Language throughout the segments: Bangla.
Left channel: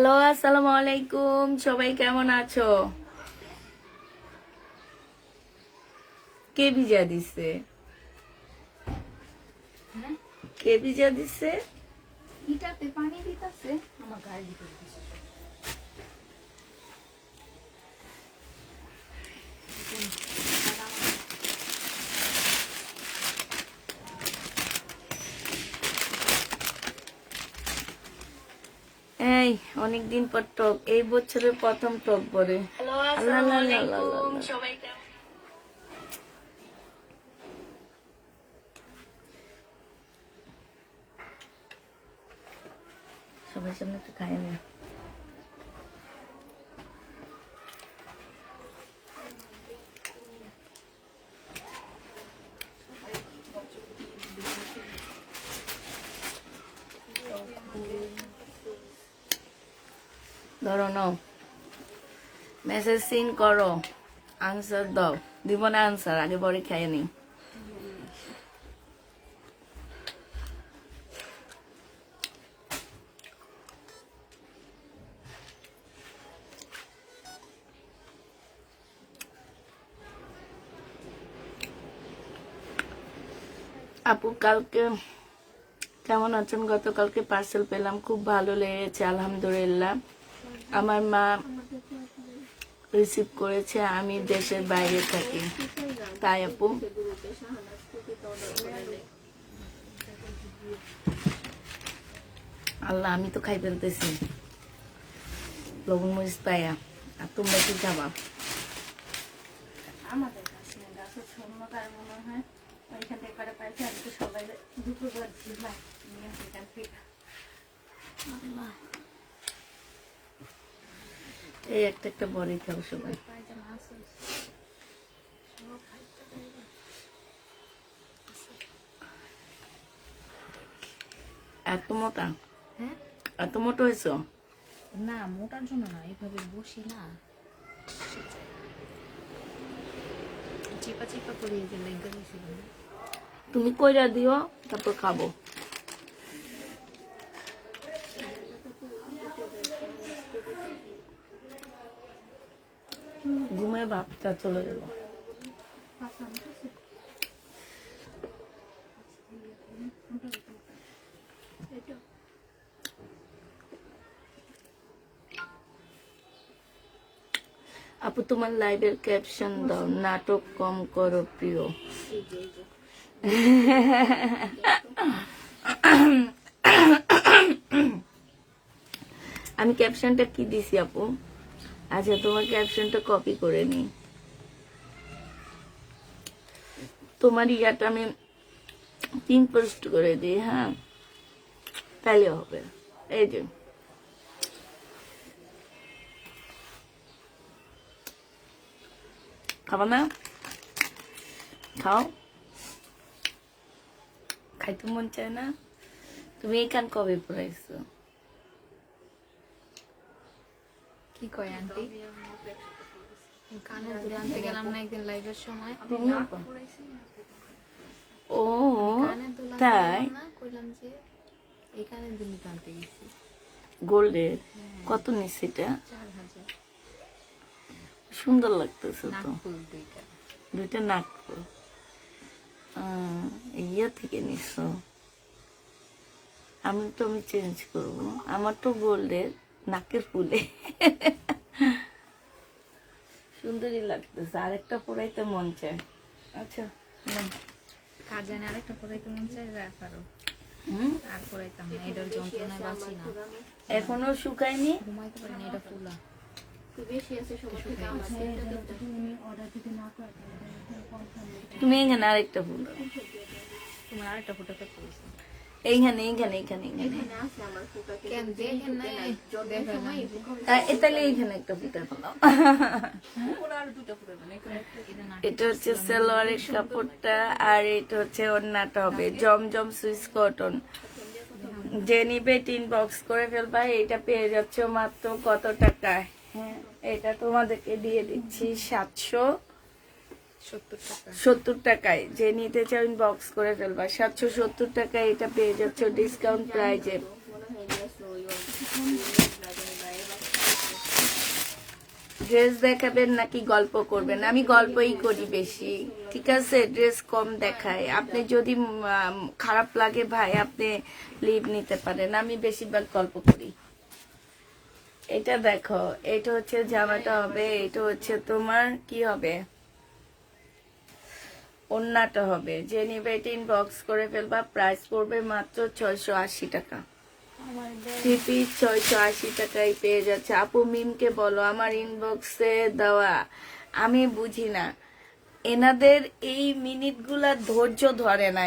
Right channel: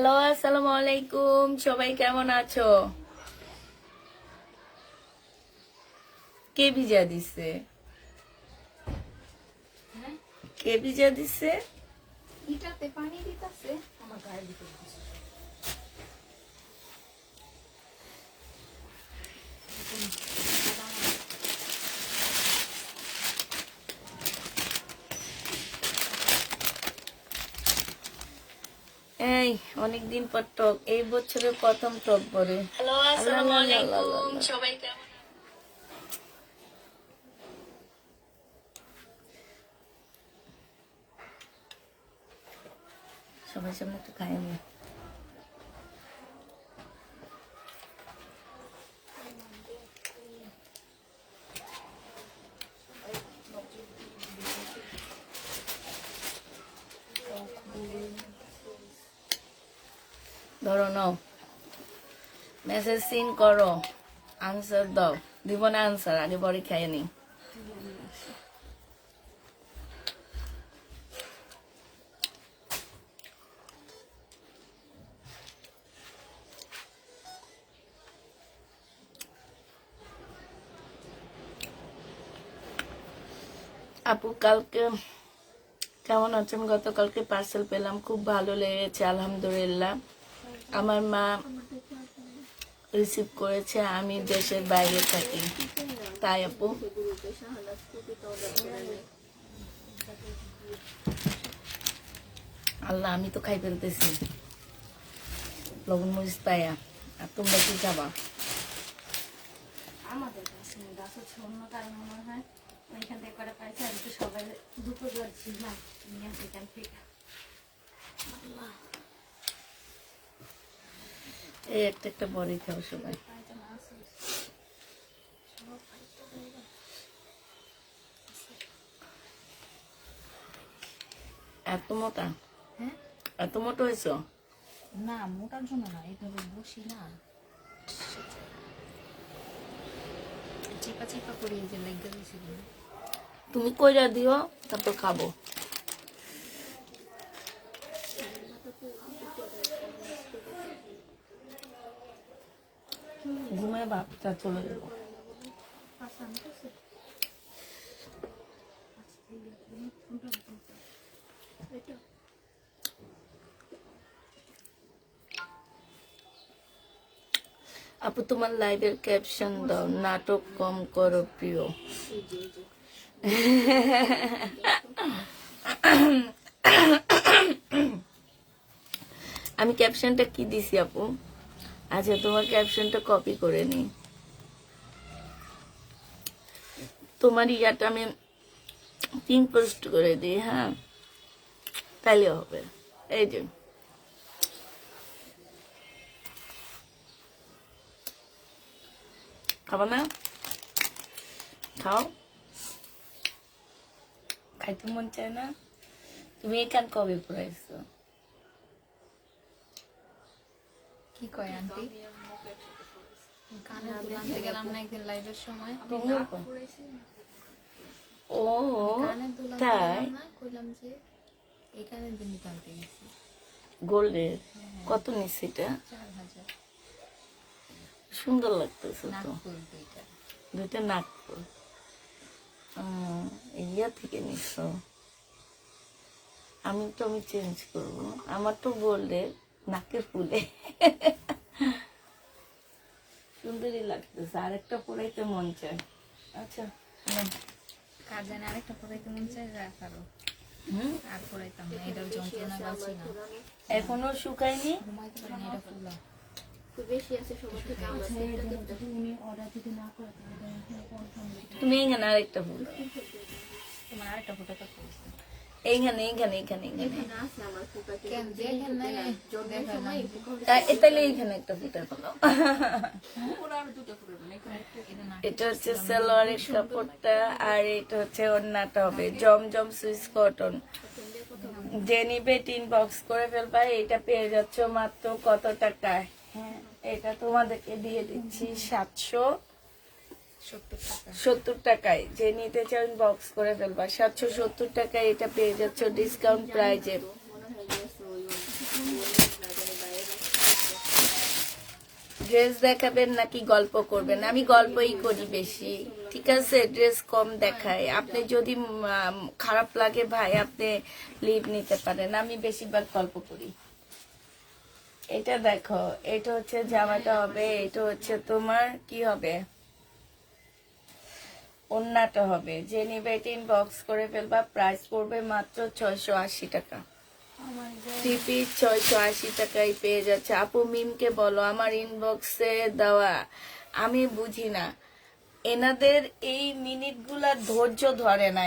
হ্যালো, আসসালামু আলাইকুম। সবাই কেমন আছো? কে ভিজা দিছে? কে ভিজা দিছে? ইটাতে পানি দিতেছে আমার গায়ে দিতে দিতেছে। এই অনেকদিন পর টক, এই বছরের প্রথম টক পরে। আল্লাহ আল্লাহ আল্লাহ আল্লাহ আল্লাহ। সবার সামনে একটু খাই নি। ধরো নাও, মেসেজ সিন করো, আনসার দাও। দিব না আনসার, আগে পরে খাই নি। আপু কালকে কেমন আছেন? গতকালকে পার্সেল পেলাম, খুব ভালো লেগেছে আলহামদুলিল্লাহ। আমার মা রিসিভ করেছে, আমি দেশের বাইরে থাকি তাই আপু। আল্লাহ, আমি তো খাই ফেলতেছি লবণ মরিচ পায়া, আর তোমরা কি খাবা? আমাদের কাছে গাছে ছন্নটার মনে হয় ওইখান থেকে করে পাইছে। আমি তো সবাই দুপুর করছিলাম নিয়ে সেখান থেকে এই একটা একটা বড়ি খাও সবাই। এত মোটা, এত মোটা হয়েছ? না, মোটার জন্য না, এইভাবে বসি না, চিপা চিপা করে এই যে লেগে গেছিল। তুমি কইরা দিও, তারপর খাবো। ঘুমের ভাবটা চলে গেল। আপু তোমার লাইভের ক্যাপশন দাও, নাটক কম করো প্রিয়। আমি ক্যাপশনটা কি দিছি আপু? আচ্ছা, তোমার ক্যাপশনটা কপি করে নি। তোমার ইয়াটা আমি পিন পোস্ট করে দিই, হ্যাঁ তাইলে হবে। এই যে খাবা না? খাও, খাইতে মন চায় না? তুমি এই কান কবে পড়াইছো? কি কয় আন্টি? কানে দুল আনতে গেলাম না একদিন লাইভের সময়। ও কানের দুল আনতে তাই? গেলাম না, কইলাম যে এই কানের দুল নিতে আনতে গেছি। গোল্ডের কত নিচ্ছে এটা? 4000 সুন্দর লাগতেছে তো। নাকফুল দুইটা। দুইটা নাকফুল ইয়া থেকে নিচ্ছ? আমি চেঞ্জ করবো, আমার তো গোল্ডের নাকের ফুলে। সুন্দরই লাগতেছে, আরেকটা পরাইতে মন চায়। আচ্ছা কাজে না আরেকটা পরাইতে মন চাই, রাখারও আর পরাইতাম না, এটার যন্ত্রণায় বাঁচি না। এখনো শুকায়নি? ঘুমাইতে পারি না, এটা ফুলা। তুমি এখানে আরেকটা ফুল, তোমার আরেকটা ফোটাতে পড়েছে এইখানে এইখানে এইখানে এইখানে কেন দেখেন নাই? দেখেন নাই? তাহলে এইখানে একটা ফুটার ফেলাও। এটা হচ্ছে সালোয়ারের কাপড়টা, আর এটা হচ্ছে ওড়নাটা হবে জমজম সুইস কটন। যে নিবে 3 বক্স করে ফেলবা। এটা পেয়ে যাচ্ছ মাত্র কত টাকায়? হ্যাঁ, এটা তোমাদেরকে দিয়ে দিচ্ছি 770 টাকায়। যে নিতে চাও বক্স করে ফেলবা। 770 টাকায় এটা পেয়ে যাচ্ছ ডিসকাউন্ট প্রাইজে। ড্রেস দেখাবেন নাকি গল্প করবেন? আমি গল্পই করি বেশি, ঠিক আছে? ড্রেস কম দেখাই। আপনি যদি খারাপ লাগে ভাই, আপনি লিভ নিতে পারেন। আমি বেশিরভাগ গল্প করি। এটা দেখো, এটা হচ্ছে জামাটা হবে, এটা হচ্ছে তোমার কি হবে, ওন্নাটা হবে। যে নিবে ইনবক্স করে ফেলবা। প্রাইস পড়বে মাত্র 680 টাকা। আমার থ্রি পিস 680 টাকায় পেয়ে যাচ্ছে। আপু মিমকে বলো আমার ইনবক্সে দেওয়া। আমি বুঝি না, এনাদের এই মিনিটগুলা ধৈর্য ধরে না।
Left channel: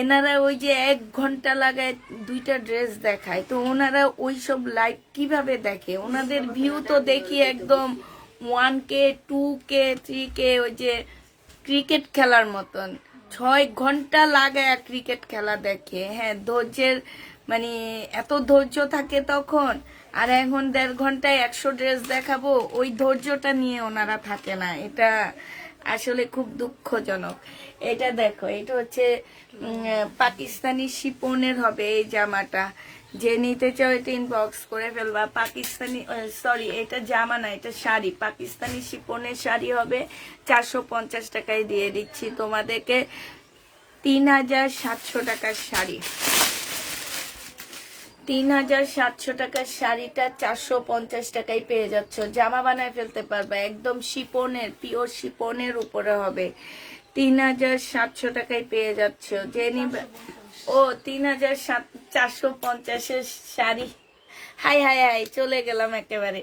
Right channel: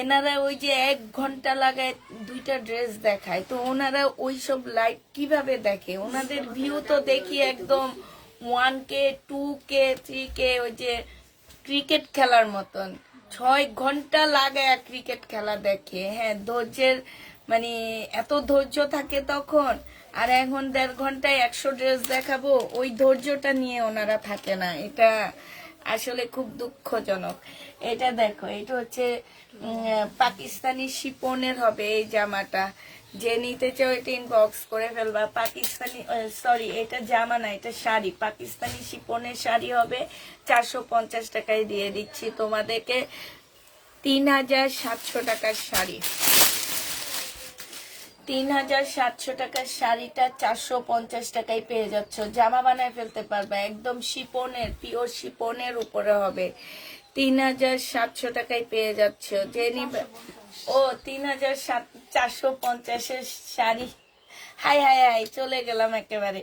এনারা ওই যে 1 ঘন্টা লাগায় 2টা ড্রেস দেখায়, তো ওনারা ওই সব লাইভ কিভাবে দেখে? ওনাদের ভিউ তো দেখি একদম 1K 2K 3K, ওই যে ক্রিকেট খেলার মতন 6 ঘন্টা লাগায় ক্রিকেট খেলা দেখে। হ্যাঁ, ধৈর্যের মানে এত ধৈর্য থাকে তখন। আর এখন 1.5 ঘন্টায় 100 ড্রেস দেখাবো, ওই ধৈর্যটা নিয়ে ওনারা থাকে না। এটা আসলে খুব দুঃখজনক। এটা দেখো, এটা হচ্ছে পাকিস্তানি শিপনের হবে এই জামাটা। যে নিতে চাও এটা ইনবক্স করে ফেলবা। পাকিস্তানি সরি, এটা জামা না, এটা শাড়ি। পাকিস্তানি শিপনের শাড়ি হবে। 450 টাকায় দিয়ে দিচ্ছি তোমাদেরকে। 3700 টাকার শাড়ি। 3700 টাকার শাড়িটা 450 টাকায় পেয়ে যাচ্ছ। জামা বানায় ফেলতে পারবে, একদম শিপনের, পিওর শিপনের উপরে হবে। 3700 টাকায় পেয়ে যাচ্ছ। যে নিবে, ও 3450-এর শাড়ি। হাই হাই হাই, চলে গেলাম একেবারে।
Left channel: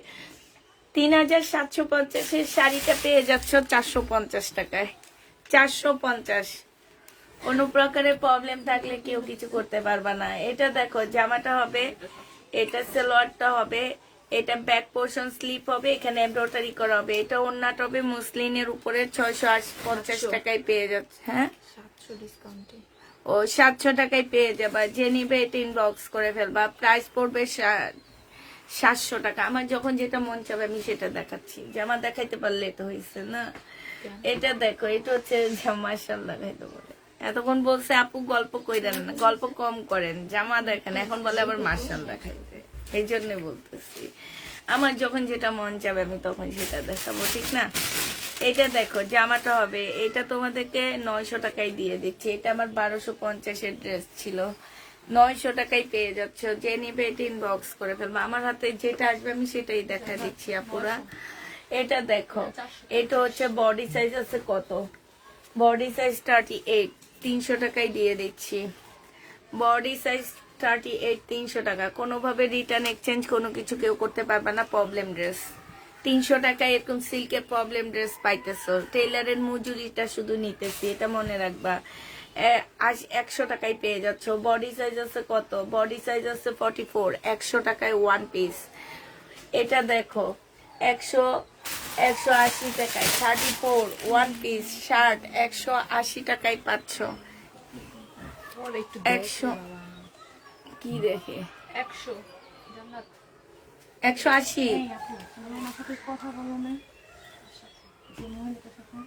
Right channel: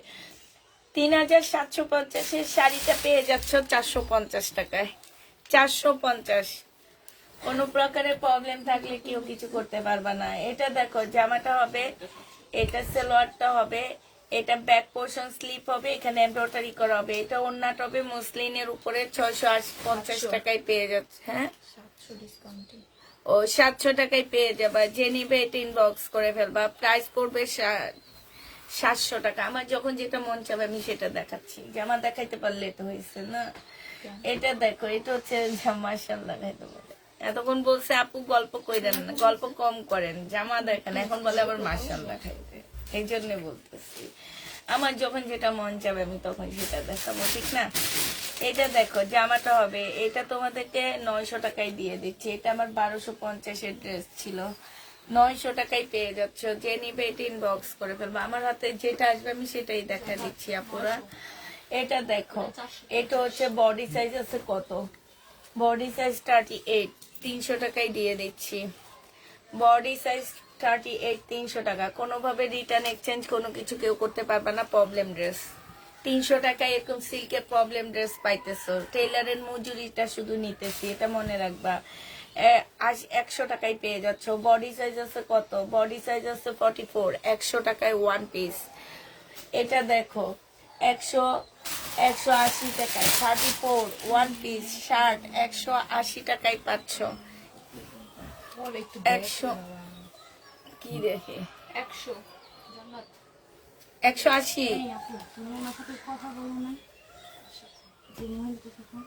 3750-এর শাড়িটা পেয়ে যাচ্ছ 450 টাকায়। 450। কোনো প্রকারের প্রবলেম থাকলে কেউ কিছু করতে পারবা না। এটা দেখো, জামাটা হবে, এটা সালোয়ারটা হবে, এটা ব্যাক পোর্শন স্লিপ হবে, এখানে এমব্রয়ডারি করা হবে। এটা ওন্নাটা হবে মুসলিনের উপরে। 650 টাকায় পেয়ে যাচ্ছে। হ্যাঁ, 700 ডিসকাউন্টে। ও 700 টাকায় পেয়ে যাবা। যে নিবে এটা ইনবক্স করে ফেলবা। প্রাইস পড়বে 700 টাকা। আমার যখন যেটা মন চাবে আমি সেটা দেখাচ্ছি। জামা দেখাইতে পারলে তো হয়েছে না। এটা দেখো, এটা হচ্ছে মাশাআল্লাহ দেখাইতে বলে। এতক্ষণ বলছে আপু গল্প কইরেন না, গল্প কম করেন, জামা দেখেন। এখন বলে আবার মাশাআল্লাহ দেখাইতে। এই জন্য বলতেছি, আমার যখন যেটা মন চাবে আমি তখন সেটা দেখাবো, ঠিক না? এটা দেখো, জামাটা হবে, এটা তোমাদেরকে 900 টাকায় দিয়ে দিচ্ছি। এটা আমার 1250-এর ড্রেস ছিল, 900 টাকায় পেয়ে যাচ্ছ। যে নিবে এটা ইনবক্স করে ফেলবো। আমার হাতে যেটা আসবে আমি সেটাই দেখা দিচ্ছি আপুরা। এটা দেখো, এটা হচ্ছে বডি সাইজ আছে কত, বডি সাইজ 38, 300 টাকায় দিয়ে দিচ্ছি। বডি সাইজ 38, 300 টাকা। কোনোভাবে রিটার্ন এক্সচেঞ্জ কোনো কিছু কেউ করতে পারবে না। প্রবলেম ড্রেস 300 টাকায় এরকম সিল্কের প্রবলেম ড্রেস পাইতেছো। টেইলারের মজুরিটা শুধু নিতেছি, এটা মনে রাখবা। 100 টাকায় পেয়ে যাচ্ছ। বডি সাইজ আছে কত, বডি সাইজ আছে 44, 100 টাকায় 1 পিস। এটা দেখো, 180 টাকায় 34 1 পিস শার্ট, 180 টাকায় পাচ্ছ। 100 কি দেখে 100 জান্নাত 180। এই আপু, তুমি আমার সাথে কথা বলো না। যে মহিলাটার সাথে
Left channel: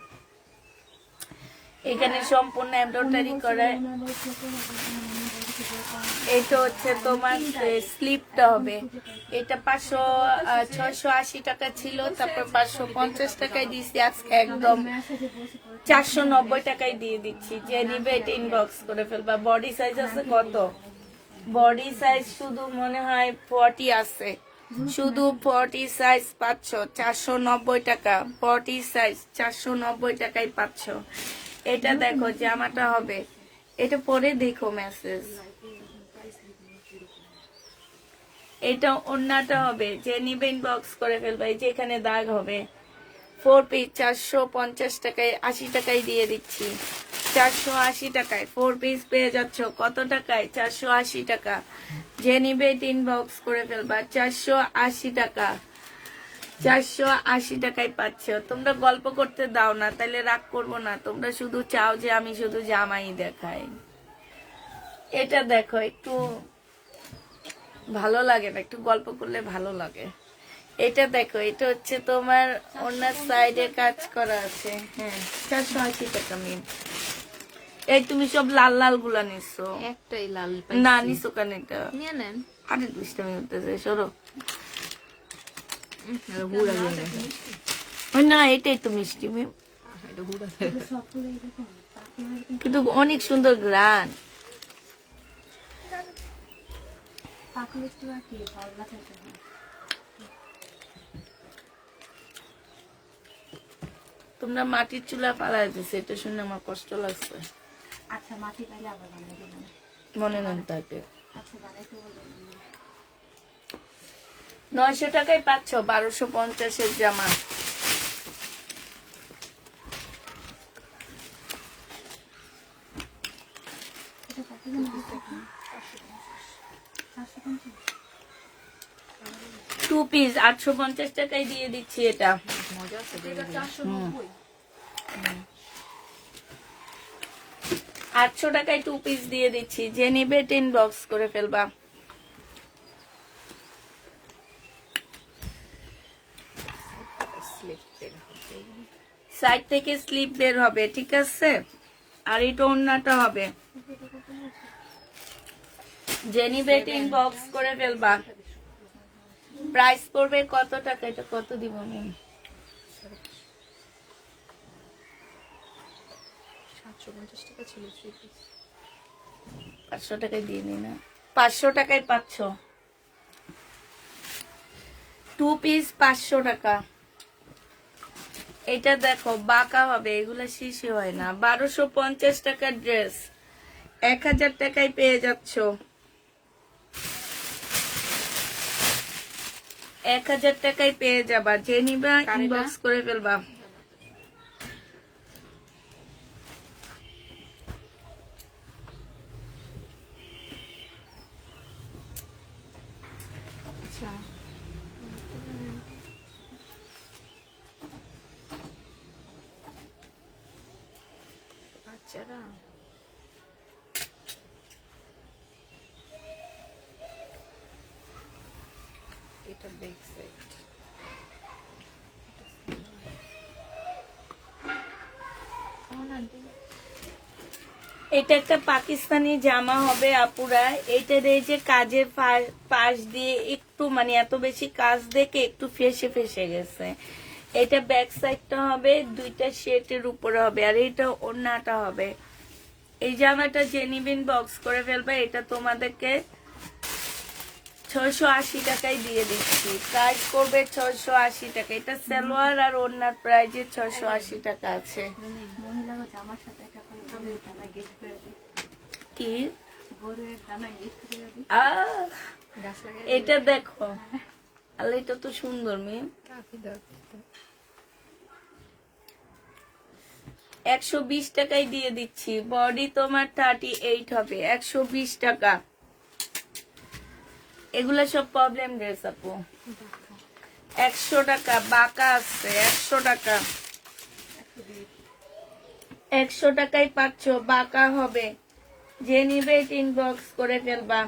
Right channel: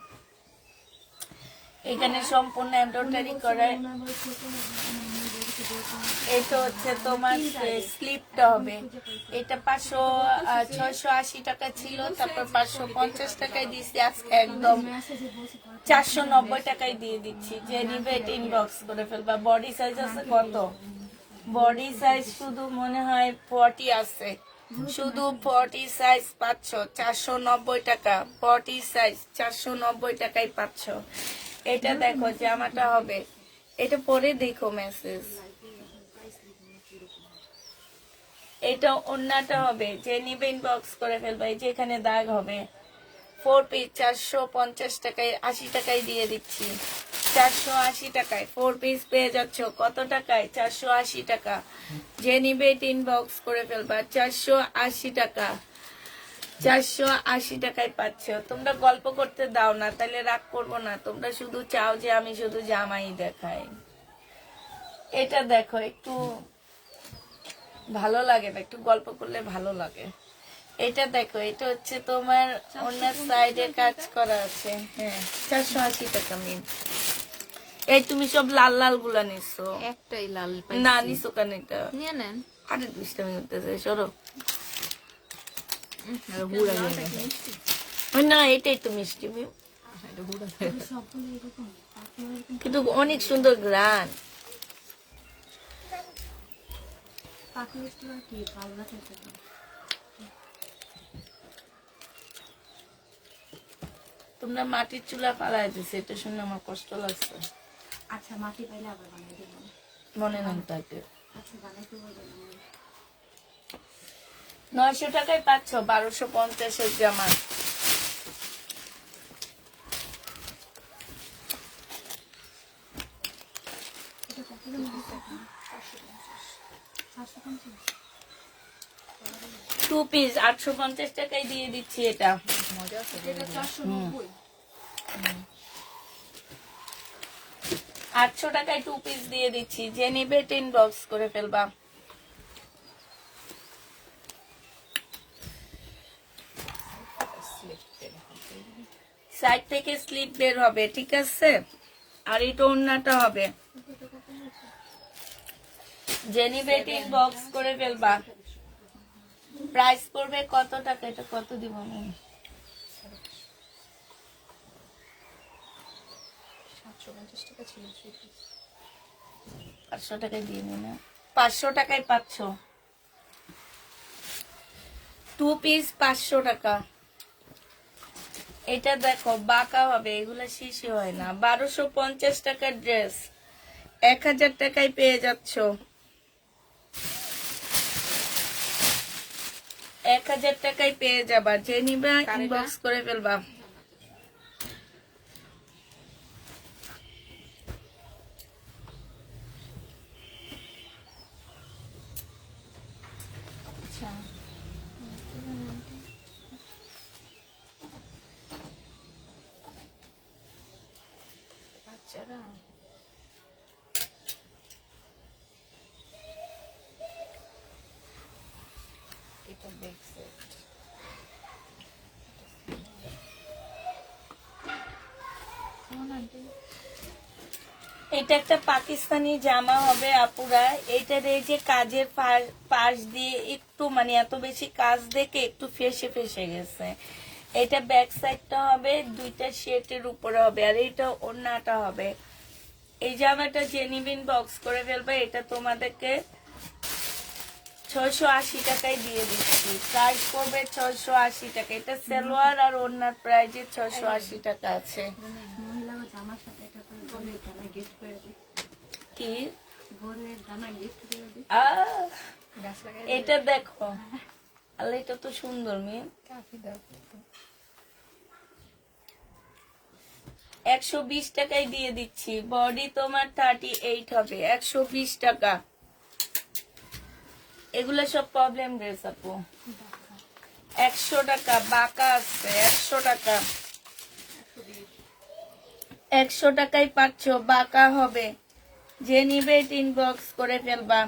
এখানে সম্পূর্ণ এমব্রয়ডারি করা। এটা হচ্ছে তোমার স্লিপটা হবে। এটা 680 টাকা ছিল, তারপর 550 টাকায় দিচ্ছি আজকে একদম 490 টাকায় দিয়ে দিচ্ছি। যে নিবে এটা ইনবক্স করে ফেলবা। বডি সাইজ আছে কত, বডি সাইজ শুধু মনে হয় 40 আছে, শুধু 40 সাইজ পাচ্ছ 490 টাকা। 40 সাইজ 490 টাকায় পাচ্ছ। এটা দেখো, জামাটা হবে, এটা পরে দেখো মেসেজ। এটা ওন্নাটা হবে, যে নিবে ইনবক্স করে ফেলবে। এই যে এখানে দাগ হবে। 4 পিস 450 টাকায়, 80 টাকায় দিয়ে দিচ্ছি। 480 টাকায় 4 পিস পেয়ে যাচ্ছ। কত টাকায়, 480 টাকা। যে নিবে ইনবক্স করে ফেলবা। 480 টাকা, 480 টাকায় পাচ্ছ। তোমরা গল্প করতে দাও না, তাহলে রাগ করবো না। তোমরা শুধু চাও যে আমি শুধু জামাই দেখাই। এটা দেখো, একটু ভালো লাগে না, একটু গল্প করলে ভালো লাগে। এটা দেখো, এটা হচ্ছে তোমার ওনার সাইডের কাজ করা আছে। হ্যাঁ, 480 টাকা মিম। এই তুমি সব লাল লাল গুলা নিছো? একটাই লাল না পাইছি। নিছো কেন এটা? নিয়ে নেন। আরে দুষ্টামি করতেছে, সরো। হুড়া দিয়ে গেছে। না এটাই তো মিষ্টি মিম। এটা হুড়া সবগুলো এরকম পাখিগুলো এরকম কিন্তু অনেক সুন্দর গ্রান। পাখি একটু আর কি পাল্লা থাকে না। তোমরা মাটির চুলা পালায় দিছে, এটা শুনে আমার কষ্ট লাগছে। আচ্ছা মাটি পাইলে আবার বানিয়ে দিলাম। মনে নেন তাতে আচ্ছা বানাইতে বলবো। 900 টাকায় পাচ্ছ 1250-এর জামা। এটা কত দাম দিচ্ছে আপনি? 450। 2 পিস 850 টাকায় দিয়ে দিচ্ছি এটা। মজা আছে। এটা 490। 800 টাকায় 2 পিস দিয়ে দিচ্ছি, যে নিবে 10 বক্স করে ফেলবা। সাইড থেকে স্লিপ বের হবে, ঠিক আছে? আর এটা ওড়নাটা হবে, যে নিবে 10 বক্স করে ফেলবা। প্রাইস পড়বে কত টাকা? এটা কত দিব আমি? 750 টাকা ছিল 3 পিস। 500 টাকায় দিয়ে নি না, 500 টাকায় পাচ্ছ 2 পিস 500 টাকা। এটা দেখো বাঁকা হবে, এগুলা শিশি হয় না। 1250 টাকার ড্রেস 1000 টাকায় পেয়ে যাচ্ছ। 1000 টাকায় পেয়ে যাবা, যে নিবা ইনবক্স করে ফেলবা। আচ্ছা বাচ্চারা এটা বেগ সেট। কেমন আন্টি? এটা একটা পাকিস্তানি জামা হবে আপুরা। এটার এই যে কাজের পাশ দিয়ে একটু মানে এত বেশি কাজ দেখে একটু ফেসে ফেসে গেছে। এটা ব্যাক সাইডটা হবে, দুইটা শেটের উপরে হবে, আর এটা ওড়নাটা হবে। এই জামাটা জেনিবিন বক্স করে ফেলবে। এটা তোমাদেরকে 680 টাকায় দিয়ে দিচ্ছি। প্রাইস করবে 680 টাকা। এটা সালোয়ার আর ওড়নার প্রাইজে 680 টাকা আছে। মহিলা জামার সাথে একটা করে গরুর দানা গিফট করে দিই। কি গরুর দানা গিফট করে দিই। আহ, গাছ লাগাই এটা দেখো, আর এটা তো সুন্দর মেয়ে। কাফি দরকার। 120 টাকায় দিয়ে দিচ্ছি। বডি তোমার 38 হবে, 120 টাকা। এগুলো সব প্রবলেম ড্রেস আপু। 100 টাকা বাঁকা আছে, 100 টাকা। 100 টাকায় পাচ্ছ, বাঁকা হবে, যে নিবে 3 বক্স করে ফেলবা।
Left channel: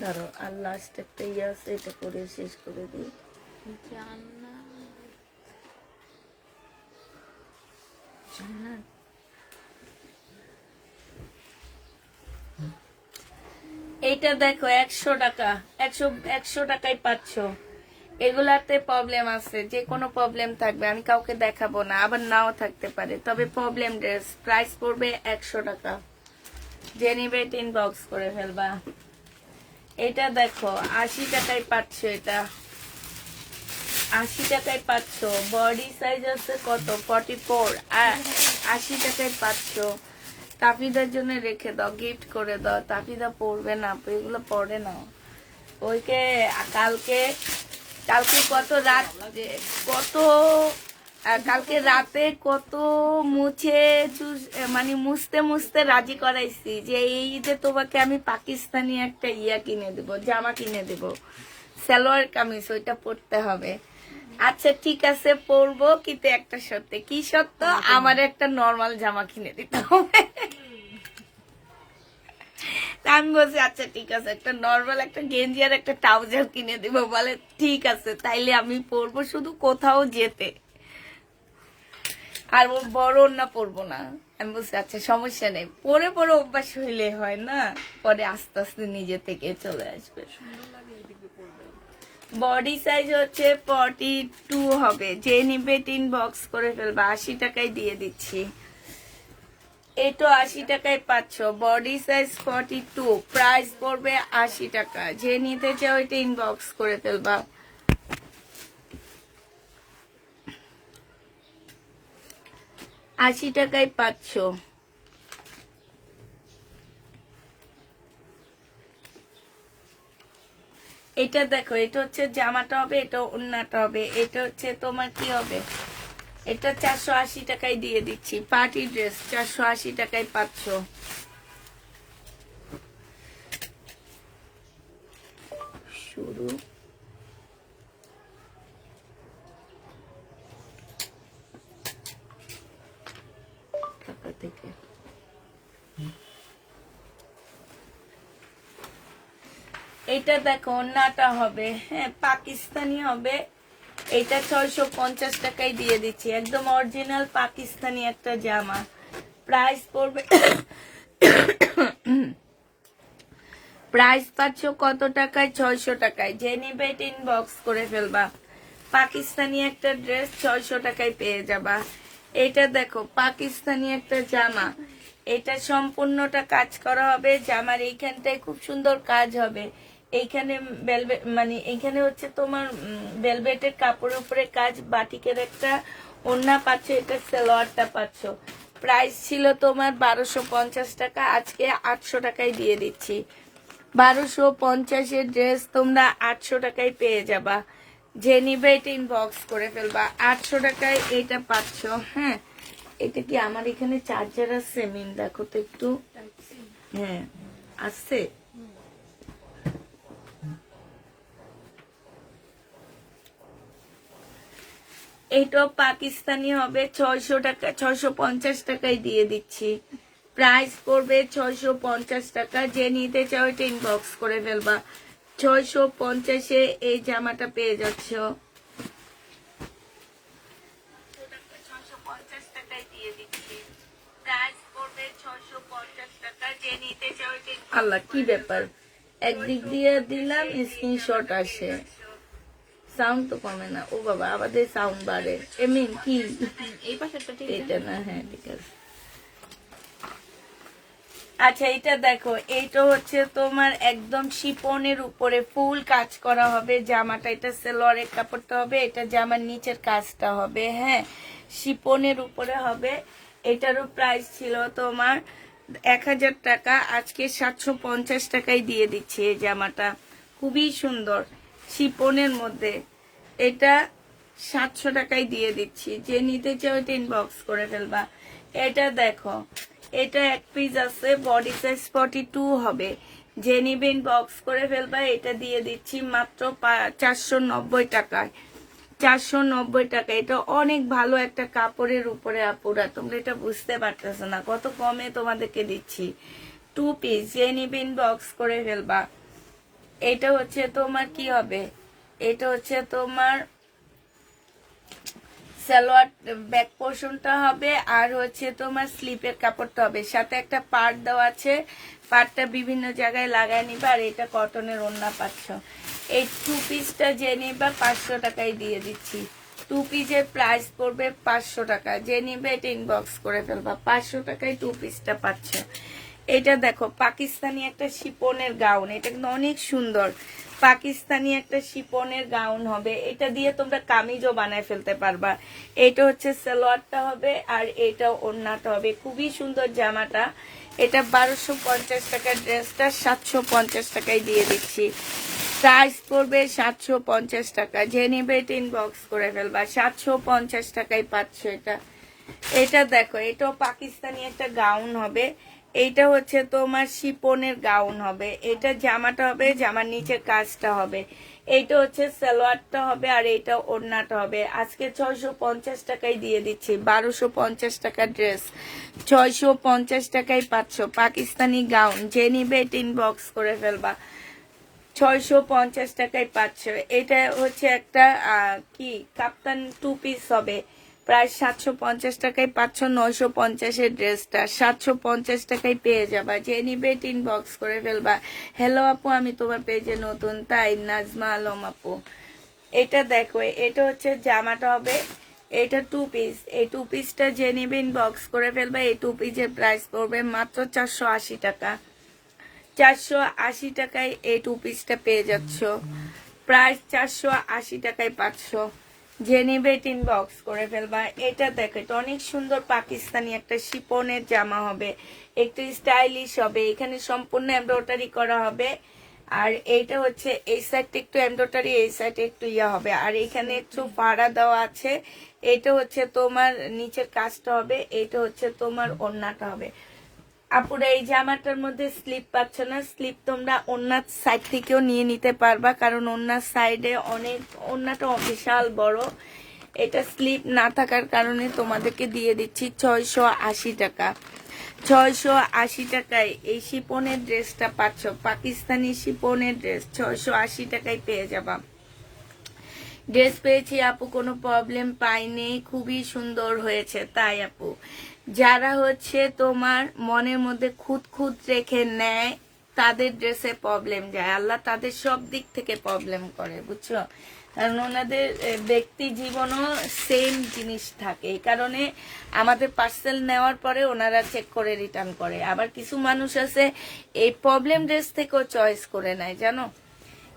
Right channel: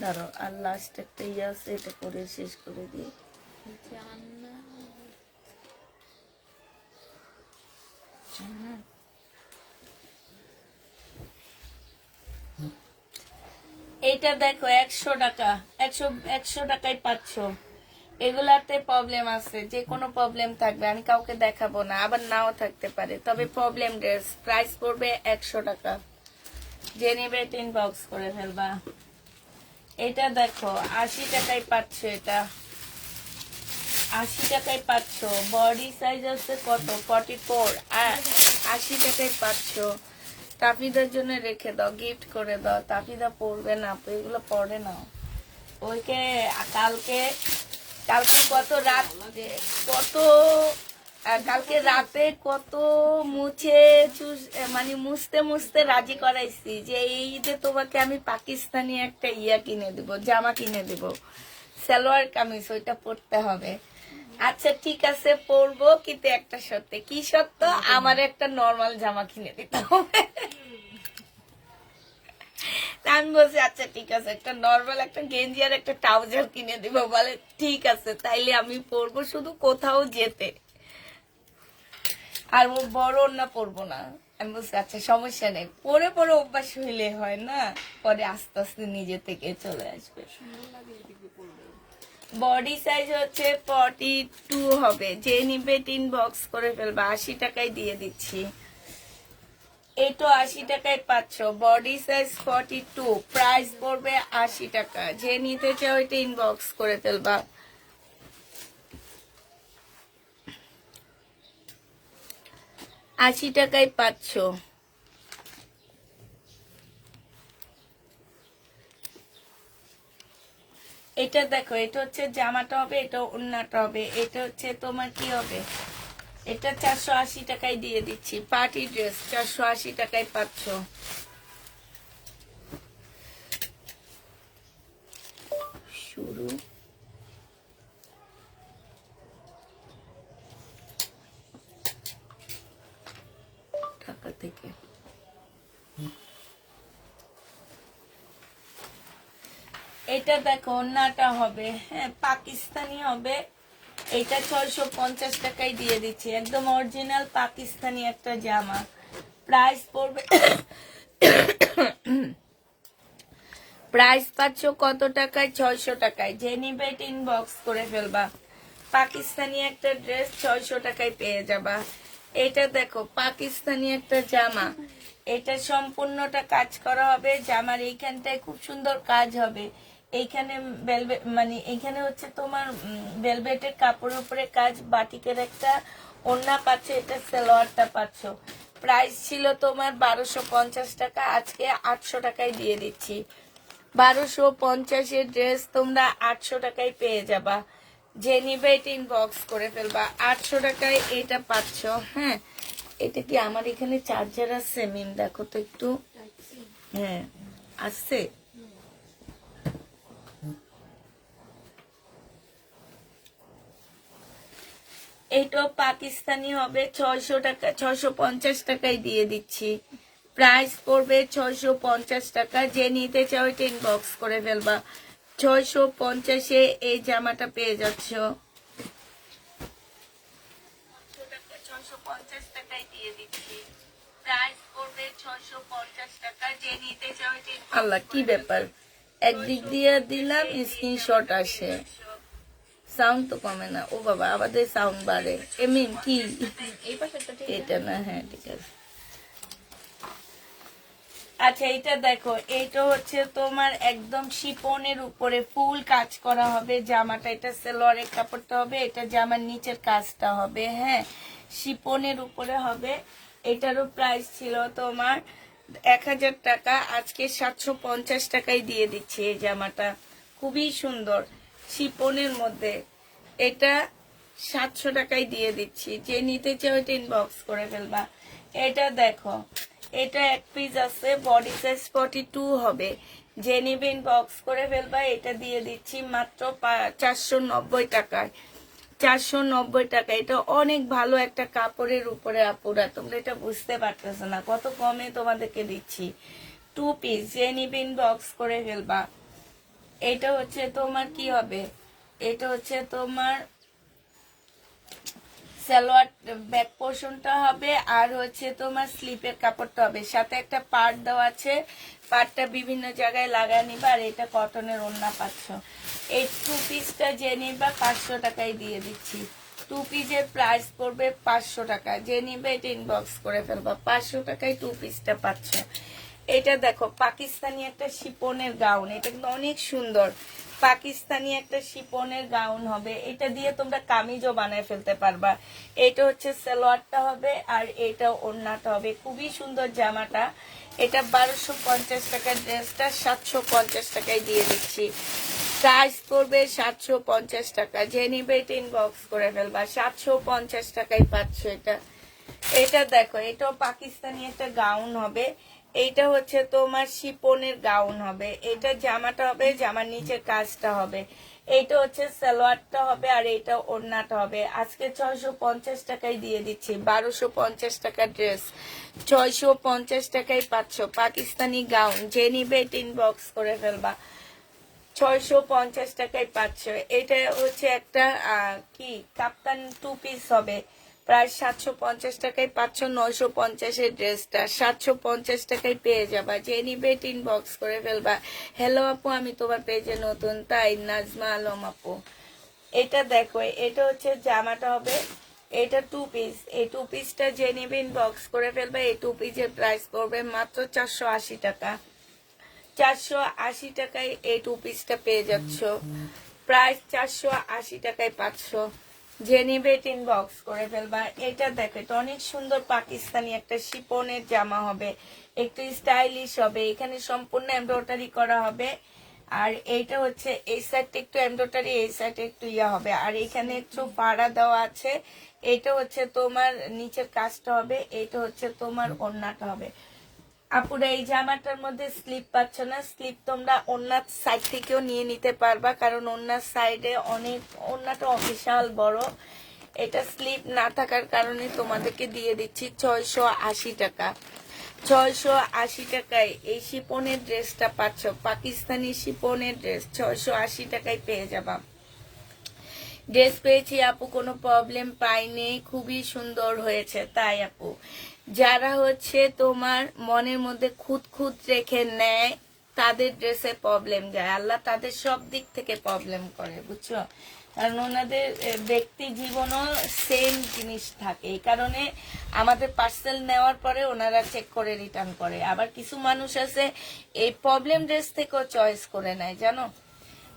ধরো আর লাস্ট একটা ইয়ে আছে, এটা করে শেষ করে দিই। জান্নাত এইটা দেখো 100 টাকা, 100 টাকায় পাচ্ছ। এগুলাতে প্রবলেম আছে, যে কোনো প্রবলেম থাকবে, আমি কাউকে দেখাবো না, আবার নাও থাকতে পারে, তবে প্রবলেম ড্রেস। প্রাইস পড়বে 100 টাকা, যে নিবে 3 বক্স করে ফেলবা। এটা দেখো 80 টাকায় পাচ্ছ, এটা 80 টাকায় পাচ্ছ। বডি সাইজ আছে কত? 44, আর 80 টাকায় পাচ্ছ। তাফিদার জন্য রেখে দাও, গিফট করে দাও। তাফিদা পড়বে না, এগুলো পড়ে না। ওইকে কালকে কত রাত, কালকে রাতে কত মানে মুছতে মুছতে রাজি করাইছি যে এই ঈদে তোমাকে আমি পাকিস্তানি একটা কিনে দেবো, জামা কিনে দেবো, সালোয়ার কামিজ, ওইটা পরতে হবে। আচ্ছা ঠিক আছে পরবো, কিন্তু একটা শর্তে। কি শর্ত? আমার একটা নর্মাল জামা কিনে দিতে হবে। আমি বলছি আচ্ছা ঠিক আছে, একটা নর্মাল একটা গেঞ্জি আর একটা ট্রাউজার কিনে দিব। বলে ঠিক আছে, তাইলে আমি পরবো শুধু কোথাও যেতে। আর ওর বড় ওড়না পরবো না। আমি বলছি আচ্ছা সমস্যা নেই, পরে পরে অভ্যাস হইলে হয় না, পরে আস্তে আস্তে নিজে থেকে চলে আসবে। বডি সাইজ হচ্ছে 42 হবে, যে নিবে ইনবক্স করে ফেলবা, 80 টাকায় দিয়ে দিচ্ছি। এটা 80 টাকায় পাচ্ছ, বডি সাইজ 42, প্রাইস পড়বে 80 টাকা। যে নিতে চাও এটা ইনবক্স করে ফেলবা। আশি টাকায় পাচ্ছ। এটা দেখো, এটা হচ্ছে জামাটা হবে, এটা ওড়নাটা হবে, এটা হচ্ছে তোমার কি হবে, এটা 480 টাকায় দিয়ে দিচ্ছি। পার্টি ড্রেস 480 টাকায় পাচ্ছ। শুরু ঢাকা থেকে। এটা দেখো ওড়নাটা হবে, হ্যাঁ পাকিস্তানি হবে, এটা 650 টাকায় দিয়ে দিচ্ছি, একদম অরিজিনাল পাকিস্তানি একটা জামা। প্রাইস পড়বে প্রাইস পাচ্ছ কত টাকায়, 600 টাকায়। যে নিবে ইনবক্স করে ফেলবা। পাকিস্তানি একটা ড্রেস 600 টাকায় পেয়ে যাবা। এটা দেখো পাকিস্তানি একটা জামা, এটা সম্পূর্ণটা কাজ করা হবে, জামার এইখানটায় খুব সুন্দর কাজ হবে। এইখানে ভেলভেট মানে এইখানে হচ্ছে তোমার ভেলভেটের কাপড়ের উপরে কাজ, বাটিকের একটা ওড়না পাচ্ছ, এটা সালোয়ারটা পাচ্ছ। প্রাইস ছিল তোমার 1250 টাকা, আজকে 800 টাকায় দিয়ে দিচ্ছি। 1250 ড্রেস তোমরা 800 টাকায় পেয়ে যাবা। যে নিবে এটা ইনবক্স করে ফেলবা। 800 টাকায় এটা পাচ্ছ। হ্যাঁ, এটা কি আমার এখানে চার্জার আছে? মিম দেখো তো একটু। হ্যাঁ আছে। এইটাও পাকিস্তানি হবে, 600 টাকা, 650 টাকায় দিয়ে দিচ্ছি। প্রাইস পড়বে 650 টাকা। যে নিতে চাও এটা ইনবক্স করে ফেলবা। 650-এ এই জামাটা পেয়ে যাচ্ছ। 650 টাকায় দিয়ে দিচ্ছি। প্রাইস পড়বে 650 টাকা। যে নিতে চাও এটা আল্লাহ কি ব্যাপার, একদিক দিয়ে দিলাম স্ক্রিনশট আসে, সাউন্ড তো কমে না। ও বাবা আমাদের সাউন্ড বাড়ে। এমিন কি এই পাশে এটা না? হ্যাঁ ঠিক আছে। আচ্ছা এটা দেখো, এইটা হচ্ছে তোমার একদম শিপনের উপরে ফুল কাজ করা হবে জামাটা, এটা সালোয়ারের কাপড়টা হবে, এটা জামার নিচের কাজটা হবে। হ্যাঁ, শিপনের উপরে হবে। এটারও প্রাইস ছিল তোমার 1000 টাকা, আজকে 750 টাকায় দিয়ে দিচ্ছি। এই জামাটা খুবই সুন্দর শিপনের মধ্যে, এটা 700 টাকায় দিয়ে দিচ্ছি। যে নিতে চাও এটা ইনবক্স করে ফেলবা। এটা দেখো, এটা এক পিস আছে, বডি সাইজ 42 হবে। যে নিবে ইনবক্স করে ফেলবা। এটা দিয়ে দিচ্ছি মাত্র 490 টাকায়। 490 টাকা। এটা অনেক ভালো একটা কাপড়ের উপরে আপুরা, তোমরা এটা বুঝতে পারতেছো না কত কমে তোমাদেরকে দিচ্ছি। 2 পিস, যে নিবে ইনবক্স করে ফেলবা। এটা হচ্ছে তোমার কি হবে, এটা হচ্ছে তোমার সালোয়ার ব্যাক পোর্শনটা হবে, আর হচ্ছে তোমার স্লিপের কাপড়টা হবে, সাথে একটা পার্ট দেওয়া আছে, পার্টটা বিভিন্ন জায়গায় লাগাই নিবা। আর এটা কটনের ওড়না পাচ্ছ। এই 2 পিসটা যে নিবা 500 টাকায় দিয়ে দিচ্ছি। 2 পিসের প্রাইস পড়বে 500 টাকা। যে নিবে এটা ইনবক্স করে ফেলবা। 500 টাকায় 2 পিসটা পাচ্ছে। এটা দেখো পাকিস্তানি একটা শিপনের গাউন, এটা কিন্তু অনেক সুন্দর। পাকিস্তানি একটা শিপনের গাউন হবে, এটা দিয়ে তোমরা কামিজও বানায় ফেলতে পারবা। এটা হচ্ছে সালোয়ারটা হবে, আর এটা ওড়নাটা হবে। খুবই সুন্দর জামাটা। এটা 1250 টাকার ড্রেসটা 750 টাকায় দিয়ে দিচ্ছি। প্রাইস পড়বে 750 টাকা। যে নিবে এটা ইনবক্স করে ফেলবা। 750 টাকায় পাচ্ছ এটা। এটা দেখো, এটাও পাকিস্তানি একটা গাউন হবে, এইটা হচ্ছে তোমার শিপনের গাউন হবে, এটা জামাটা হবে, জামার নিচের কাজটা হবে, এইটা হচ্ছে সালোয়ারটা হবে, আর এইটা ওড়নাটা হবে। আজকে 650 টাকায় দিয়ে দিচ্ছি। 1250 টাকার ড্রেস 650 টাকায় পাচ্ছ। পাকিস্তানি গাউন। যে নিবে এটা ইনবক্স করে ফেলবা। 650 টাকায় পাচ্ছ। এটা হচ্ছে একটা কি কাপ্তান 2 পিস হবে, প্রায় 750 টাকায় পাচ্ছ 950-এর ড্রেসটা 750 টাকায় পেয়ে যাবা। যে নিবে ইনবক্স করে ফেলবা। হ্যালো আপু, আমি তোমার পেজে নতুন, তাই নাজমা আলম আপু। এটা দেখো, এটা হচ্ছে জামাটা হবে, এটা 2 পিস। এই 2 পিসটা যে নিবে ইনবক্স করে ফেলবা। এই 2 পিসের প্রাইস পড়বে মাত্র 480 টাকা। 480 টাকায় এই 2 পিসটা পেয়ে যাচ্ছ। প্রাইস 480 টাকায় পাচ্ছ। যে নিবে ইনবক্স করে ফেলবা। এটা দেখো, এটা অনেক সুন্দর পাকিস্তানি একটা শিপনের জামা হবে, একটু স্টাইলিশ হবে। এখানে সম্পূর্ণ এমব্রয়ডারি করা হবে। আর এইটা হচ্ছে এই সাইডটা একটু এমব্রয়ডারি, এই সাইডে একটু ইয়া হবে। আর এখানে একটু পাড়া দেওয়া আছে। এটা হচ্ছে তোমার নিচের কাজটা হবে, এটা হচ্ছে তোমার ওড়নাটা হবে। আপুরা এই জামাটার মধ্যে স্লিপ পাচ্ছ না, স্লিপ তোমরা ওড়নার সাইড থেকেও নিয়ে নিতে পারবা, কারণ ওড়নার সাইডে অনেক, ওড়নাটা বিশাল বড়। এটা স্লিপ না থাকার কারণে তোমাদেরকে দিয়ে দিচ্ছি 680 টাকা। 680 টাকায় এই শিপনের ড্রেসটা পাচ্ছ, পাকিস্তানি শিপনের ড্রেস 680 টাকায় পেয়ে যাবা। ড্রেস পেয়েছি আপু, কোনো প্রবলেম পাইনি, খুবই সুন্দর হয়েছে। তাই আপু, যারা হচ্ছে তোমার মনের মধ্যে খুঁত খুঁত রেখে নেয় তাদের ড্রেসে প্রবলেম যায়, আল্লাহ তাদের সব দিক থেকে প্রবলেম করে, বুঝছো? কারণ ওনাদের ব্যক্তি জীবনও সেম জিনিস থাকে, এই কারণে আমাদের পার্সেল নেওয়ার পরে ওনারা চেক করে রিটার্ন করে। আবার কিছু মানুষ আছে এই প্রবলেম ড্রেস থেকেও চয়েস করে নেয়, জানো।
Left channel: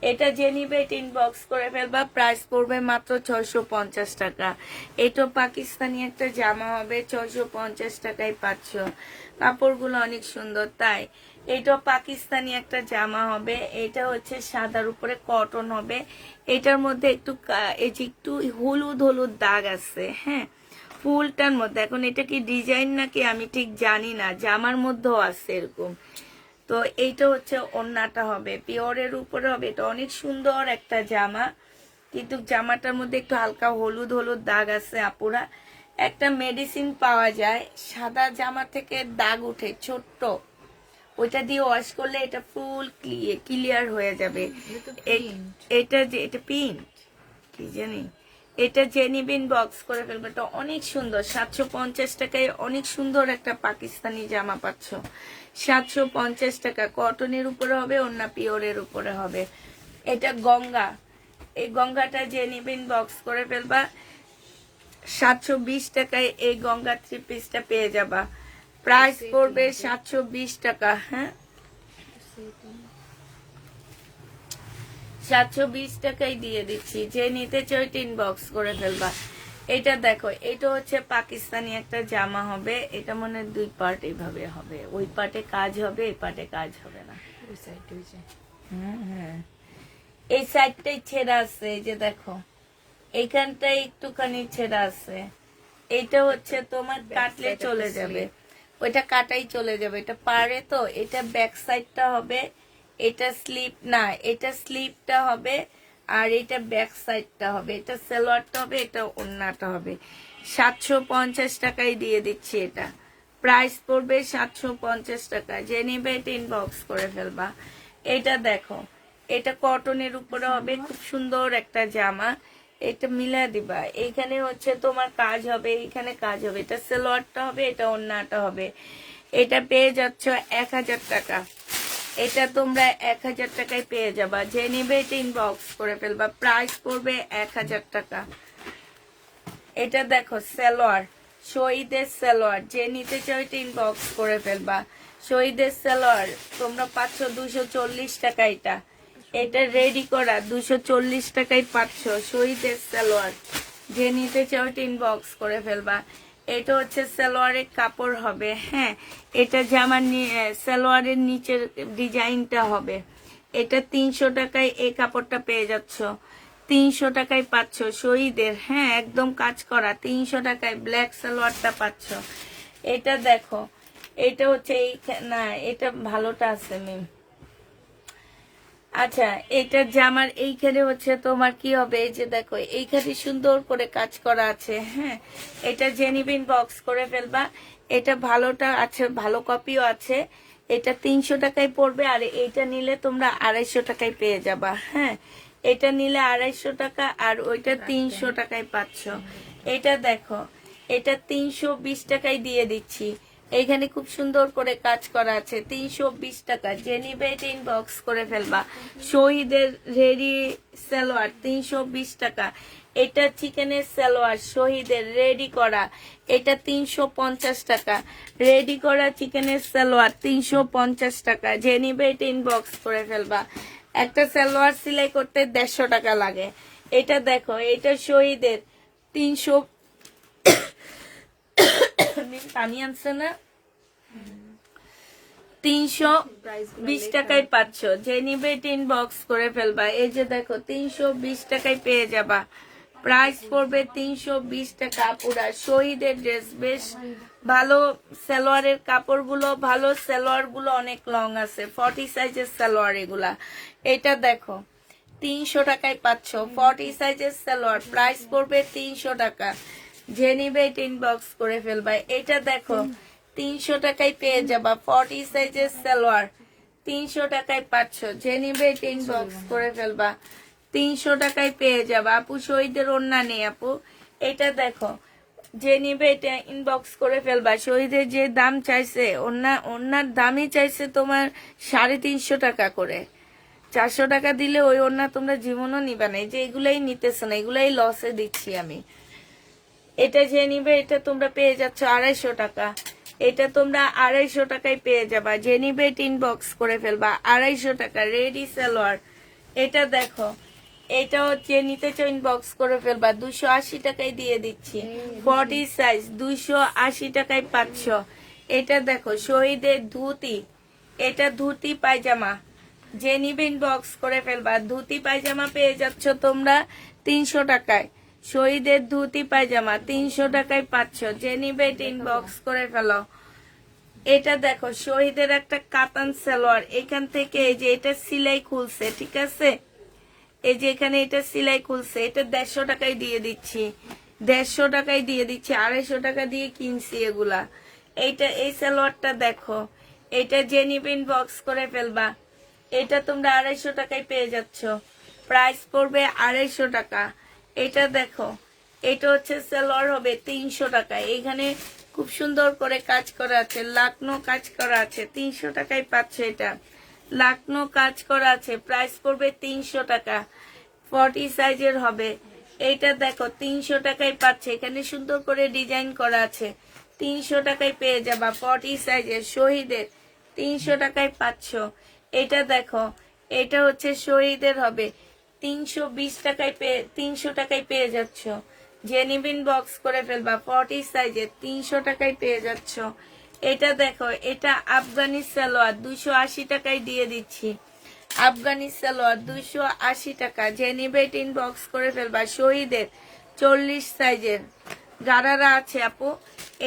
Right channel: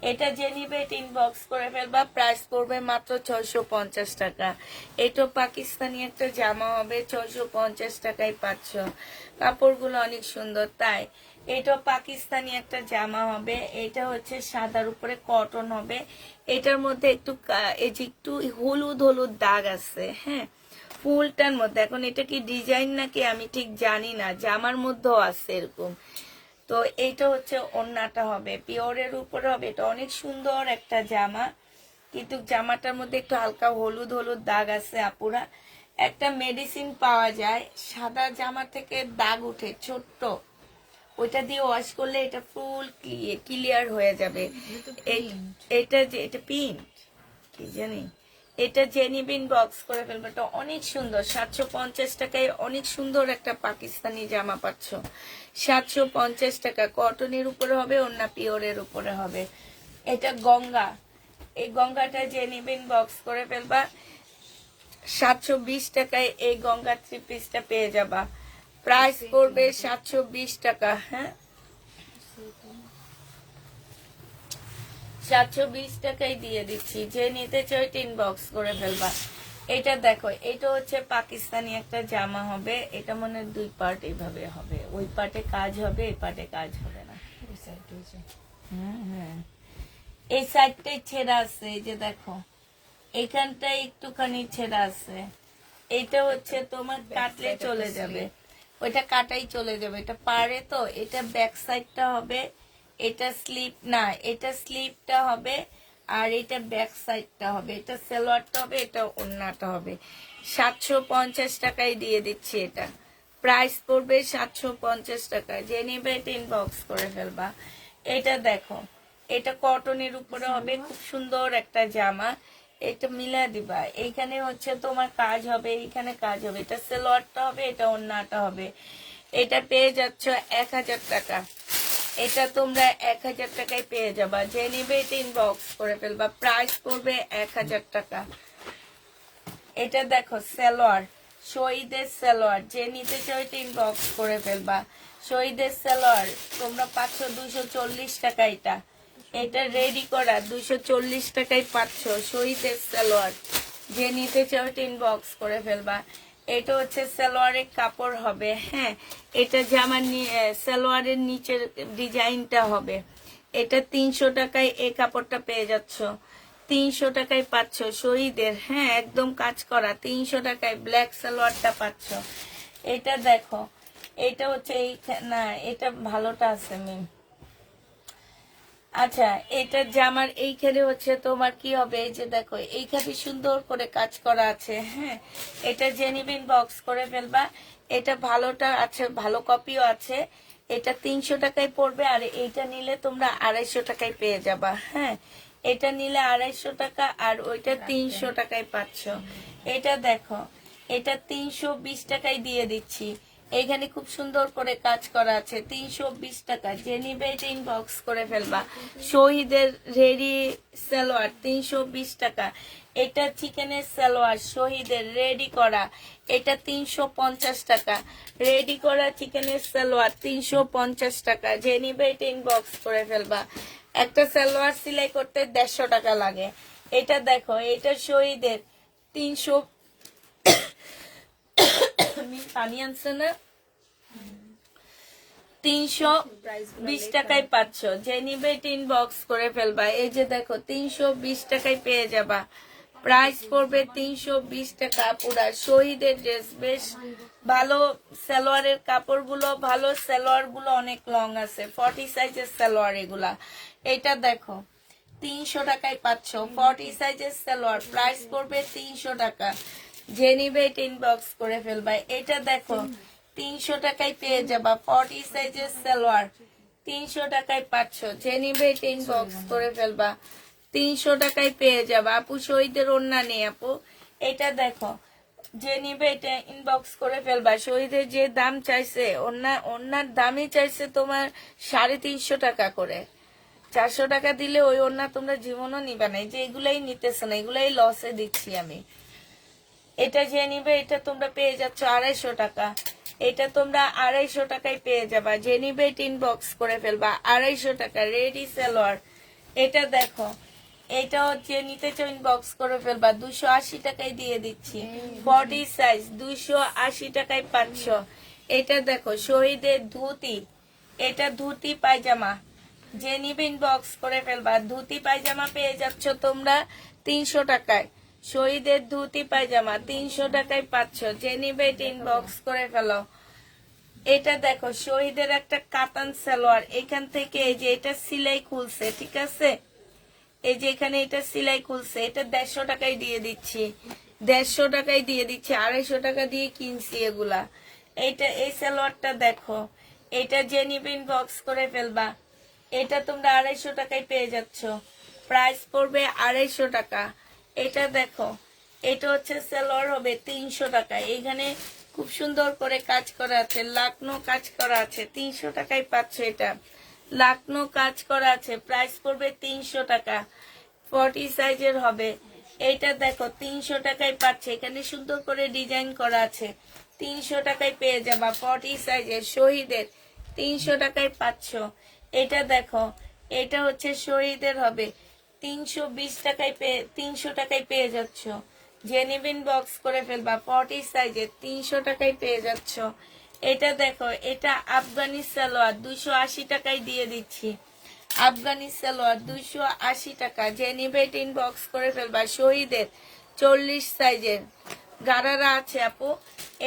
এটা যে নিবে এটা ইনবক্স করে ফেলবা। প্রাইস পড়বে মাত্র 650 টাকা। এটা পাকিস্তানি একটা জামা হবে, 650 টাকায় পাচ্ছ। কাপড়গুলো অনেক সুন্দর, তাই এটা পাকিস্তানি একটা জামা হবে। এটা হচ্ছে সাদার উপরে কটন হবে। এটার মধ্যে একটু এই যে একটু হলুদ হলুদ দাগ আছে, হ্যাঁ, ফুলটার মধ্যে। এখন এটা কি ডিজাইন নাকি আমি ঠিক জানি না, জামার মধ্যেও আছে এরকম। তো এইটা হচ্ছে ওড়নাটা হবে, পিওরের উপরে হবে। এটা অনেক সুন্দর একটা জামা, কিন্তু জামাটার মধ্যে একটু হালকা হলুদ হলুদ দাগ আছে। আপুরা, একটা মেডিসিন পাওয়া যায় সাদা জামা থেকে দাগ উঠে ছোট্ট, ওইটা দিয়ে ওয়াশ করলে এটা ফুল ক্লিয়ার হয়ে যাবে। এটা যে এটা পিঙ্ক কি জানি, এটা জেনিবিন বক্স করে ফেলবে। এটা অনেক সুন্দর, 750 টাকায় অনেক সুন্দর একটা পাকিস্তানি জামা পাচ্ছ। 750 টাকা, কটনের উপরে হবে, অন্য পিওরের উপরে হবে। এটা গঙ্গা, এই গঙ্গাটা জেনিবিন বক্স করে ফেলবা। 720 টাকায় এই গঙ্গা 3 পিসটা পেয়ে যাবা। প্রাইস পড়বে 720 টাকা। হ্যাঁ, 720 টাকায় দিয়ে দিচ্ছি। যে নিতে চাই ইনবক্স করে ফেলবা। এটা দেখো, এটা হচ্ছে পাকিস্তানি একটা জামা হবে। এটা মনে 2 পার্ট এইভাবে হবে, ওই পার্টে কাজ হবে, এই পার্টে কাজ হবে না। হ্যাঁ হ্যাঁ, এই সাইডটাই ছেঁড়া আছে, এই যে দেখো এইখানটাই একটুখানি ছেঁড়া আছে। এইটা হচ্ছে তোমার কাটলে চলে যাবে, ওইটা কাটাই চলে যাবে। এটা পারে তো, এটা ব্যাক সাইডটা হবে, এটা স্লিপ না, এটা স্লিপটা হবে, আর এটা ব্যাক সাইডটা হবে। এটা সালোয়ারটা হবে, এটা ওড়নাটা হবে। 750 টাকায় দিয়ে দিচ্ছি। এটা প্রাইস পড়বে 750 টাকা। যে নিবে এটা ইনবক্স করে ফেলবা। এটা দেখো, এটা কটনের উপরে হবে, খুব সুন্দর একটা জামা। এটা মিলা দিবা, এইখানে হচ্ছে তোমার কাজ হবে, এইখানে কাজ হবে। এটা সালোয়ারটা হবে, এটা ওড়নাটা হবে। এটা পেয়ে যাচ্ছ 1000 টাকা। এটা তোমরা 1000 টাকায় পেয়ে যাবা। যে নিবে এটা ইনবক্স করে ফেলবা। প্রাইস পড়বে 1000 টাকা। এটা দেখো সালোয়ার, শহীদের সালোয়ার। যে নিতে চাও এটা ইনবক্স করে ফেলবা। শহীদের সালোয়ার তোমরা পাচ্ছ 240 টাকা। এটা রেডি করা 240 টাকায় পাচ্ছ শহীদের সালোয়ার। যে নিতে চাও এটা ইনবক্স করে ফেলবা। এটা হচ্ছে সালোয়ারের কাপড় হবে, হ্যাঁ, এটা জামার সালোয়ারের নিচের ডিজাইনটা হবে। এটা 300 টাকায় এই কাপড়টা পেয়ে যাচ্ছ। 300 টাকায় পাচ্ছ শহীদের, হ্যাঁ, একদম কাজ করা। 300 টাকায় ব্ল্যাক সালোয়ারটা পাচ্ছ। এটা দেখো, এটা হচ্ছে এই না, এটা ভালোটা আছে মিম। আচ্ছা, এটা জামার এইখানে হচ্ছে তোমার কি হবে, এই যে দেখো এইখানে সুন্দর করে কাজ করা আছে, হ্যাঁ। এটা জেনিবিন বক্স করে ফেলবা। এটা ভালোটা আছে, ভালো কপিও আছে। এটা 300 টাকায় পড়বে। আর এইটা নিলে তোমরা 250 টাকায় পেয়ে যাবা, হ্যাঁ। এটা নিলে 250 টাকা, আর ওইটা 300 টাকায় পাচ্ছ। এটা দেখো, এটা 320 টাকায় দিয়ে দিচ্ছি। এখানে খুব সুন্দর করে কাজ করা আছে, 320 টাকা। যে নিবে এটা ইনবক্স করে ফেলবা। শহীদের রেডি সালোয়ার 320 টাকা। এটা চিকেনের সালোয়ার শহীদের রেডি করা, এটা 350 টাকা। রেডি করা চিকেনের সালোয়ার 350 টাকা। যে নিবে এটা ইনবক্স করে ফেলবা। একটা সালোয়ার সেলাই করতে 150 টাকা লাগে। এটা দেখো, এটা শহীদের 300 পানি আনছে না, 320 টাকায় পাচ্ছ। যে নিবে ইনবক্স করে ফেলবা। এই যে দেখো 320 টাকায় পেয়ে যাবা। প্রাইস পড়বে 320 টাকা। পুরা শহীদের ড্রেস, বেশ ভালো। সালোয়ারের কাপড়গুলো ভালো, সালোয়ার গুলো অনেক লং আছে, 40 সাইজের সালোয়ার এগুলা। এটা দেখো 300 টাকায় পাচ্ছ, 40 সাইজের সালোয়ার। প্রাইস পড়বে 300 টাকা। যে নিবে ইনবক্স করে ফেলবা। এটা দেখো 300 টাকায় পেয়ে যাবা, 40 সাইজের সালোয়ার 300 টাকায় পাচ্ছ। যে নিবে ইনবক্স করে ফেলবা। 300 টাকায় পেয়ে যাবা। আপু শহীদের ওড়না নেই আপু। এটা দেখো, যে নিবে এটা ইনবক্স করে ফেলবা। শহীদের যে দাম চাইছে, ওড়নার দামই চাইছে তোমার 350 টাকা করে। 400 টাকা দিলে ওই ওড়না তোমরা জীবনও নিবা না। যে এগুলাই নিতেছে না, এগুলাই লসে দিচ্ছি আমি। এটা যে নিবে এটা তোমরা পেয়ে যাচ্ছ 250 টাকা। এটা তোমরা 250 টাকায় পেয়ে যাবা। যে নিবে ইনবক্স করে ফেলবা। 250 টাকা রেডি সালোয়ার। এটা দেখো, এটা হচ্ছে নিতে চাও ইনবক্স করে ফেলবা। 280 টাকায় দিয়ে দিচ্ছি, 40 সাইজ 280 টাকায় পাচ্ছ। এটা দেখো শহীদের ধুতি, এটা ধুতি পায়জামা। যে নিবে ইনবক্স করে ফেলবা। ধুতি পায়জামা পেয়ে যাচ্ছ তোমরা 300 টাকায়। শহীদের ধুতি পায়জামা 300 টাকায় পাচ্ছ। যে নিবে ইনবক্স করে ফেলো। এটা দেখো শহীদের একটা কাতান সালোয়ার। এখান থেকে এই যে এটা সিলাই খুলছে, ঠিক আছে, এই যে এখানে এটা সিলাই খুলছে। এটা 150 টাকায় দিয়ে দিচ্ছি, 150 টাকায় দিয়ে দিচ্ছি। 250 টাকা দিয়ে কিনছি এগুলা। এইটা এই সালোয়ারটা দেখো, এটা যে নিবে ইনবক্স করে ফেলবা। এটা তোমরা 250 টাকায় পেয়ে যাচ্ছ। প্রাইস পড়বে 250 টাকা। এটা দেখো, এটা হচ্ছে সালোয়ার হবে 300 টাকা। এখানে খুব সুন্দর করে কাজ করা আছে, লাকনো কাজ করা আছে। 300 টাকায় পাচ্ছ। এটা লাকনো কাজ করা আছে। প্রাইস পড়বে 300 টাকা। 40 সাইজের হবে। এটা দেখো 300 টাকায় পাচ্ছে। এখানে সুন্দর করে ডিজাইন করা আছে। 300 টাকায় পেয়ে যাবা। 40 সাইজের শহীদের 300 টাকায় পাচ্ছ। এটা দেখো, এটা হচ্ছে শহীদের হবে 320 টাকায় 300 টাকায় পেয়ে যাচ্ছ। যে নিবিন বক্স করে ফেলবা। 40 সাইজের 300 টাকায় পেয়ে যাচ্ছ। এটা দেখো, এটা আফগানি সালোয়ার 280 টাকায় দিয়ে দিচ্ছি। আফগানি সালোয়ার 280 টাকা। যে নিবে ইনবক্স করে ফেলবা। শহীদের 40 সাইজের গারারা আছে আপু।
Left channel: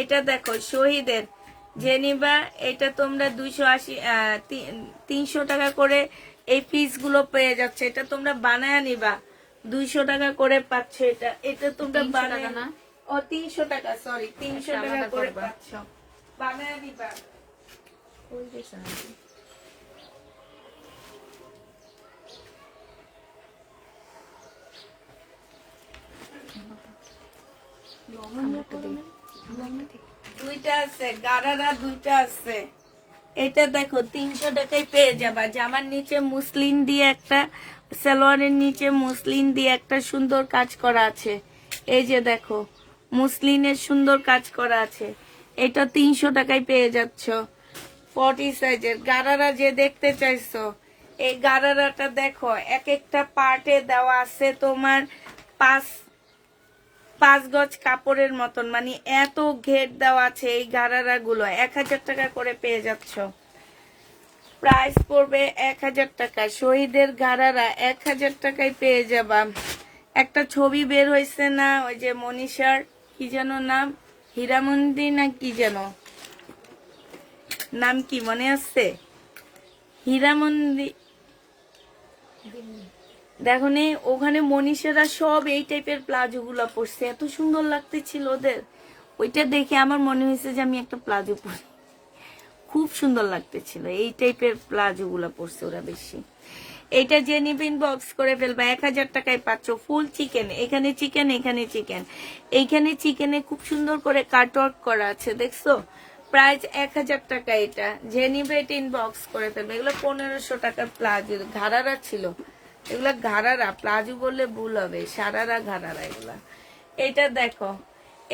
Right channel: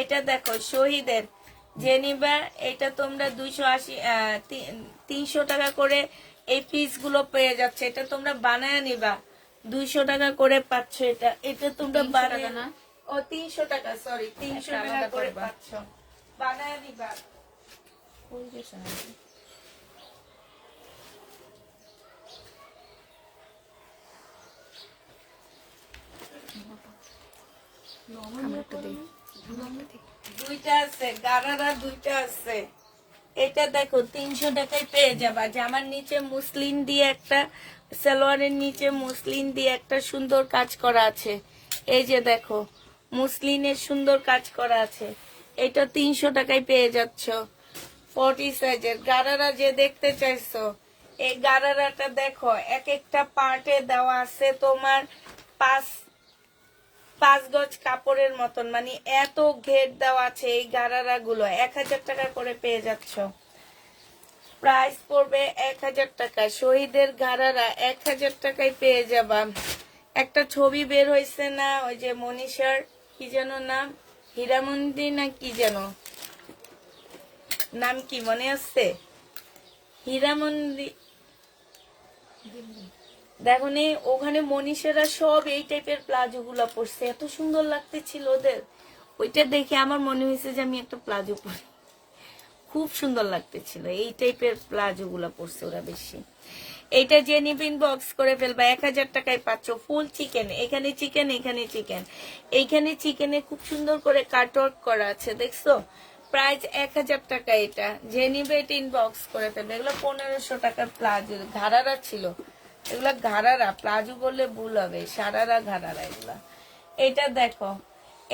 এটা দেখো শহীদের, যে নিবা এটা তোমরা 280 300 টাকা করে এই পিস গুলো পেয়ে যাচ্ছে। এটা তোমরা বানায় নিবা, 200 টাকা করে পাচ্ছ। এটা এটা তোমরা বানায় না, ও 300 টাকা, সরি 300 টাকা করে পাচ্ছ। বানায় নিবা। দুইটা আছে গারারা, দুইটা আছে। এটা দেখো 300 টাকায় পেয়ে যাবা। জামার নিচে মুসলিন দিয়ে একটা, সালোয়ারের নিচে মুসলিন দিয়ে একটা সুন্দর কাজ করা আছে। এই যে দেখো মুসলিনের সুন্দর কাজ করা আছে। এটা 300 টাকায় পেয়ে যাচ্ছ। 40 সাইজের গারারা যে দেখতে চাইছো, এই গারারাটা দেখো এক একটা পার্টে দেওয়া আছে তোমার 5 গজ কাপড়ের মতন, মানে এত ঘের দেওয়া আছে। এই গারারা গুলো 1000 টাকা করে পেয়ে যাচ্ছ। প্রাইস পড়বে 1000 টাকা। শহীদের গারারা 1000 টাকায় পেয়ে যাবা। একটা ছবি বের হয়েছে না, ওই যে মনীষার কি যেন নাম, হীরামন্দি না কি যেন নাম, কি মনে আছে? হীরামন্দি, দেখো নি ওখানে মনীষেরা সব এই টাইপের প্লাজো গুলা পরছে, এত সুন্দর লাগতেছিল ওদের। ওইটা দেখে আমার মনে হয়েছে যে আমি একটা প্লাজো পরি, খুব সুন্দর লাগতেছিল। এই টাইপের প্লাজো গুলা পরছে ওরা বেশি। এটা যে নিবেন বক্স করে ফেলবা 1000 টাকায় পাচ্ছ ফুল চিকেন। এখানে চিকেন, এখানে চিকেন, এইখানে চিকেনে খুব সুন্দর করে কাটওয়ার্ক করা আছে, দেখছো? প্রাইস 1000 টাকা। এটা যে নিবে এটা ইনবক্স করে ফেলবে। এগুলো 1500 টাকার প্লাজো, ঘাড়ারা ছিল এগুলা, ঘাড়ারা প্লাজো বললে ভুল হবে, সারারা ঘাড়ারা এগুলা। এটা দেখো,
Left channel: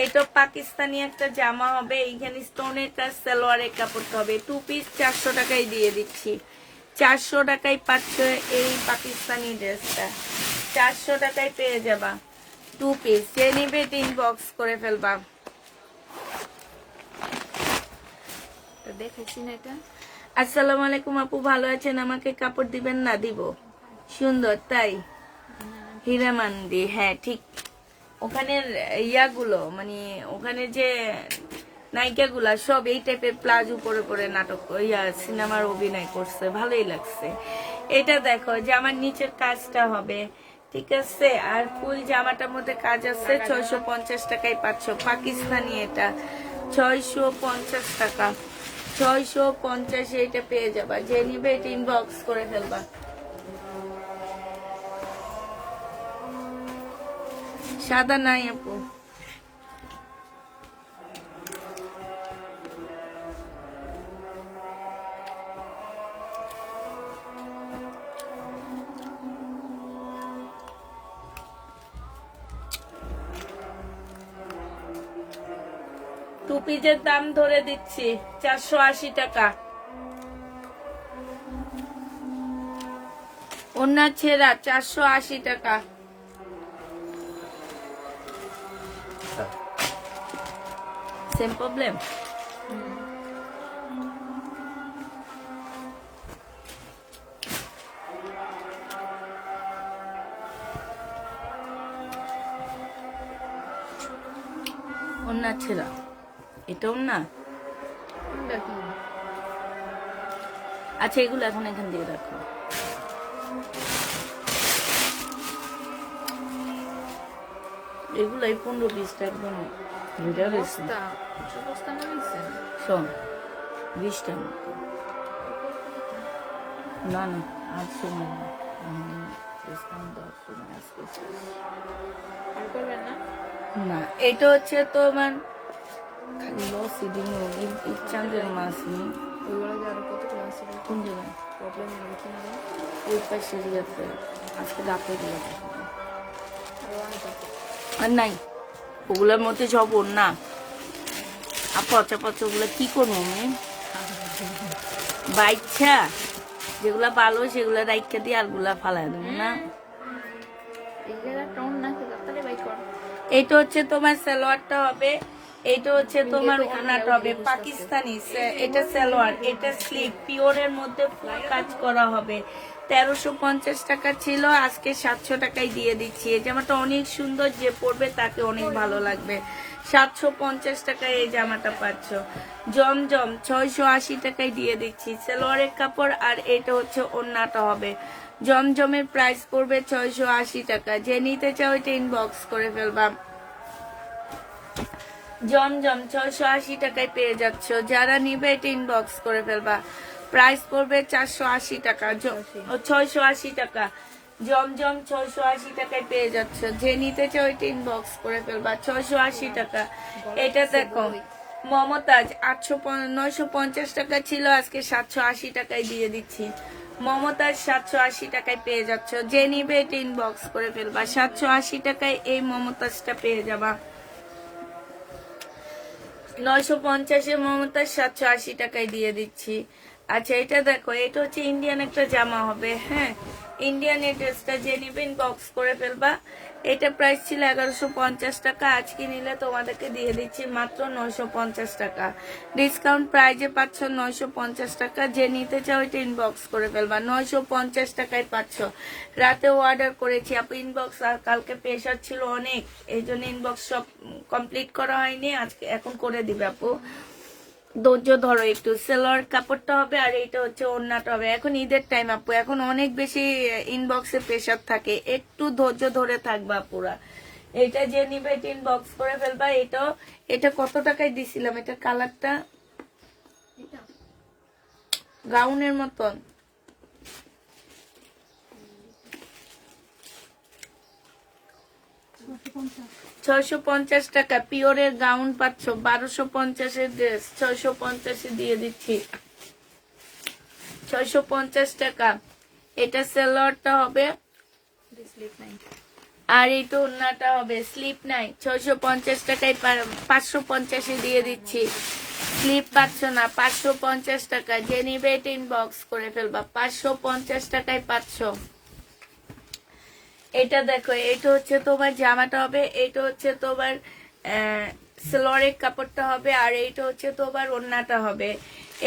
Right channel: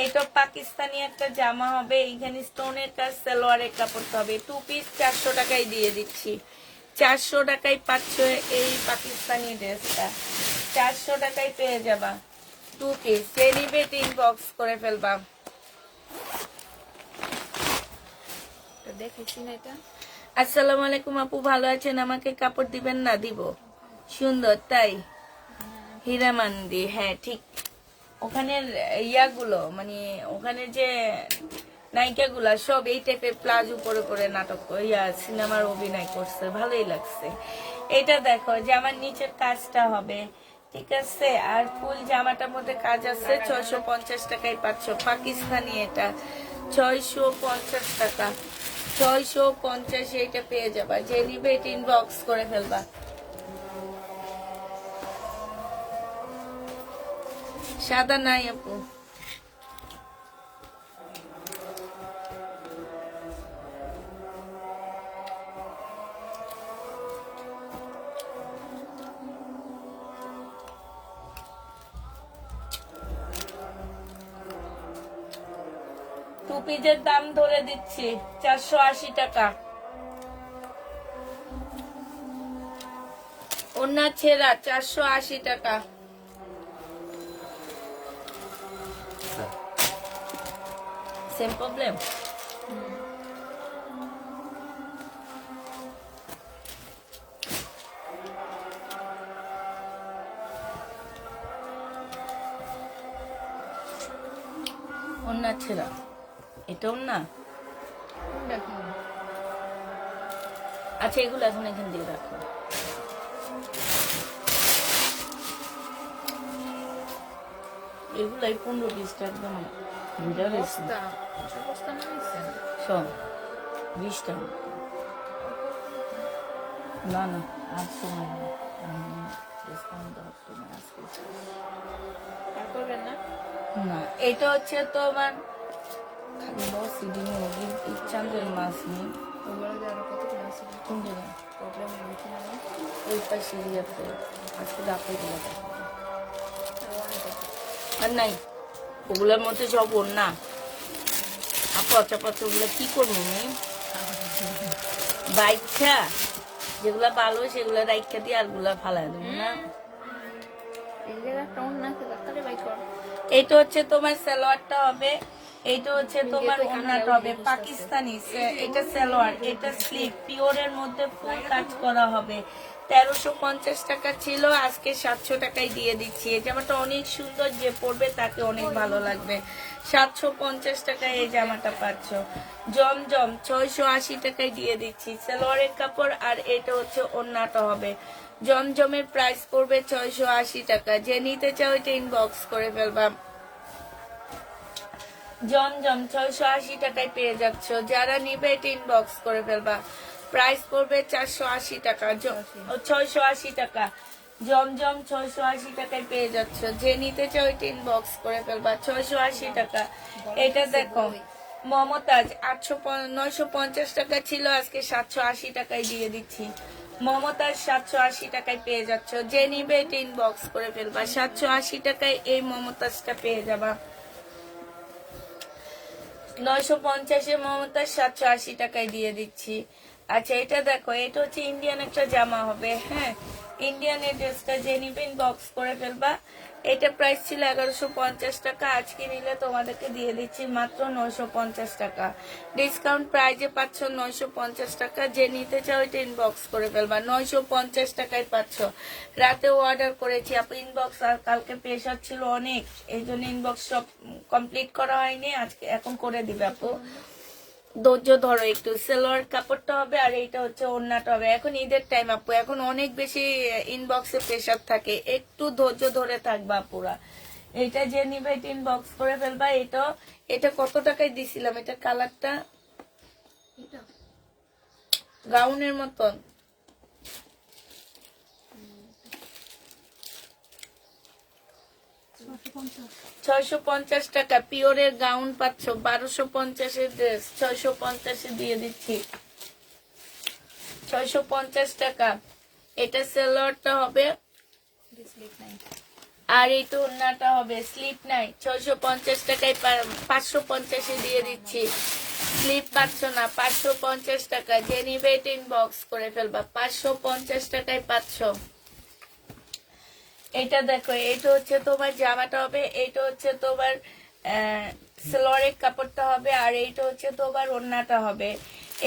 এটা পাকিস্তানি একটা জামা হবে, এইখানে স্টোনের কাজ, সালোয়ারের কাপড় হবে। 2 পিস 400 টাকায় দিয়ে দিচ্ছি। 400 টাকায় পাচ্ছ এই পাকিস্তানি ড্রেসটা, 400 টাকায় পেয়ে যাবা 2 পিস। যে নিবে ইনবক্স করে ফেলবা। তো দেখেছি না এটা। আসসালামু আলাইকুম আপু, ভালো আছেন? আমাকে কাপড় দিবেন না? দিব, সুন্দর তাই। হীরামান্দি, হ্যাঁ ঠিক। ওখানের ইয়াগুলো মানে ওখানে যে নায়িকাগুলা সব এই টাইপের প্লাজো পরে পরে নাটক সিনেমার অভিনয় করছে, ভালোই লাগছে। এটা দেখো জামার নিচের কাজটা হবে, ঠিক আছে? আর ফুল জামাটার মধ্যে কাজ আছে। 650 টাকায় পাচ্ছ পাকিস্তানি। এটা 650 টাকা, 650 এটা পেয়ে যাবা। যে নিবে এটা ইনবক্স করে ফেলবা। সাদা নাই আপু। টুপিজের দাম ধরে দিচ্ছি 480 টাকা। ওনা ছেঁড়া 480 টাকা। Same problem. ওনা ছেঁড়া, এটাও না। দেখো আচ্ছা এগুলো এখন এখান দিয়ে রাখো। এগুলাই 15-20 টাকা না, বুঝা গেছে? বস্তা, ছোট বস্তা নিয়েছে। শোন 20 টাকা না না, আজকে না, ডিসকাউন্ট আছে না আজকে। আর করবেন না? না এটা হচ্ছে তোমার খালি লস দিনে চাঞ্জলি মাছ নেই। ওগুলো আরো কত ক্লাস আছে? কোন জায়গা? প্রবলেম হচ্ছে না? এইটা সিরিয়াতে আজকে রাতে গুলো দেখো। আরো অনেক আছে। আর নাই ওগুলোর মধ্যে সব ওর না পচা পচা, ওগুলো কি করবো আমি? বাইচ্ছা যেগুলা ভালো সেগুলা রাইখা দিয়ে আর গুলা ফালাই দেবো না। এই জায়গা টোন না আছে, তাড়াতাড়ি বাই কর। এইটা হচ্ছে তোমার সালোয়ারটা হবে, এইটা হচ্ছে তোমার ওড়নাটা হবে পাকিস্তানি। এটা সালোয়ার, এটা স্লিপ, পিওরের মধ্যে ফুল কাজ করা হবে। 1350 টাকা ছিল, আজকে 700 টাকায় দিয়ে দিচ্ছি। এই জামাটা অনেক সুন্দর, যে পরবে তাকে অনেক ভালো লাগবে। 750 টাকায় এই জামাটা পাচ্ছ। জমজম 680 টাকায় দিয়ে দিচ্ছি, সালোয়ারের কাপড়। আর এটা হচ্ছে ওড়নাটা হবে। জমজমের প্রাইস পড়বে 680 টাকা। যে নিতে চাও এটা ইনবক্স করে ফেলবা। জমজম 680 টাকায় পেয়ে যাচ্ছ, যারা নিবে এটা ইনবক্স করে ফেলবা। প্রাইস পড়বে 480 টাকা, 680 টাকা। জমজম 680 টাকায় পেয়ে যাচ্ছ, যে নিতে চাও এটা ইনবক্স করে ফেলবা। 680 টাকা। এটা দেখো মমতাজ 950 টাকা ছিল, আজকে 780 টাকায় দিয়ে দিচ্ছি। মমতাজ 780 টাকায় পেয়ে যাচ্ছ, যে নিবে এটা ইনবক্স করে ফেলবা। 780 টাকায় এই মমতাজটা পেয়ে যাবা। 950 মমতাজ 780 টাকায় দিয়ে দিচ্ছি। আচ্ছা এটা দেখো, এটা হচ্ছে ইন্ডিয়ান একটা জামা হবে, হ্যাঁ ইন্ডিয়ান এই ড্রেসটা যে নিবে ইনবক্স করে ফেলবা। এটা প্রাইস ছিল 1150 টাকা, আজকে নিলে তোমাদেরকে দিয়ে দিচ্ছি মাত্র 950 টাকা। ডিসকাউন্ট প্রাইজে পাচ্ছ 950 টাকা। যে নিতে চাও এটা ইনবক্স করে ফেলবা। 950 টাকায় পাচ্ছ। রাতেও অর্ডার করেছি আপু ইনবক্স, আর কালকে প্রেশার ছিল অনেক, এই জন্য ইনবক্স সব কমপ্লিট করা হয়নি, আজকে এখন করে দিবে আপু। ধৈর্য ধরো একটু। সেলোয়ার কাপড়টা হবে আর এইটা হচ্ছে ওড়নাটা হবে। এখন ঈদের টাইম আপু, এখন অনেক বেশি ইনবক্সে প্রেশার থাকে, একটু ধৈর্য ধরে থাকবা পুরা। এটা যে নিবে এটা ইনবক্স করে ফেলবা। এটা কত টাকায় দিছিলাম? এটা কালারটা গাউনের মতন, 650 টাকা পিওরের গাউন পাচ্ছ, 1250-এর ড্রেস 650-এ দিয়ে দিচ্ছি, 650 টাকা। এটা সালোয়ারটা হবে স্লিপ নাই। আর এই তো ওড়নাটা হবে স্লিপ নাই, 650 টাকায় 550-এ দিয়ে দিচ্ছি। স্লিপ পাচ্ছ না, 550 টাকা। যে নিবে ইনবক্স করে ফেলবা, 550 টাকায় পাচ্ছ। এটা দেখো, এইটা হচ্ছে তোমার জামাটা হবে, এইটা হচ্ছে তোমার সালোয়ারের কাপড়টা হবে, আর এইটা হচ্ছে তোমার ওড়নাটা হবে।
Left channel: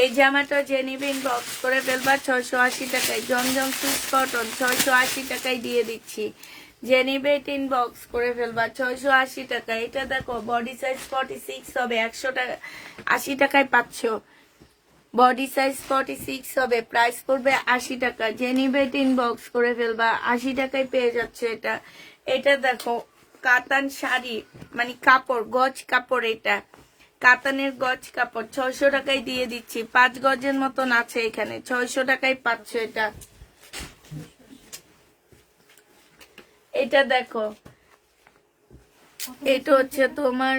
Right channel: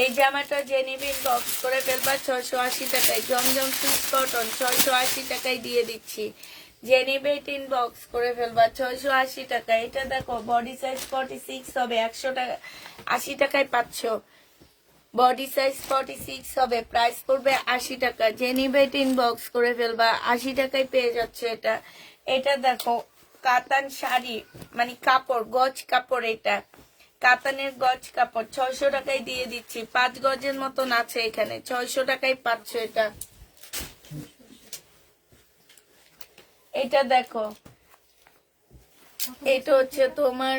এই জামাটা যে নিবে ইনবক্স করে ফেলবা 680 টাকায়। জমজম সুইস কটন 680 টাকায় দিয়ে দিচ্ছি। যে নিবে ইনবক্স করে ফেলবা 680 টাকা। এটা দেখো বডি সাইজ 46 হবে, 100 টাকা 80 টাকায় পাচ্ছ। বডি সাইজ 46 হবে, প্রাইস পড়বে 80 টাকা। যে নিবে ইনবক্স করে ফেলবা, 80 টাকায় পেয়ে যাচ্ছে এটা। এটা দেখো কাতান শাড়ি, মানে কাপড়, গজ কাপড়, এটা কাতানের গজ কাপড় 600 টাকায় দিয়ে দিচ্ছি। 5 গজের মতন আছে এখানে, 600 টাকায় পাচ্ছ এটা। এটা দেখো, এটা হচ্ছে তোমার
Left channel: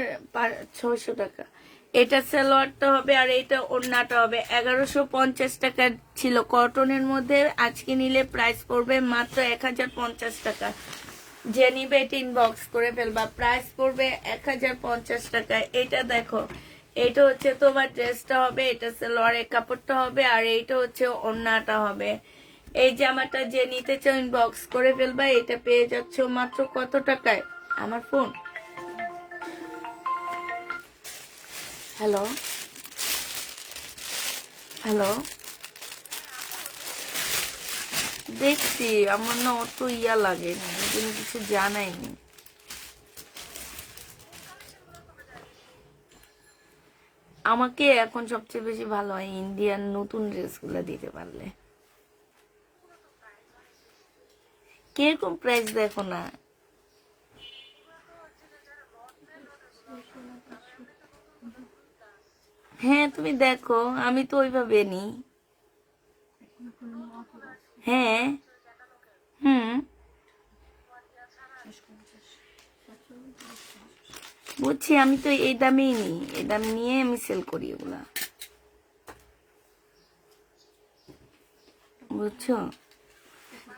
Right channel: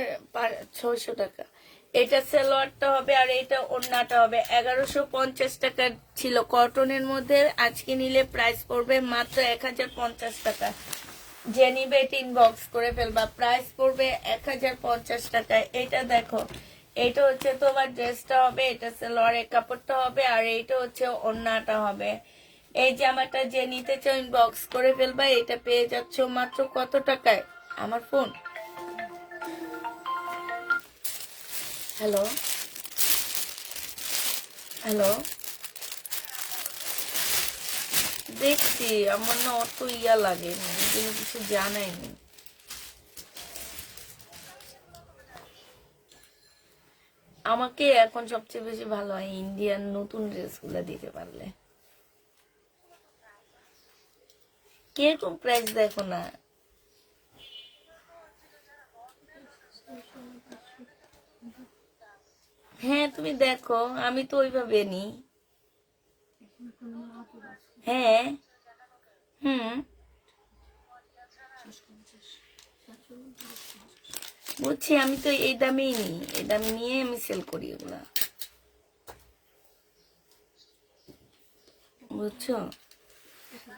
600 টাকা। এটা সালোয়ারটা হবে আর এটা ওড়নাটা হবে। 1150 টাকা ছিল কটনের মধ্যে, আজকে নিলে প্রাইস পড়বে মাত্র 1050 টাকা। যে নিবে ইনবক্স করে ফেলবা, প্রাইস পড়বে 1050 টাকা। এটা দেখো, এটা হচ্ছে তোমার ড্রেসটা হবে, এটা সালোয়ারের কাপড়টা হবে, আর এইটা হচ্ছে ওড়নাটা হবে। এই জামাটা যে নিতে চাও ইনবক্স করে ফেলবা। এটা পেয়ে যাচ্ছ মাত্র কত টাকায়? আমার ফোন, হ্যালো হ্যালো, দেখছি আমার না অত ইয়া লাগে, কিন্তু কিছু জানাইনি। আমাকে এখন সবচেয়ে বেশি ভালো হয় ইন্ডিয়ান নতুন ড্রেসগুলো দিতে পারলে। কিরকম প্রাইস দেখো না? হ্যাঁ তুমি দেখো, আমি তো ওইভাবে নি। হ্যাঁ, বুঝছি, আমি তো এই দামেই নিই, এই দাম নিয়ে আমি সেল করি এগুলা, বুঝছো?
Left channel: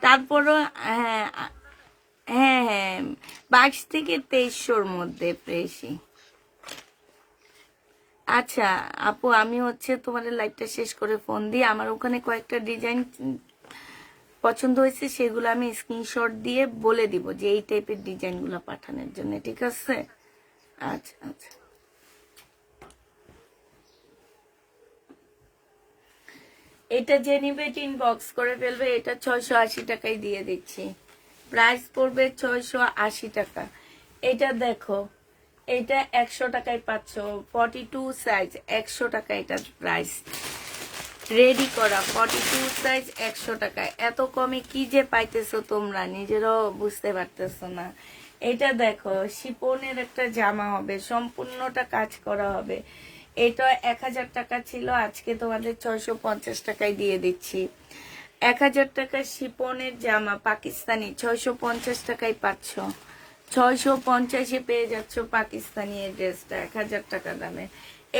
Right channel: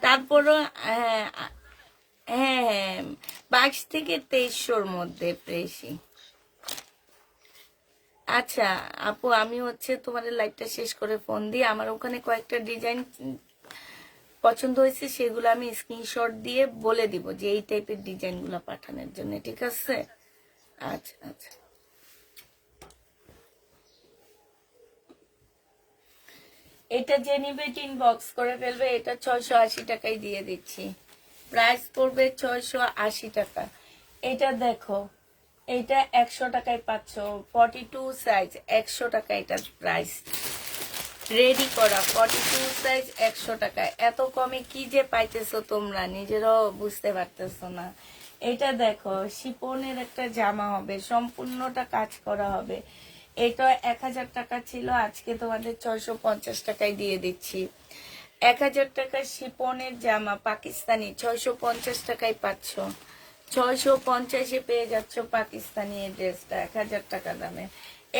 তারপরও হ্যাঁ হ্যাঁ হ্যাঁ 22 থেকে 2300-র মধ্যে পেয়েছি। আচ্ছা আপু, আমি হচ্ছে তোমাদের লাইভটা শেষ করে ফোন দিই। আমার ওখানে কয়েকটা ডিজাইন পছন্দ হয়েছে, সেগুলো আমি স্ক্রিনশট দিয়ে বলে দিব যে এই টাইপের ডিজাইনগুলো পাঠানোর জন্য, ঠিক আছে? আচ্ছা আচ্ছা। এটা যে নিবে ইনবক্স করে ফেলবে। এটা 680 টাকায় দিয়ে দিচ্ছি, প্রাইস পড়বে 680 টাকা। এটা দেখো, এটা 100 টাকায় পাচ্ছ, 42 সাইজ 100 টাকা এটা প্রাইস। রেডি করা 42 সাইজ 100 টাকায়। এত কমে কি যে পাইতেছো তোমরা নিজেরাও বুঝতে পারতেছো না। এটা দেখো, শিপনের একটা জামা হবে, সম্পূর্ণটা কাজ করা হবে। এটা 1000 টাকা ছিল, আজকে তোমাদের 650 টাকায় দিয়ে দিচ্ছি। 1000 টাকা শিপনের জামা পাকিস্তানি 650 টাকায় পাচ্ছ। 650-এ পেয়ে যাচ্ছ পাকিস্তানি এই ড্রেসটা 1000 টাকা দামে।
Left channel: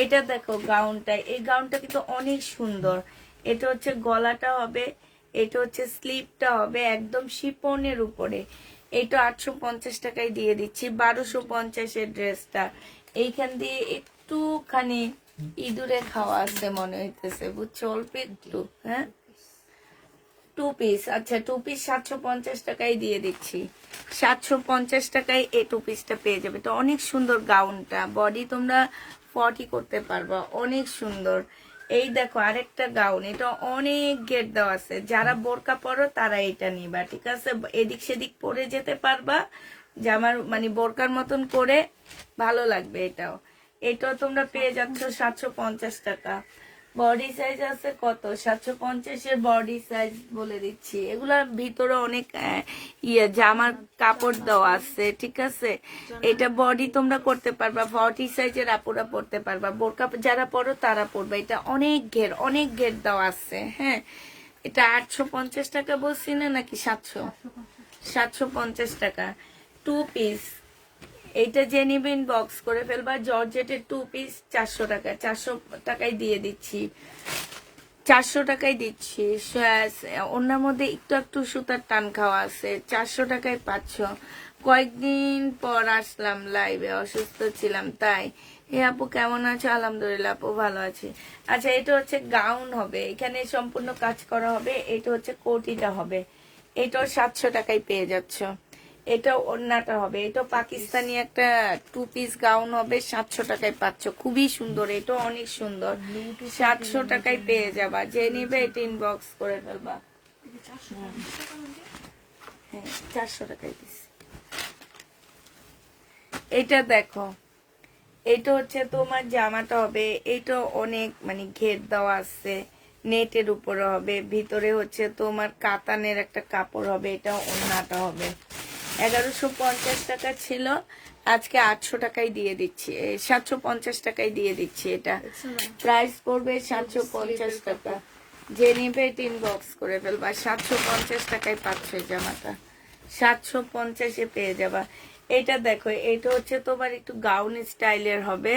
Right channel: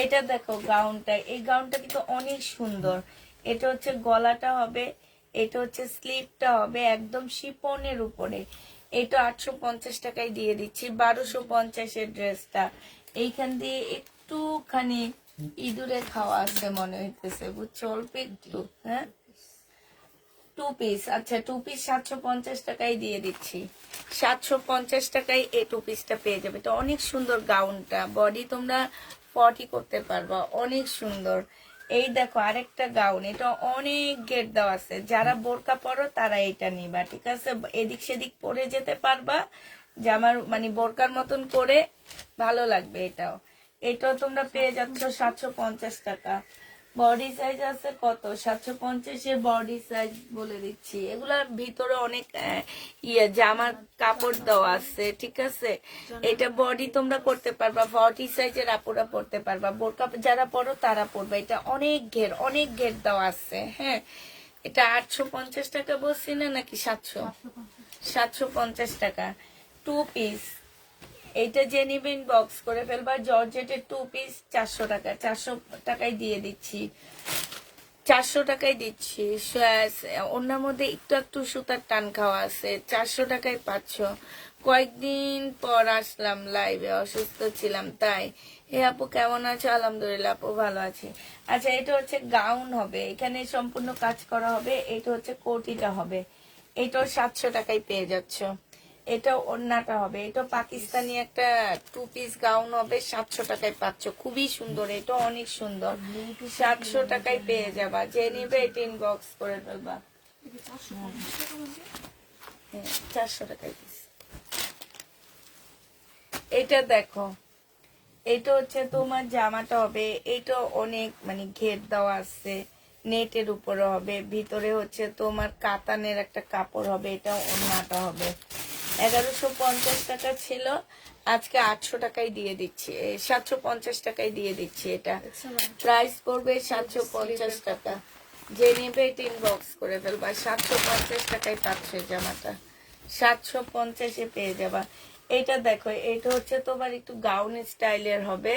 এটা দেখো গাউনটা, এই গাউনটা কিন্তু অনেক সুন্দর। এটা হচ্ছে গলাটা হবে, এটা হচ্ছে স্লিপটা হবে, একদম শিপনের উপরে। এটা 850 টাকায় দিয়ে দিচ্ছি। 1250-এর ড্রেসটা এইখান দিয়ে একটুখানি ইঁদুরে খাওয়া আছে মনে হইতেছে, বুঝছো, অল্প একটু। হ্যাঁ 2 পিস, আচ্ছা 2 পিস 750 টাকায় দিয়ে দিচ্ছি। 750 টাকায় এই 2 পিসটা পেয়ে যাবে। তো অনেক সুন্দর গাউনটা, বডি তোমরা 40 করতে পারবা, অনেক সুন্দর। এই দেখো আরেকটা গাউন, এটা অনেক গেট দেওয়া আছে, যারা বোরকা পরো তারা এটা নিবা, ঠিক আছে? এদিক সেদিক পরে যেতে পারবা, জামার মানে বোরকার মতন করে, ভালো লাগবে এটাও। এটাও তোমরা পেয়ে যাচ্ছ 750 টাকা। বডি সাইজ আছে কত? 750-এর বডি সাইজ বলে দিচ্ছি। এগুলার ভিতরে অনেক জামার কাপড় দেওয়া আছে, ঠিক আছে? এটা বডি তোমরা করতে পারবা, 40 সাইজের আপুরা পড়তে পারবা, বোরকা যারা পরো তারা পরবে। এটা অনেক ঘের দেওয়া আছে। হ্যাঁ, এটা 850 টাকা বলছি না, নাকি 700? 750 টাকা 2 পিস। এইটা যে নিবেন বক্স করে ফেলবা। জর্জেটের 2 পিস 400 টাকা, 400 টাকায় দিয়ে দিচ্ছি, 400 টাকায় দিচ্ছি। ওনার মধ্যে একটু একটু সুতার টান খাওয়া আছে, 400 টাকায় পাচ্ছ। কয়েকদিন পর আসলাম লাইভে, অসুস্থ ছিলাম তাই। এ আপু কেমন আছো? আলহামদুলিল্লাহ আপু ভালো আছি। আচ্ছা, এটা হচ্ছে গাউন হবে, এখানে সম্পূর্ণ কাজ করা হবে। এটা হচ্ছে কোটিটা হবে, এটাও 700 টাকায় পেয়ে যাচ্ছ। এটা ওড়নাটা হবে, এটা পাকিস্তানি একটা 2 পিস গাউন হবে, 700 টাকায় পাচ্ছ। খুবই সুন্দর, এটা অনেক সুন্দর, 700 টাকায় পেয়ে যাবা। যে নিবে এটা ইনবক্স করে ফেলবা। হ্যাঁ, 400 টাকায় দিচ্ছি। এটা দেখো, এটা হচ্ছে তোমার জামাটা হবে, এটা অনেক মানে ঘের দেওয়া আছে, নেটের উপরে হবে, ভিতরে হচ্ছে তোমার কাতানের একটা কাপড় হবে। এটা ওড়নাটা হবে। 1150 টাকা ছিল, আজকে 800 টাকায় দিয়ে দিচ্ছি, 750 টাকায় দিয়ে দিচ্ছি। এটা প্রাইস পড়বে 750 টাকা। যে নিবে এটা ইনবক্স করে ফেলবা। 750 টাকায় পাচ্ছ এই জামাটা, 750-এ পেয়ে যাবা। এটা দেখো, এটা হচ্ছে তোমার একটু গাউন স্টাইলের হবে।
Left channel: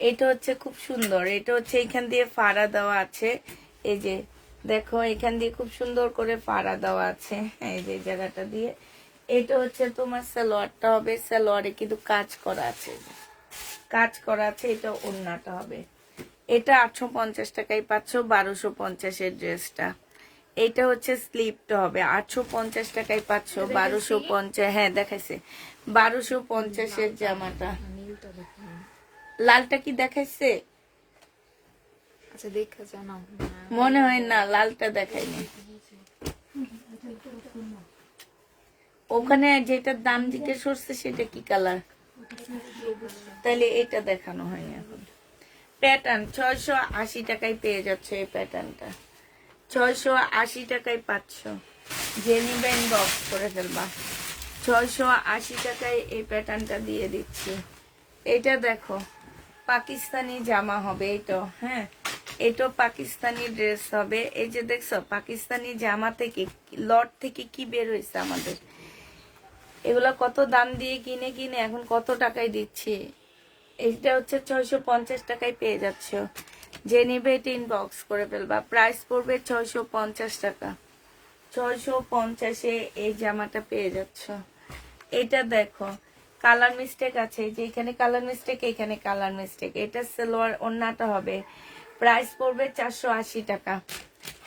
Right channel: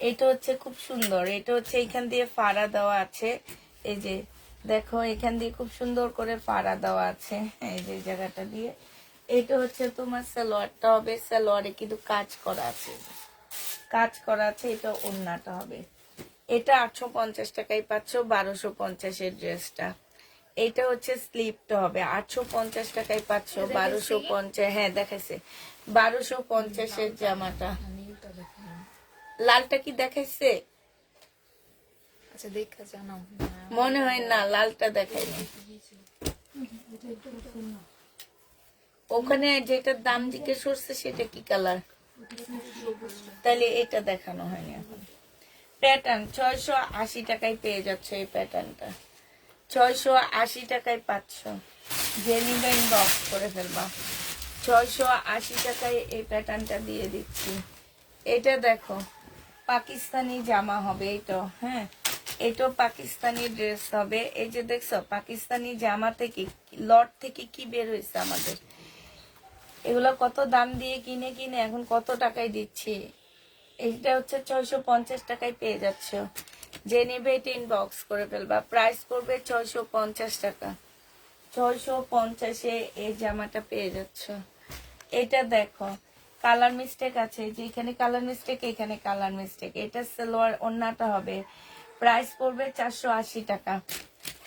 এটা হচ্ছে খুব সুন্দর, এটা হচ্ছে এখান দিয়ে ফাড়া দেওয়া আছে। এই যে দেখো, এখান দিয়ে খুব সুন্দর করে ফাড়া দেওয়া আছে, এই যে জায়গাটা দিয়ে। এটা হচ্ছে তোমার সালোয়ারটা হবে, সালোয়ারে কিন্তু কাজ করা আছে, কাজ করা আছে। এটা ওড়নাটা হবে। এটা 850 টাকায় পাচ্ছ, 1250-এর ড্রেসটা। এটা হচ্ছে স্লিপটা হবে, 850 টাকায় পাচ্ছ, 1250। হ্যাঁ দেখাইছে, 1250-এর জামাটা। লালটা কি দেখাইছে? আচ্ছা দেখা জানাও। মনে হয় না, লালটা দেখাইনি। ওখানে যেটার দাম জিজ্ঞেস করছে সেটা কি কালার? তাহলে এটা দেখানো হয়নি এখন। প্যাটার্ন 680 টাকায় পেয়ে যাচ্ছে এই প্যাটার্নটা, 680 টাকায় পাচ্ছ। যে নিবেন বক্স করে ফেলবা। 680 টাকায় এই প্যাটার্নটা দিয়ে দিচ্ছি। এটা দেখো, পাকিস্তানি জামা হবে এটা। হ্যাঁ, এটাও পাকিস্তানি ড্রেস হবে। এই যে দেখছো, পাকিস্তানি জামা থেকে লট থেকে কি বের হয়েছে আমাদের। এগুলা কত দাম দিয়ে কিনে কিনে এখন কত টাকায় দিচ্ছি। এইটা হচ্ছে 650 টাকায় পেয়ে যাচ্ছ। যে নিবে এটা ইনবক্স করে ফেলবা। প্রাইস পড়বে 650 টাকা, 650-এ এই জামাটা পেয়ে যাচ্ছ। এটা দেখো, কালার মিস্টেক আছে, যে এখানে কালার মিস্টেক, এখানে কালার মিস্টেক। এটা সালোয়ার ওড়নাটা হবে। প্রাইস পড়বে 480 টাকা,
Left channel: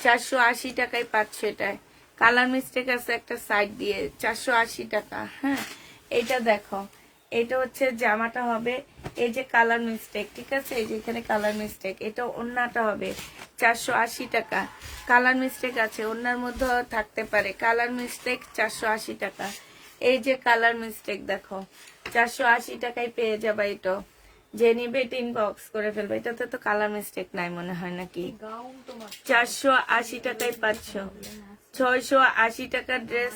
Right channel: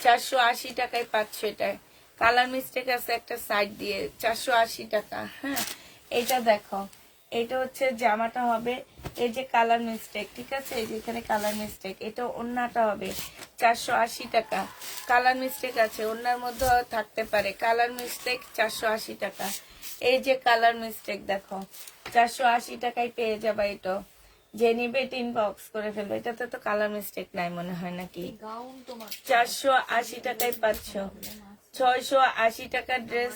480 টাকায় পাচ্ছ। এটায় কালার মিস্টেক আছে একটা সাইড দিয়ে, 480 টাকা। হ্যাঁ, এটা দেখো, এটা হচ্ছে জামাটা হবে। এই যে কালার মিস্টেক, ঠিক আছে, এই যে এখানে কালার মিস্টেক। এটা ওড়নাটা হবে 480 টাকা। কালার মিস্টেক আছে, ওড়নার মধ্যেও থাকতে পারে। কালার মিস্টেক 480 টাকা। এই যে কালার মিস্টেক দেখো, 480 টাকায় পেয়ে যাবা। এটা যে নিবে এটা ইনবক্স করে ফেলবে। এটাতে তো কালার মিস্টেক নাই মনে হয় নাকি। 480 টাকায় পাচ্ছ। 680 টাকার ড্রেস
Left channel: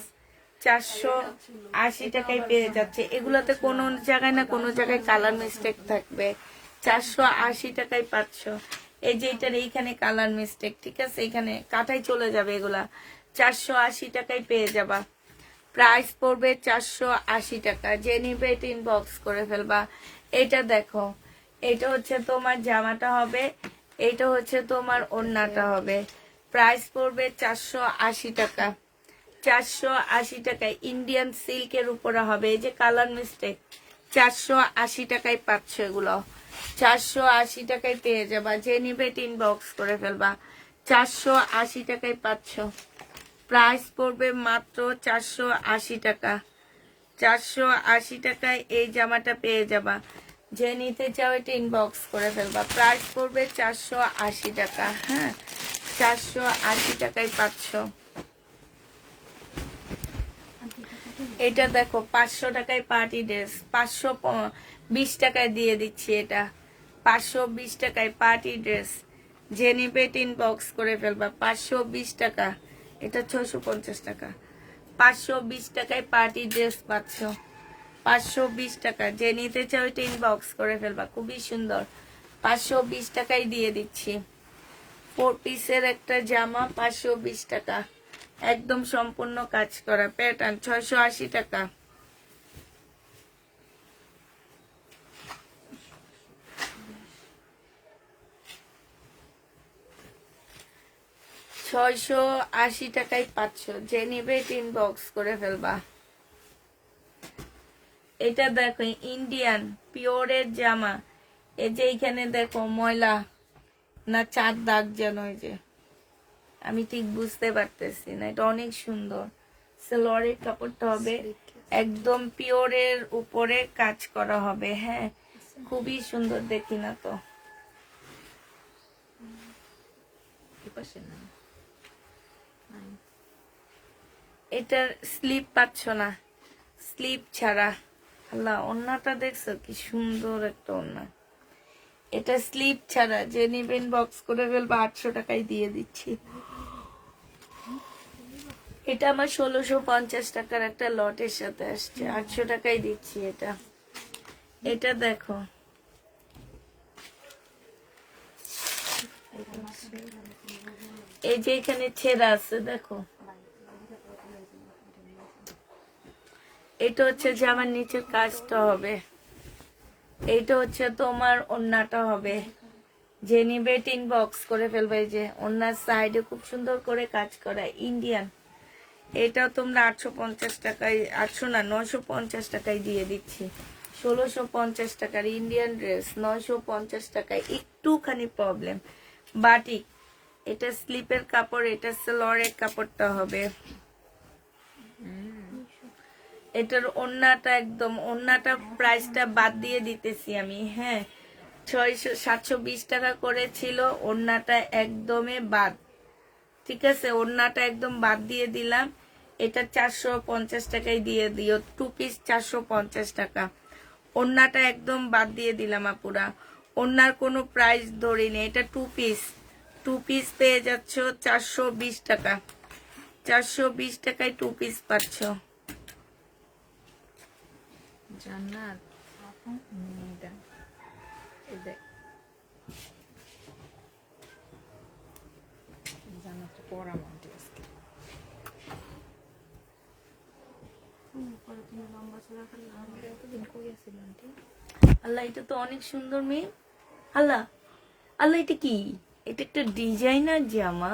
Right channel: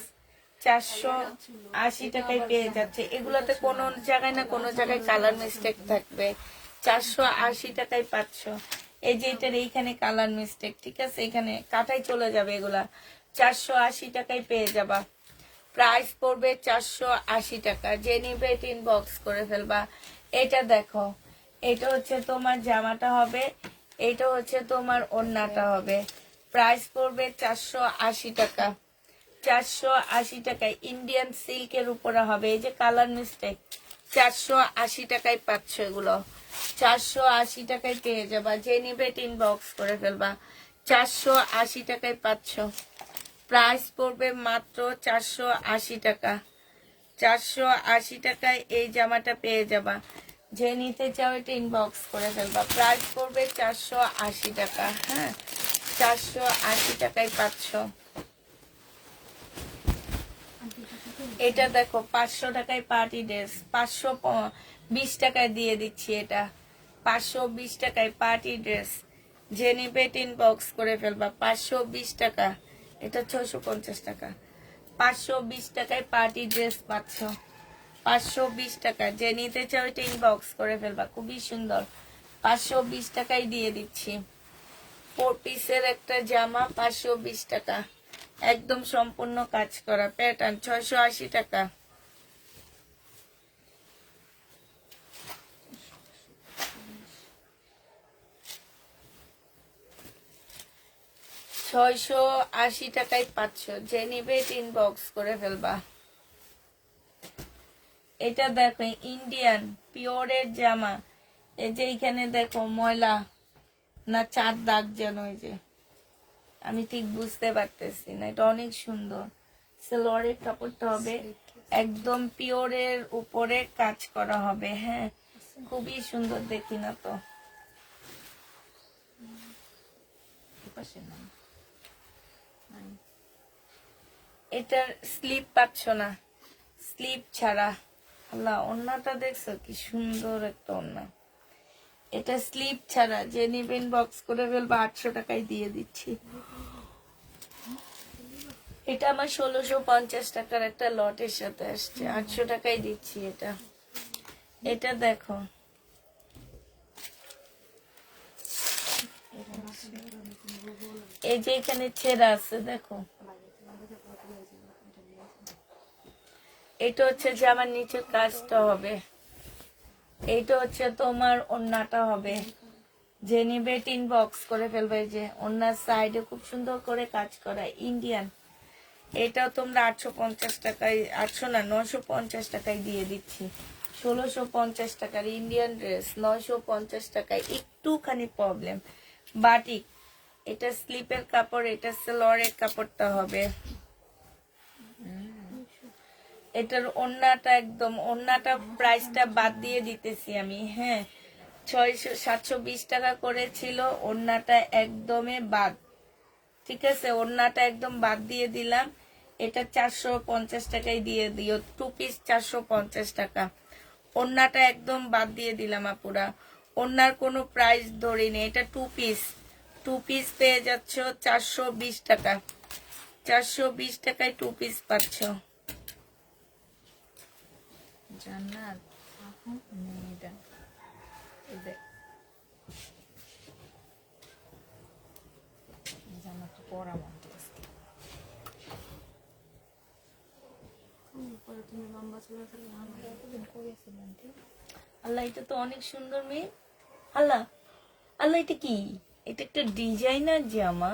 480 টাকায় পেয়ে যাচ্ছে। এগুলোতে কোনো জায়গায় না কোনো জায়গায় কালার মিস্টেক থাকবে। 480 টাকায় পাচ্ছ। এই যে এটার এইখানে কালার মিস্টেক, ঠিক আছে, এখানে কাটাই চলে যাবে। এগুলা 480 টাকায় পেয়ে যাবা। প্রাইস পড়বে 480 টাকা। যে নিবে এটা ইনবক্স করে ফেলবা। এটা দেখো, এটা হচ্ছে তোমার জামাটা হবে, এটা হচ্ছে তোমার ওড়নাটা হবে। প্রাইস পড়বে 480 টাকা, 480 টাকায়। ইন্ডিয়ান সিল্কের উপরে হবে। এই যে কালার মিস্টেক, 480 টাকায় পাচ্ছ। এগুলো 480 টাকায় পেয়ে যাবা। যে নিবে এটা ইনবক্স করে ফেলবা। 480 টাকায় পাচ্ছ। প্রাইস পড়বে মাত্র 480 টাকা, 480 টাকায় এই জামাটা পেয়ে যাবা। যে নিতে চাও এটা ইনবক্স করে ফেলবা। প্রাইস পড়বে 480 টাকা। হ্যাঁ, 480 টাকায় পাচ্ছ। এটা দেখো, 500 টাকায় পার্টি ড্রেস, 520 টাকায় দিয়ে দিচ্ছি। এটা 520 টাকায় পার্টি ড্রেস। যে নিবে এটা ইনবক্স করে ফেলবা। 520 টাকা, এটা 650 টাকা। 520 টাকায় পার্টি ড্রেস পাচ্ছ, 520 টাকা। যে নিতে চাও এটা ইনবক্স করে ফেলবা। খুবই সুন্দর, 520 টাকায় দিয়ে দিচ্ছি। 4 পিসের একটা জামা 520 টাকা। একদম সম্পূর্ণ কাজ করা প্যাটার্ন, 680 টাকা। টাকায় 500, যে নিবে ইনবক্স করে ফেলবা। এটা দেখো ইন্ডিয়ান পিওরের জামা, এই যে এইখানে দেখো ময়লা না 4 দাগ যেন, ওই যে আমি ঠিক বুঝতে পারতেছি না, এটা অনেক সুন্দর। সালোয়ারের কাপড়টা হবে একদম পিওরের উপরে কাজ করা হবে, হ্যাঁ খুবই সুন্দর, দেখি না তো এটার স্লিপ পাচ্ছ না, স্লিপ ছাড়া। আল্লাহ ওন্নাটা দেখছো কি সুন্দর একটা ওন্না, এটা স্লিপ ছাড়া, যে নিবেন বক্স করে ফেলবা, 800 টাকায় দিয়ে দিচ্ছি। এটা আমার 1650 টাকার একটা লটের সাথে আসছে, 800 টাকায় দিচ্ছি এটা। এটা দেখো, এই যে এখানে ছেঁড়া আছে দেখো, এটা হচ্ছে যে আমার নিচের কাজটা হবে, এইটা হচ্ছে তোমার ওন্নাটা হবে, যে নিবে ইনবক্স করে ফেলবে। যে ওন্নার সাইডে খুব সুন্দর করে কাজ করা ইন্ডিয়ান, এটা তোমরা 850 টাকায়, 800 না 950 টাকায় দিয়ে দিচ্ছি। 1650 টাকার ইন্ডিয়ান ড্রেস 950 টাকায়, একটুখানি প্রবলেম। বাটিক, এটা স্লিপের কাপড়, এটা সালোয়ারের কাপড়টা হবে। এটার ওন্নাটা একদম, ওন্নাটা প্রাইসটা বাদ দিয়ে দিতেছি আমি, হ্যাঁ 720 টাকা করেছিল, ওন্নাটা একদমই বাদ, ঠিক আছে ওন্নাটা একদম বাদ দিয়ে দিলাম। এটা 450 টাকায় দিয়ে দিও, 2 পিস 450 টাকা। ওন্নাটা একদম বাদ দিয়ে দিলাম আপুরা, ওন্নার কোনো প্রাইস ধরিনি, এটা 2 পিস, 2 পিস পেয়ে যাচ্ছ 420 টাকা, 420 টাকায় 2 পিস পাচ্ছ। জান্নাত মেয়েটা জান্নাত পড়া মন্ত্র আল্লাহ এটা তো অনেক সুন্দর মেয়ে, আল্লাহ আল্লাহ এটা কি, এটা একটা ডিজাইনার জামা,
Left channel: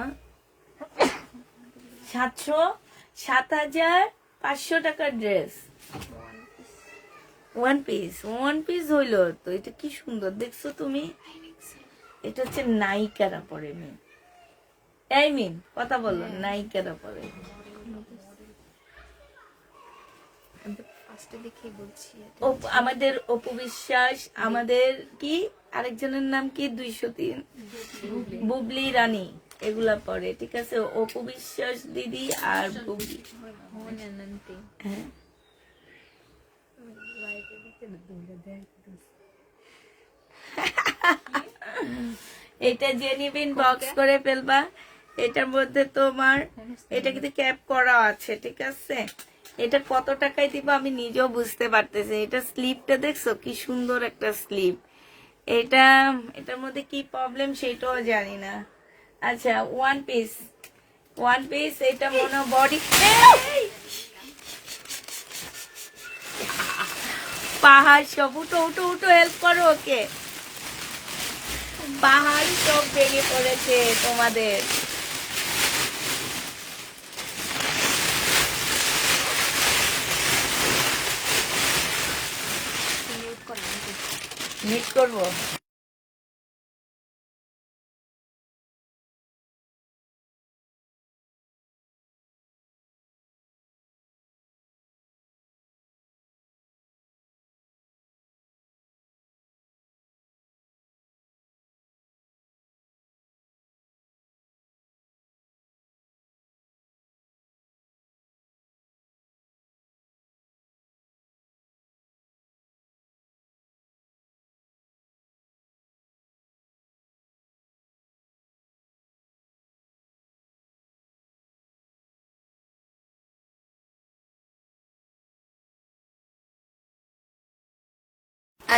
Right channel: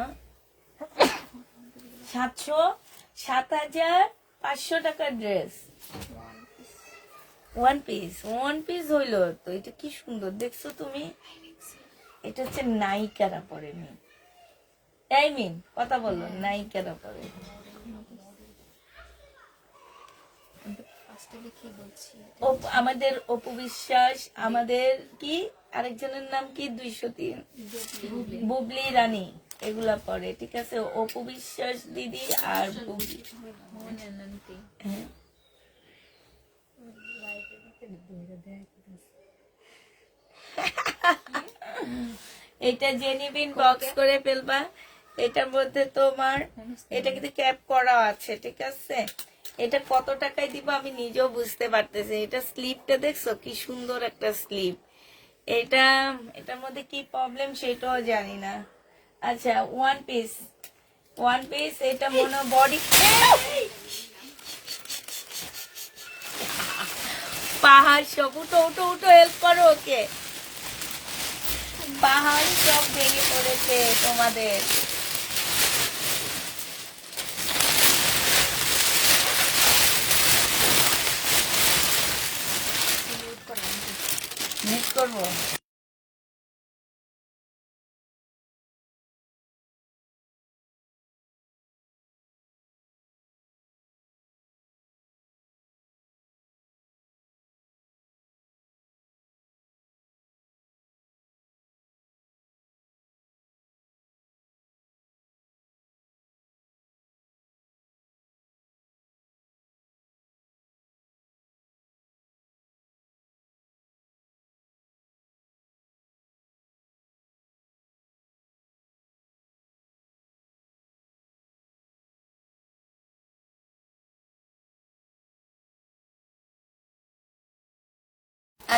7500 টাকার ড্রেস, ওয়ান পিস হইলো তো, এটা কি সুন্দর দেখছো তুমি, এটা হচ্ছে নায়িকারা পরে মেয়ে, এই মিন কথা বললো, নায়িকারা পরে। আমাদের অপু বিশ্বাস, আমাদের কি আরেকজনের নাম কি 203 বুবলি রানী, এগুলা পরে, ঠিক আছে অপু বিশ্বাস দিদি আর বুবলি। হ্যাঁ। এটা যে নিবেন বক্স করে ফেলবা, এটার মধ্যে তোমার এটা কিন্তু ক্যাপ করা আছে, ঠিক আছে এটা কত টাকায় দিব আমি নিজেও বুঝতে পারতেছি। এটা স্লিপটা দেখছো কি সুন্দর একটা স্লিপ, এটা এটার মধ্যে কি প্রবলেম সেটাও জানি না। আচ্ছা ওয়ান পিস এটা মনে বডি, পাহাড় সব উঠো উঠো উঠো, হেল্প করো ওকে, পাহাড় সব ভেঙে পড়েছে তোমাদের। মিস করবো।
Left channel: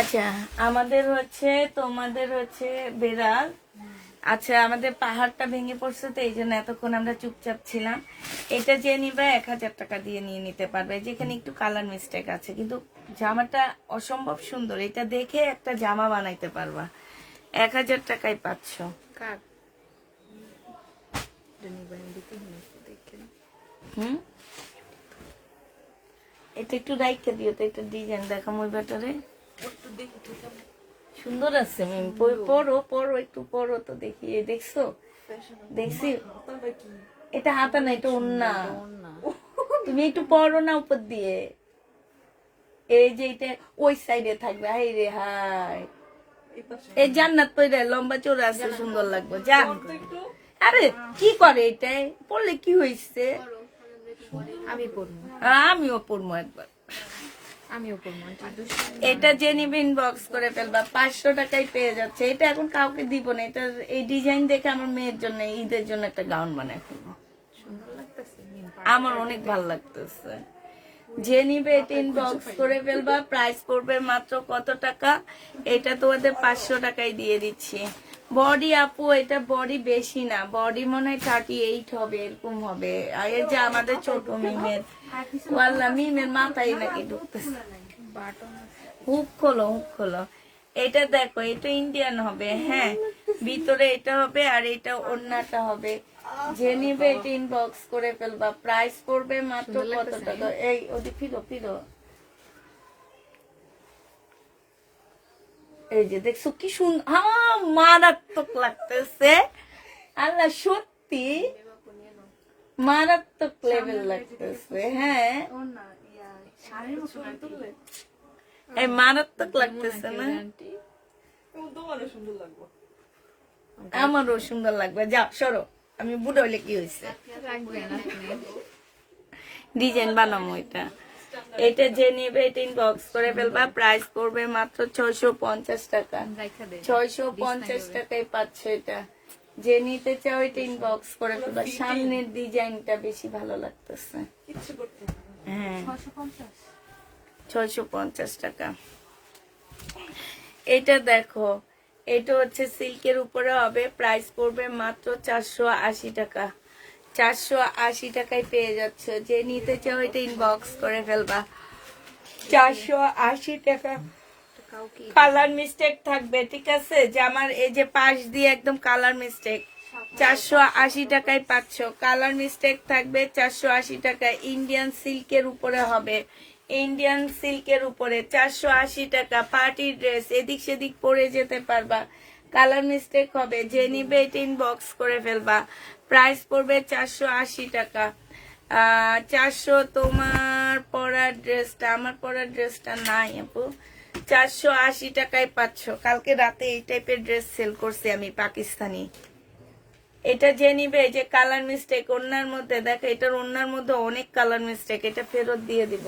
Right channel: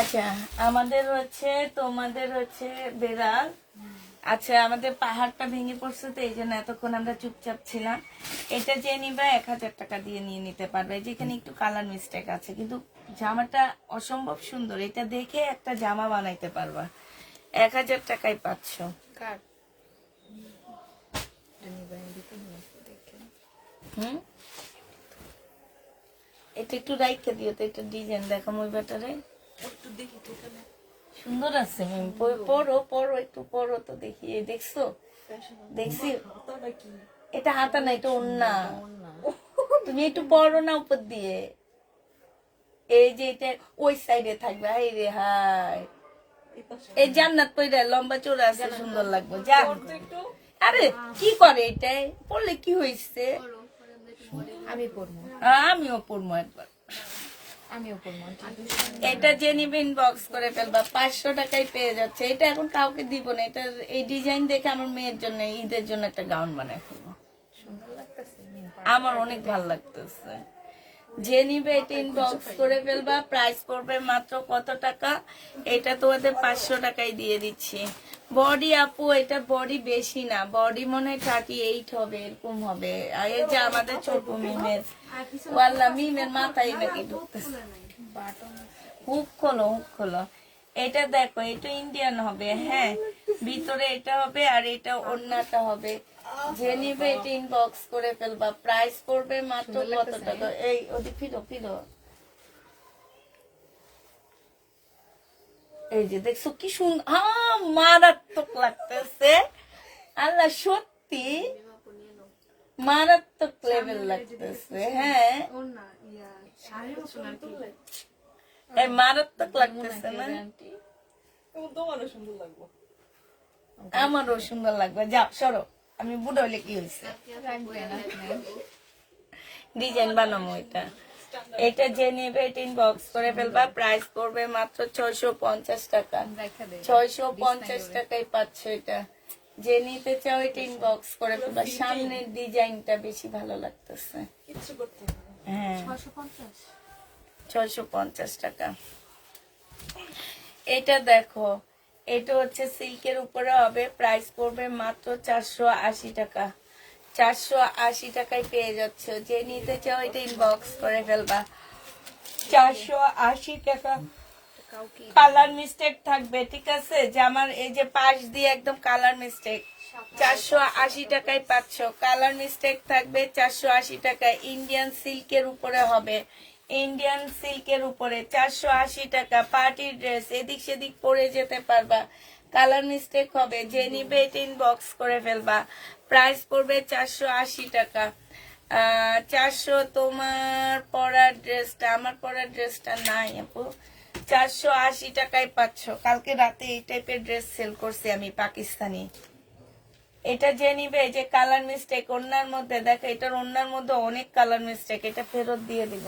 আচ্ছা আমাদের হচ্ছে তোমাদের হচ্ছে বেড়াল, আচ্ছা, আমাদের পাহাড়টা ভেঙে পড়ছে তো এই জন্য এতক্ষণ আমরা চুপচাপ ছিলাম। এটা যে নিবে 1000 টাকা দিয়ে নিয়ে নিতে পারবে, যেখানে একটু কালার মিস্টেক আছে, কিন্তু জামাটা অসম্ভব সুন্দর। এটা দেখে একটা জামা বানাইতে পারবা। 1000 টাকায় পাচ্ছ। কার জানি দিতে হবে দেখে। এটা একটু রাইখে দিও তো, এটা ডিজাইন দেখাম ওই ব্যাটারে। একটু দেখি তো কেমন সুন্দর আছে ম্যাম, পরো পরো একটু পরো তো দেখি। এই দেখছো? দেখছি এটা হাতা না, এটা ওন্না। তুমি একটু পরো না উপর দিয়ে। এই যে এটা ওই সাইডে থাকবে। হাই রে হাই, এই জান্নাত পয়রা লম্বা চোরা আছে, সুন্দর লাগবে। যা আরে কি করে এটা পরলে কি হয়েছে? আমি পড়বো, আমিও পরবো একবার। আমিও পড়বো। এটা যে নিবে ইনবক্স করে ফেলবা, 500 টাকায় পেয়ে যাচ্ছে। এটা এখন কাউকে দিব না। এটা এই ডিজাইন দেখে আমার মেয়ের জন্য, ঈদের জন্য একটা গাউন বানাই ফেলবো। সুন্দর লাগতেছে। আমার অনেক ভালো লাগতেছে। যে নিবে এটা ইনবক্স করে ফেলবা। প্রাইস পড়বে মাত্র কত টাকা? এটা তোমাদের 500 টাকায় দিয়ে দিচ্ছি। বডি আপু, এটা বডি বেশি না, বডি মনে হয় 38 হবে, এরকম হবে। আর এই যে আমাদের ছোট মিমের, ওয়াল্লা মিমের মাথায় নাকি ঢুকতেছে। হুক খোলো, হুক খোলো। এটা দেখো, এটা ইন্ডিয়ান হবে। হ্যাঁ, ভিতরে এটা হবে আর এটা ওড়নাটা হবে। যে নিবে এটা ইনবক্স করে ফেলবা। প্রাইস পড়বে মাত্র কত টাকা? এই ওদিকে ফিরো ফিরো। এই যে দেখছো কি সুন্দর, মারাত্মক লাগতেছে। আল্লাহ সত্যি মারাত্মক লেভেল লাগতেছে। হ্যাঁ, এই মারাত্মক লাগতেছে না? আমারও সুন্দর লাগবে। যাও সরো, আমি বুড়ো হলে কি হয়েছে, ডিজাইন বানাবো এটা। এটা যে নেবে এটা ইনবক্স করে ফেলবা। প্রাইস পড়বে মাত্র 650 টাকা। 650 টাকায় পাচ্ছে এটা। যে নিতে চাও এটা ইনবক্স করে ফেলবা। সামনের ডিজাইনটা বেশি ভালো লাগতেছে। হ্যাঁ, 650 টাকা। এটা দেখো, এটা হচ্ছে সিল্কের উপরে হবে। প্রাইস পড়বে মাত্র 480 টাকা। 480 টাকায় পেয়ে যাচ্ছ। যে নিতে চাও এটা ইনবক্স করে ফেলবা। 480 টাকা। কালার মিস্টেক থাকবে, ঠিক আছে? যে আমার এই যে পাশ দিয়ে একদম কালার মিস্টেক। 480 টাকায় পাচ্ছ। কালার মিস্টেক থাকবে 480 টাকা। ইন্ডিয়ান সিল্কের উপরে হবে। ইন্ডিয়ান সিল্কের উপরে 480 টাকা। পার্টি ড্রেস, এদিক সেদিক পরে যেতে পারবা। কালার মিস্টেক হবে। যে নিবে এটা ইনবক্স করে ফেলবা। প্রাইস পড়বে 480 টাকা। 400 তোমার পরার ড্রেসটা, আমার পরার ড্রেসটা নাই আপু। 480 টাকায় পাচ্ছ। কালকে রাতে এই টাইপের ড্রেস সেল করছি আমি, পাকিস্তানি। এটা যে নিবে, যে কালার মিস্টেক ওড়নার মধ্যে, দেখো এটার ওড়নার মধ্যে অনেক কালার মিস্টেক, এটা ফেরত দিয়ে দিব।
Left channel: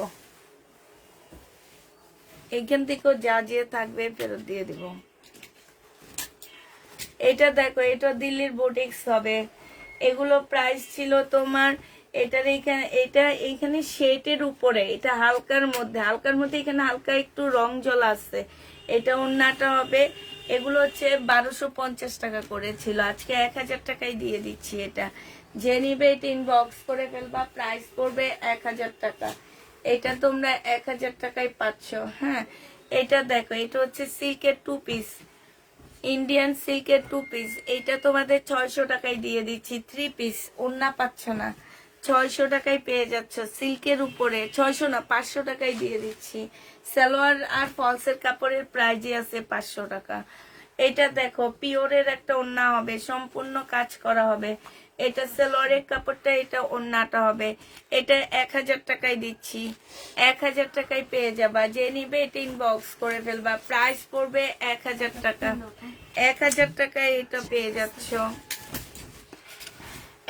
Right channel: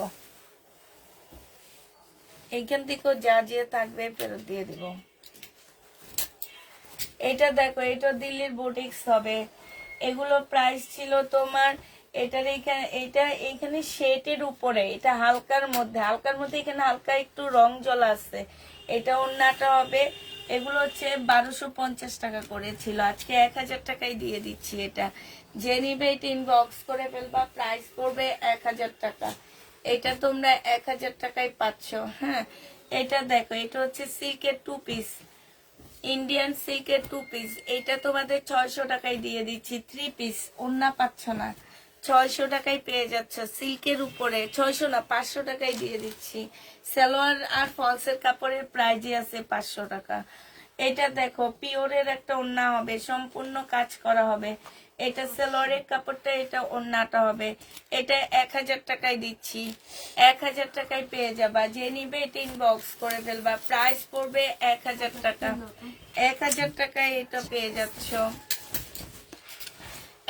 এইখান থেকেও যা যে থাকবে ফেরত দিয়ে দিব। এটা দেখো, এটা দিল্লির বুটিক্স হবে। এগুলো প্রাইস ছিল তোমার, এটার এইখানে, এটা এইখানে শেটের উপরে, এটা হালকার মধ্যে, হালকার মধ্যে এখানে হালকা একটু রং জল আছে। এটা ওড়নাটা হবে। এগুলো হচ্ছে 1250 টাকা করে ছিল, আজকে 1000 টাকায় দিয়ে দিচ্ছি এটা। যে নিবে এটা ইনবক্স করে ফেলবা। প্রাইস পড়বে 1000 টাকা। এটা তোমরা 1000 টাকায় পাচ্ছ। হ্যাঁ, এটা দেখো, এটা হচ্ছে সিল্কের 2 পিস, ইন্ডিয়ান সিল্কের 2 পিস। এটা তোমাদের 600 টাকায় দিয়ে দিচ্ছি। 3 পিস, ওড়না পাচ্ছ না, 600 টাকায় পেয়ে যাচ্ছ। সিল্কের উপরে 600 না 500 টাকায় দিয়ে দিচ্ছি। সালোয়ার আর ফলসের কাপড়ের প্রাইজই আছে 500 টাকা। এটা দেখো, পিওরের একটা ওড়না হবে, সম্পূর্ণ কাজ করা হবে। এটা সালোয়ারের কাপড়টা, এটা ওড়নাটা হবে। এটা 1000 টাকায় দিচ্ছি। 1000 টাকায় পেয়ে যাবা। যে নিবে এটা ইনবক্স করে ফেলবা। প্রাইস পড়বে 1000 টাকা। 1000 টাকায় এটা পেয়ে যাচ্ছ।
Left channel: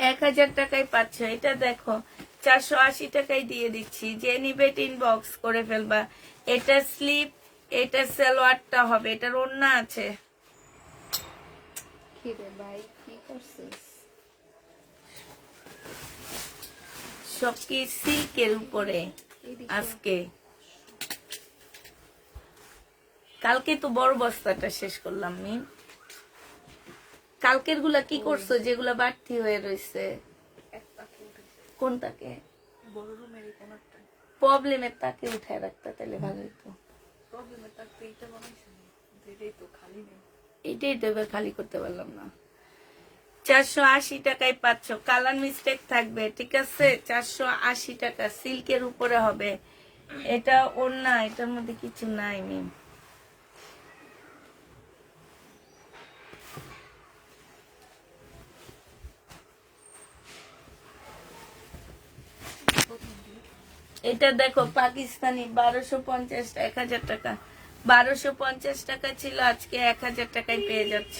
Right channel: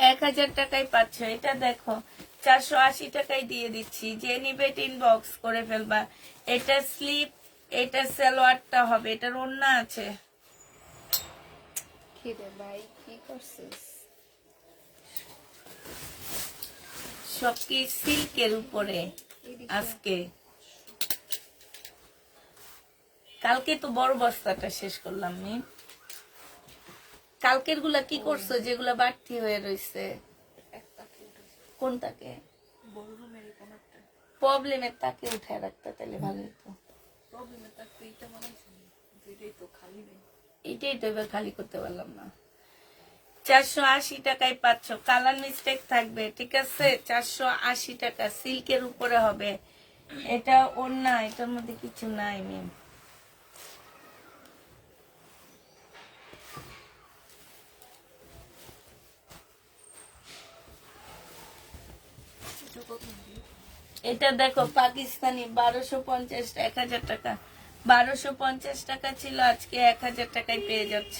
1000 টাকায় পাচ্ছ। এটা দেখো, 480 টাকায় দিয়ে দিচ্ছি। যে নিবে এটা ইনবক্স করে ফেলবা। এটা স্লিপ, এটা সালোয়ারটা হবে, এটার ওড়না আছে। কি রে ভাই, কি করছিস? সব কি সিল্কের উপরে আজকে। কালকে তো বড় বস্তাটা শেষ করলাম। কালকের গুলা কি করছো যেগুলা বাড়তি হয়ে রয়েছে? এক তাকে উঠেছে কোন তাকে? বড় রুমের এই কোনারটা। প্রবলেমের তাকে উঠায় রাখতে তাহলে ভালো হতো। প্রবলেমের তাকে এইটা বানাইছে, এটাই তো খালি নেই। এটাই তো এবার খালি করতে পারলাম না। 480 টাকায় পাচ্ছ, কালার মিস্টেক থাকবে, ঠিক আছে? 480 টাকা, সিল্কের উপরে হবে। এটা ওড়না, এটার মধ্যে কিছু নাই মেম। এটা দেখো পাকিস্তানি 1250, 1000 টাকা। 1250 টাকা ছিল, আজকে 1000 টাকায় পেয়ে যাচ্ছ।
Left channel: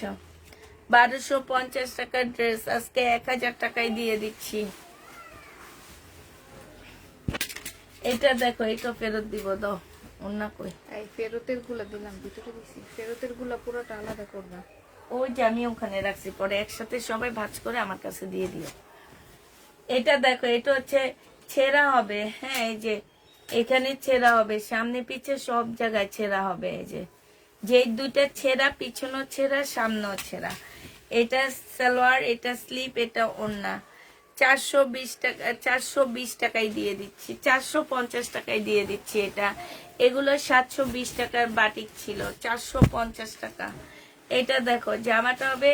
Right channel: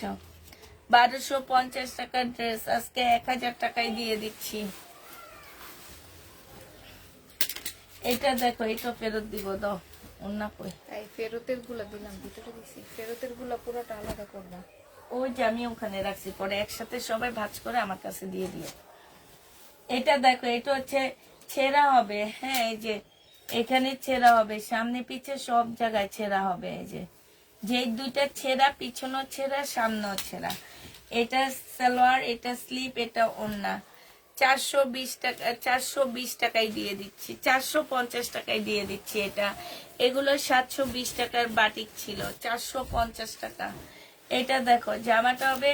1250 টাকার ড্রেস আজকে 1000 টাকায় দিয়ে দিচ্ছি। এটা দেখো, এটা ফেরত দিব, দাও। অন্য কই? এই ফেরতের গুলা দিলাম, ভিতরে দিছি। ফেরতের গুলা পুরোটা আলাদা করবা। ওই যে আমি ওখানে রাখছি, পরে একসাথে সবাই ভাঁজ করে আমার কাছে দিয়ে দিও। এটা দেখো, এটা হচ্ছে ছেঁড়া হবে। হ্যাঁ, এই যে এখানে ছেঁড়া হবে, সামনে পিছে সব জায়গায় ছেঁড়া হবে। এই যে দুইটা ছেঁড়া, পিছনেও ছেঁড়া, সামনেও ছেঁড়া। এটা সালোয়ার, এটা স্লিপ, এটা ওড়না। 420 টাকা, 420 টাকায় দিয়ে দিচ্ছি, 450 টাকায় দিয়ে দিচ্ছি। এটা এগুলো 720 টাকার বাটিক ছিল, 450 টাকা। এটা দেখো, জামাটা হবে,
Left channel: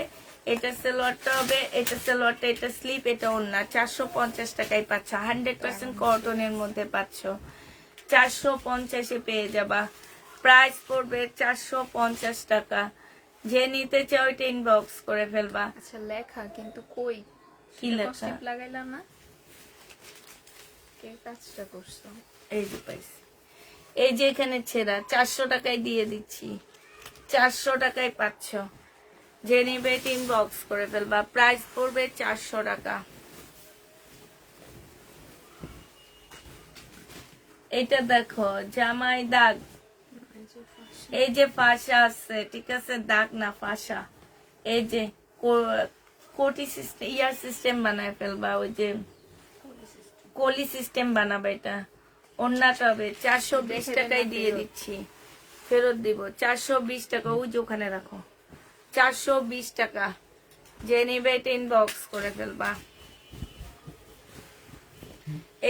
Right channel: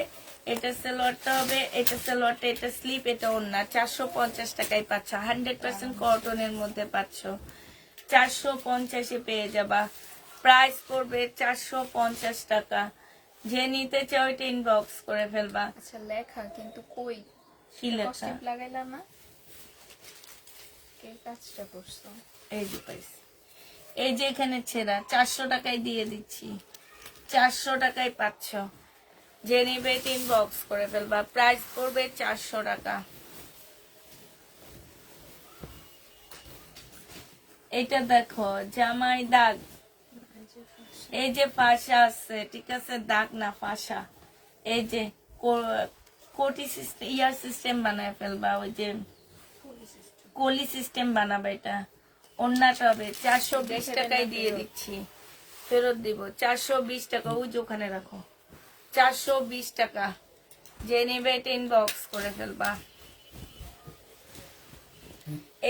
এটা সালোয়ারটা হবে, এটা সালোয়ারটা, এটা স্লিপ, এটা ওড়না। 450 টাকায় পাচ্ছ, 100% কটনের মধ্যে পাচ্ছ। 450-এ পেয়ে যাবা। প্রাইস পড়বে 450 টাকা। যে নিতে চাও ওইটা ইনবক্স করে ফেলবা। আচ্ছা লেখা কিন্তু কই? কি লেখা? স্টেপ লাগাইলা না? কে কাজটা করছো? এই যে পাইছি, এই যে এখানে ছেঁড়া, 400 টাকায় দিয়ে দিচ্ছি। 400 টাকায় পাচ্ছ, যে নিবে ইনবক্স করে ফেলবা। প্রাইস পড়বে 400 টাকা। এটা দেখো, জামাই দাগ, এই যে ফাঁসা আছে, ঠিক আছে? দাগ না, ফাঁসা। এই যে কোটি সিস্টেম, ইয়ার সিস্টেম বানায় ফেলবা, ওই যে কলি সিস্টেম বানাবে। এটা অন্যটা হবে 420 টাকায় দিয়ে দিচ্ছি, ফেরত দিব। 420 টাকা, ওই যে ওখানে রাখো। 420 টাকা, যে নেবে এটা ইনবক্স করে ফেলবা।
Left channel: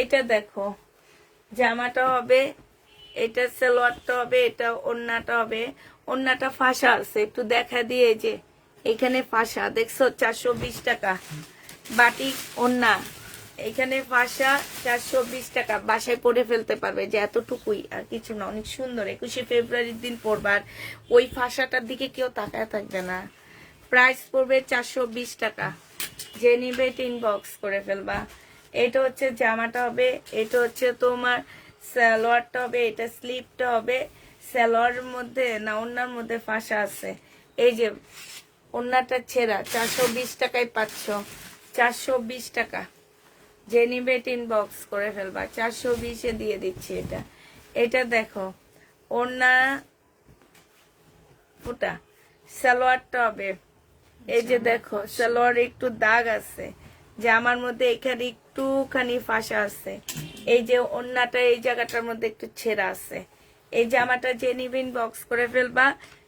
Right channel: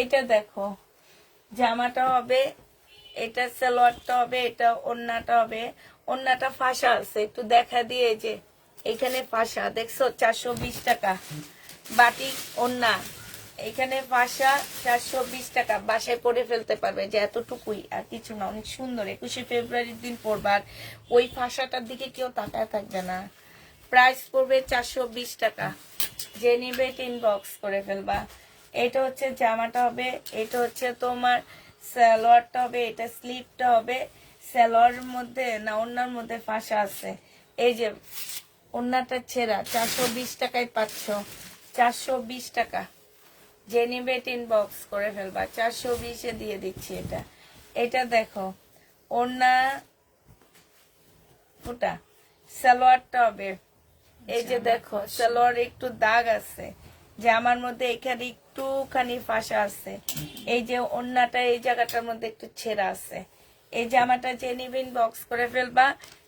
এটা দেখো, জামাটা হবে, এটা সালোয়ারটা হবে, এটা ওড়নাটা হবে। ওড়নাটা ফাঁসা আছে, একটু দেখা দিয়ে, যে এখানে ফাঁসা দেখছো, 420 টাকা। বাটিক ওড়না, এখানে ফাঁসা, 420 টাকা। বাসায় পরে ফেলতে পারবে, যে এতটুকুই, আর কিছু না। অনেক সুন্দর, 21শে ফেব্রুয়ারির দিন পরবার, ওই ফাঁসাটার দিকে কেউ তাকায় থাকবে না। প্রাইস পড়বে 420 টাকা, যে নিবে ইনবক্স করে ফেলবা। এটা হচ্ছে জামাটা হবে, এটা হচ্ছে তোমার সালোয়ারটা হবে, এটা স্লিপটা হবে। সালোয়ারের মধ্যে না, ওড়নার মধ্যে ফাঁসা আছে। এই যে ওড়নাটা ছেঁড়া, 420 টাকায় পাচ্ছ। 420 টাকা, যে নিবে ইনবক্স করে ফেলবা। 420-এ দিয়ে দিচ্ছি। এটা এটা দেখো, ওড়না ওটা সালোয়ারটা হবে, এই যে দেখো সালোয়ার একটু দাগ আছে, জামার মধ্যে এখানে একটুখানি ফাঁসা আছে। এই যে ওড়নাটা, এই জায়গাটার মধ্যে একটু ছেঁড়া আছে। এই জামাটা যে নিবে ইনবক্স করে ফেলবা।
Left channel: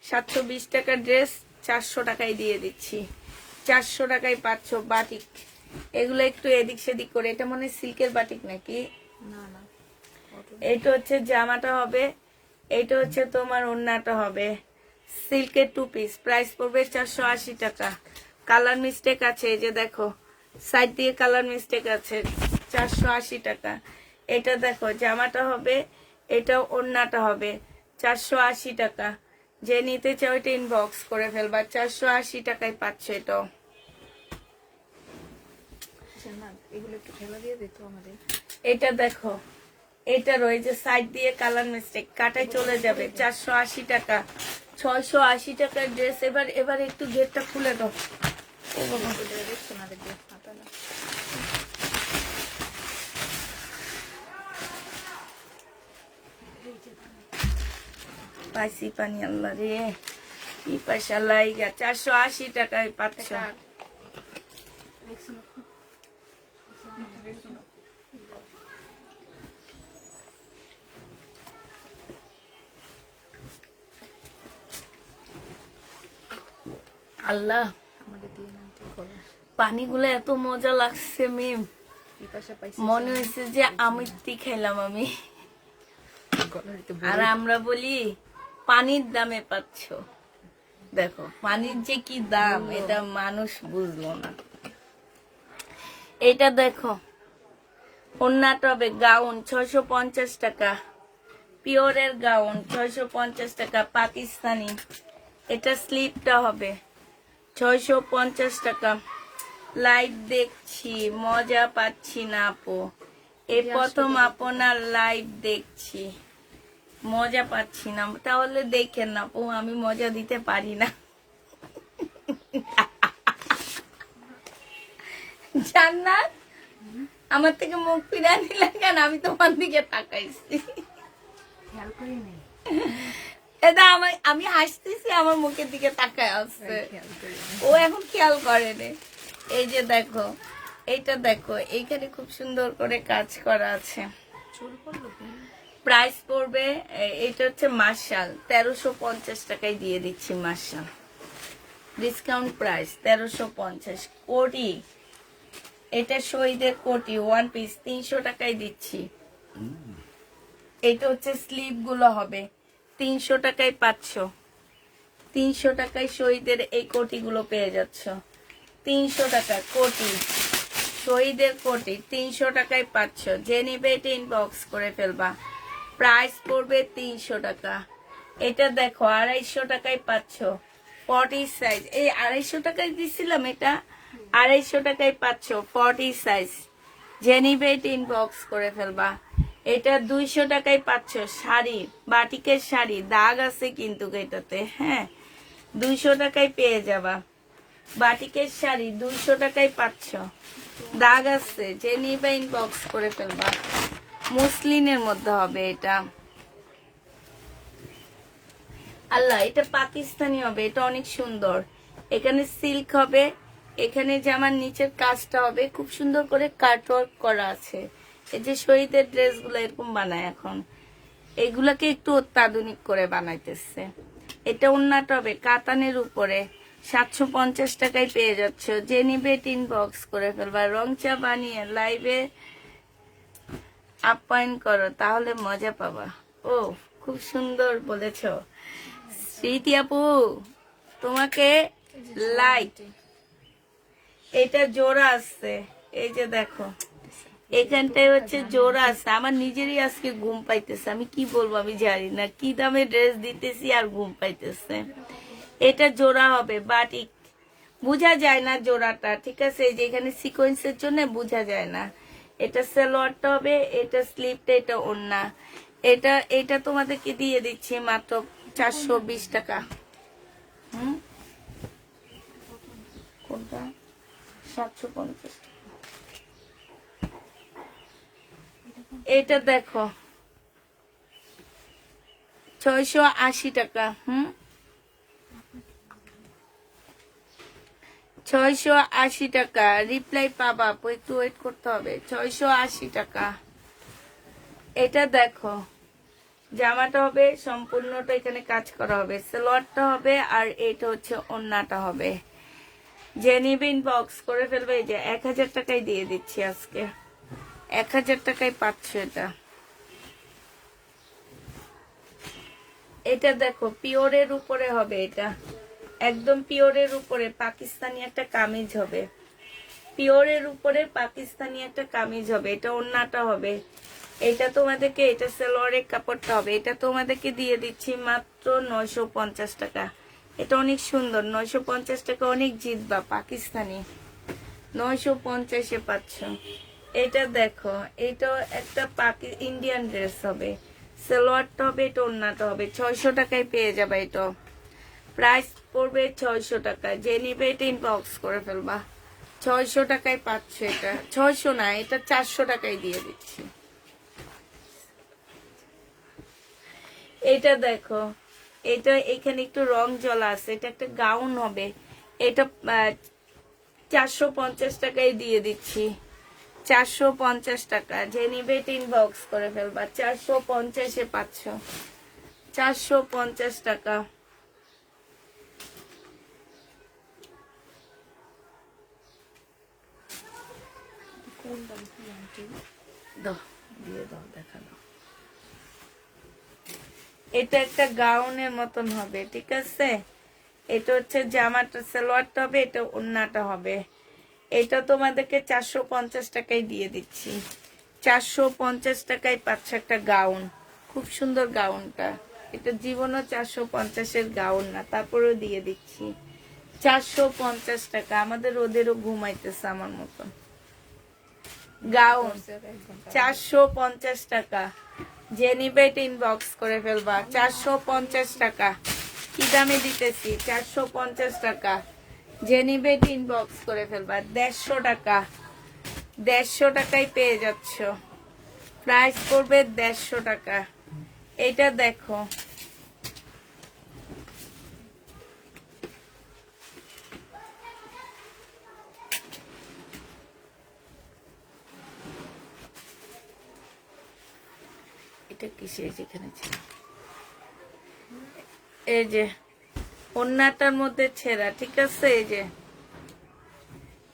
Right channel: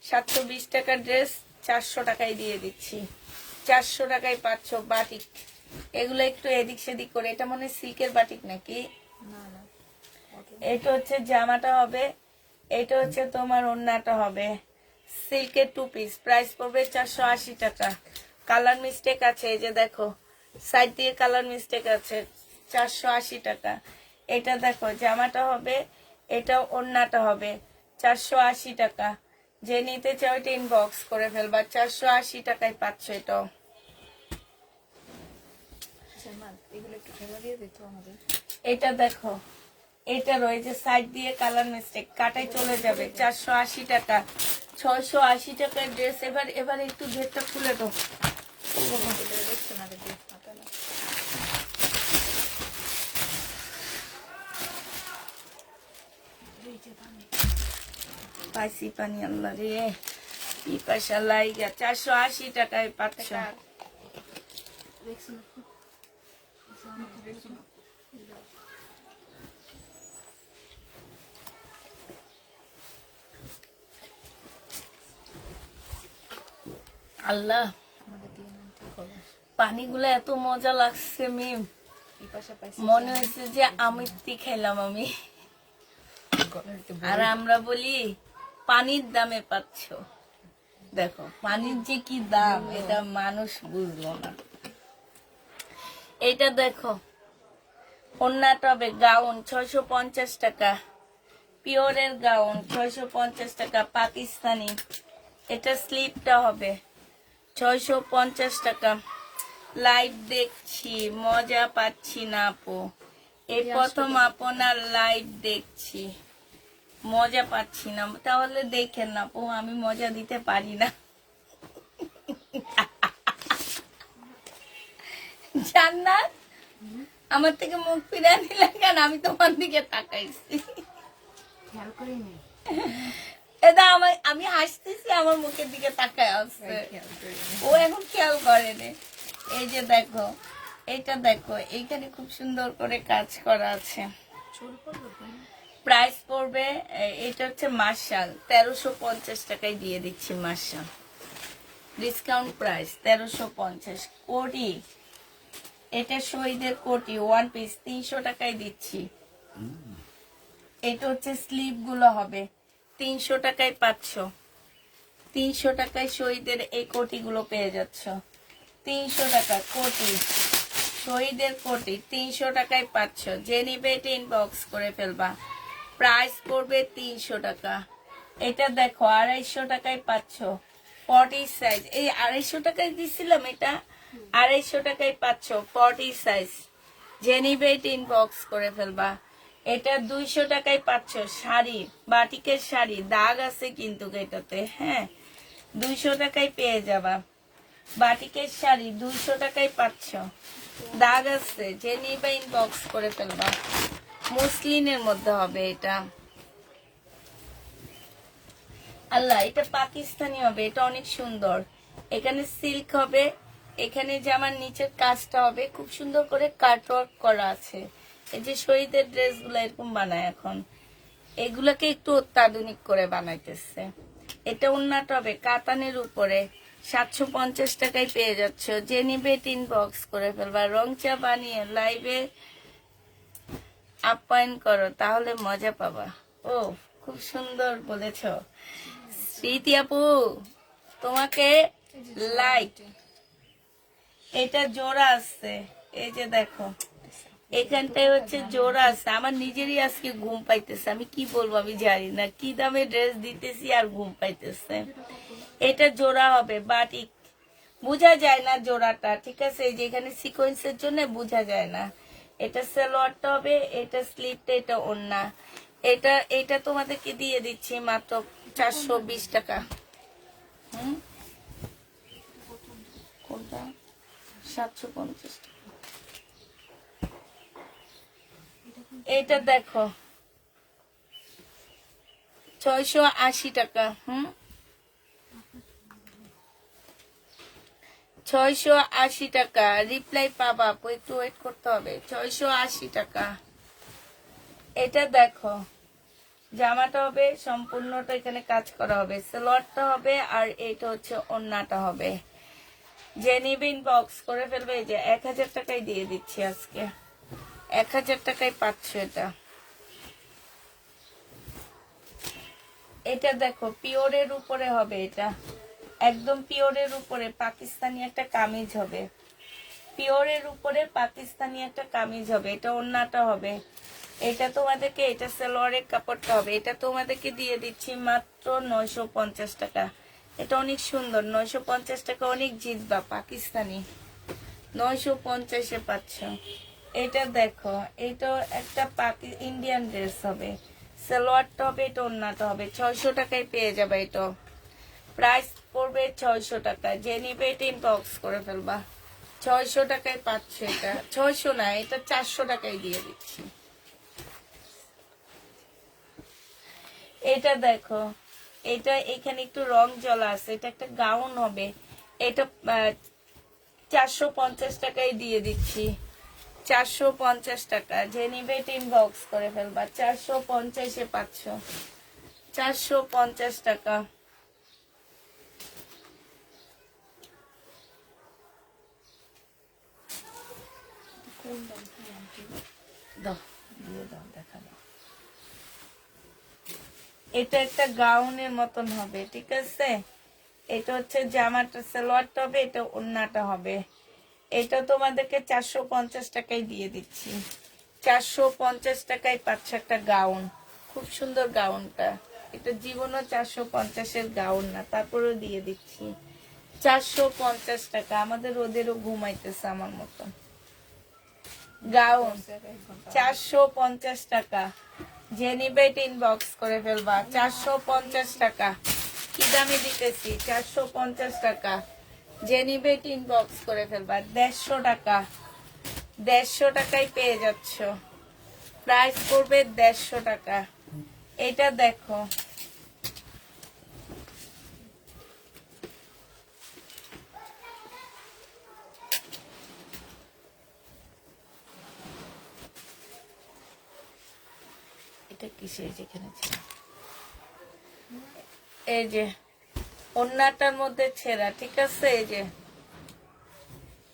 720 টাকার ড্রেস 400 টাকায় দিয়ে দিচ্ছি। 400 টাকায় পাচ্ছ বাটিক। এগুলো একটু এদিক সেদিক করে, এটা মনে হয় সিল্কের বাটিক নাকি? না না, এটা হচ্ছে জামাটা হবে, এটা হচ্ছে তোমার ওড়নাটা হবে। সিল্কের 2 পিস, প্রাইস পড়বে 480 টাকা। কালার মিস্টেক আছে, এই যে দেখো সাইড দিয়ে কালার মিস্টেক আছে। 480 টাকা। এটা দেখো, জামাটা হবে, এটা ওড়নাটা হবে। 480 টাকা, যে নিতে চাও এটা ইনবক্স করে ফেলবা। 480 টাকায় পাচ্ছ এটাও। আচ্ছা না, এগুলো একটু ঠেলা দিয়ে দিত আমাদের। এটা দেখো, এটা রয়েছে সাইড দিয়ে কালার মিস্টেক, কাটাই চলে যাবে। 480 টাকা। 680 টাকার ড্রেস। এবার একটু গেটটা খুলে দাও। এটা দেখছো না, দেখবে হাতালা। পাইছি পানি, আল্লাহ রে, কি পয়সা লাইগা। 480 টাকায় পাচ্ছ। দেখছো না? দেখছো না? আল্লাহ, পানিগুলো এত মজা লাগছে মিম, মনে হচ্ছে যে আমিত্তি খেলাম আমি। আর আমরা বলি পানির দামে পাচ্ছ, দেখো পানির যে কি দাম এটা মানুষ বুঝলো না। এটা দেখো ওন্নাটা হবে গাউন 650 টাকা, পিওরের গাউন 650 টাকা পাকিস্তানি। এটা স্লিপটা হবে 650 টাকা। লাইভ দেখছি, মজা পাচ্ছি না আপু, এই প্রথম আপনার লাইভ দেখছি, মজা পাচ্ছি না। তাহলে দেখেন না আপু, আমি মজা দিতে পারি না। জান্নাত আমার থেকে মুখ ফিরাই নিলেন কেন? আমি তোমার দিকে তাকাইছি, এটা আমি হাসতেছি, আমার মুখের দিকে তাকায় আসছে, ও এখন খেয়াল করেনি। এই যে দেখো, এইটা দেখো, এইখানে খুব সুন্দর করে কাজ করা আছে। প্রাইস পড়বে, এটা হচ্ছে মার্শাল 1350 টাকায় দিয়ে দিচ্ছি। Marshall discount price 1350। কোটি, এটা শহীদের কোটি ওয়ান পিস 300 টাকায় দিচ্ছি। এটা হচ্ছে স্লিভ গুলো হবে 300 টাকায় পাচ্ছ, 300 টাকায় শহীদের এই কোটিগুলো পেয়ে যাচ্ছ। 300 টাকা কোটি, শহীদের কোটি 300 টাকায় পাচ্ছ। যে নিবে এটা ইনবক্স করে ফেলবা, প্রাইস পড়বে 300 টাকা। এটা দেখো 250 টাকায় পাচ্ছ, 40 সাইজ। এই 250 টাকায় দিছিলাম, এটা 250 টাকায় পাচ্ছ 40 সাইজ। যে নিবে এটা ইনবক্স করে ফেলবা। এটা 200 টাকায় পাচ্ছ শাড়ি, বাটিকের শাড়ি, দাগ আছে কিন্তু এটাতে, হ্যাঁ 200 টাকায় পেয়ে যাবা। বাটিকের শাড়ি 200 টাকায় পাচ্ছ, দাগ আছে, যে নিবে ইনবক্স করে ফেলবা। মুসলিনের মধ্যে হবে এটা, আল্লাহ এটা পাকিস্তানি হবে, এটা অনেক সুন্দর। এখানে সিল্ক হবে, এখানে জামার নিচের কাজটা হবে খুব সুন্দর করে কাটওয়ার্ক করা আছে। এই যে শহীদের ড্রেস গুলো এরকম বানায় এখন, এগুলাকে একটু অত্যাধুনিক করে বানাইতেছে। এটা ওন্নাটা হবে কাতানের উপরে, 750 টাকায় পেয়ে যাচ্ছ। যে নিবে ইনবক্স করে ফেলবা। রং চা বানিয়ে লাইভে আপ্যায়ন করো, তাহলে মজা পাবা। ও খুব সুন্দর বলেছ স্মৃতি আপু, তোমাকে লাইক। এটা জোড়া আছে, এই যে দেখো এখানটায় হচ্ছে জোড়া আছে। আমার নিজেরই আজকে ঘুম পাইতেছে, আমি কি বলবো আমি জানি না, কি দামে ড্রেস দিতেছি আর ঘুম পাইতেছে। এটা জোড়া হবে বাটিক, বোঝা যায় না জোড়াটা, ঠিক আছে। এই যে এখানে সিকোয়েন্সের জন্য বোঝা যায় না। এটা সালোয়ারটা হবে, এটা স্লিপটা, এটা ওড়না। এটা তোমাদেরকে দিয়ে দিচ্ছি মাত্র 420 টাকা। কোনটা 750 টাকা। এটা দেখো 680 টাকা। 680 টাকা রিপ্লাই পাবা, একটু ওয়েট করতে হবে। 680 টাকা। এটা দেখো জামাটা হবে সম্পূর্ণটা, এখানে কাজ করা হবে, সালোয়ারটা হবে, আর এটা হচ্ছে ওড়নাটা হবে। যে নিবে ইনবক্স করে ফেলবে। এই যে 1000 টাকায় দিয়ে দিচ্ছি আজকে, 1000 টাকায় পাচ্ছ এটা। এটা দেখো পিওরের উপরে হবে, এটা একদম পিওরের উপরে পাকিস্তানি একটা কামিজ হবে, পিওরের উপরে পাকিস্তানি একটা কামিজ হবে। এটা ওড়নাটা হবে, এটা তোমাদেরকে, এটা সালোয়ারের কাপড়টা হবে। এটা তোমাদেরকে দিয়ে দিচ্ছি মাত্র 950 টাকা। এটা অনেক সুন্দর, 950 টাকা অনেক জিতবা, পাকিস্তানি 950-এ পাচ্ছ। এটা দেখো, এটা একটা ইন্ডিয়ান ড্রেস হবে, সালোয়ারটা হবে, এটা ওড়নাটা হবে। 600 টাকায় পেয়ে যাবে। এটা প্রাইস পড়বে 600 টাকা। যে নিবে এটা ইনবক্স করে ফেলবা। 600 টাকায় পাচ্ছে এটা, 600 না, এটা 400 টাকায় দিয়ে দিচ্ছি। এটা দেখো, এটা এখানে একটু রং জ্বলা আছে, এটা একটা গাউন হবে। এটা 450 টাকায় দিয়ে দিচ্ছি, 450 টাকা। যে নিবে এটা ইনবক্স করে ফেলবা। 450-এ পাচ্ছ, 450 টাকা। দাও, দিয়ে দাও, দেখা দাও। এটা একটা গাউনের মতন হবে, ঠিক আছে। এটা হচ্ছে জামাটা, সালোয়ারটা হবে, এটা ওড়নাটা হবে। এটা তোমাদেরকে 450 টাকায় দিয়ে দিচ্ছি। 450 টাকায় পাচ্ছ একটা গাউন, খুব সুন্দর গাউনটা। এটা জীবনও 450-এর গাউন না, তারপরেও দিয়ে দিচ্ছি 450 টাকা। আমাদের ওদেরও ঘুমাইতেছে আমার মতো। গাউন 450 টাকা, যে নিবে ইনবক্স করে ফেলবা। 450 টাকা, কি দামে দিতেছি? 450 টাকা, যে নিবে ইনবক্স করে ফেলবা। 150 টাকা, 150 টাকায় পেয়ে যাচ্ছ। প্রাইস পড়বে 150 টাকা। এটা দেখো, এটা কিসের যেখানে ছিল, এই যে ওন্নাটার মধ্যে ছেঁড়া, ঠিক আছে। এই যে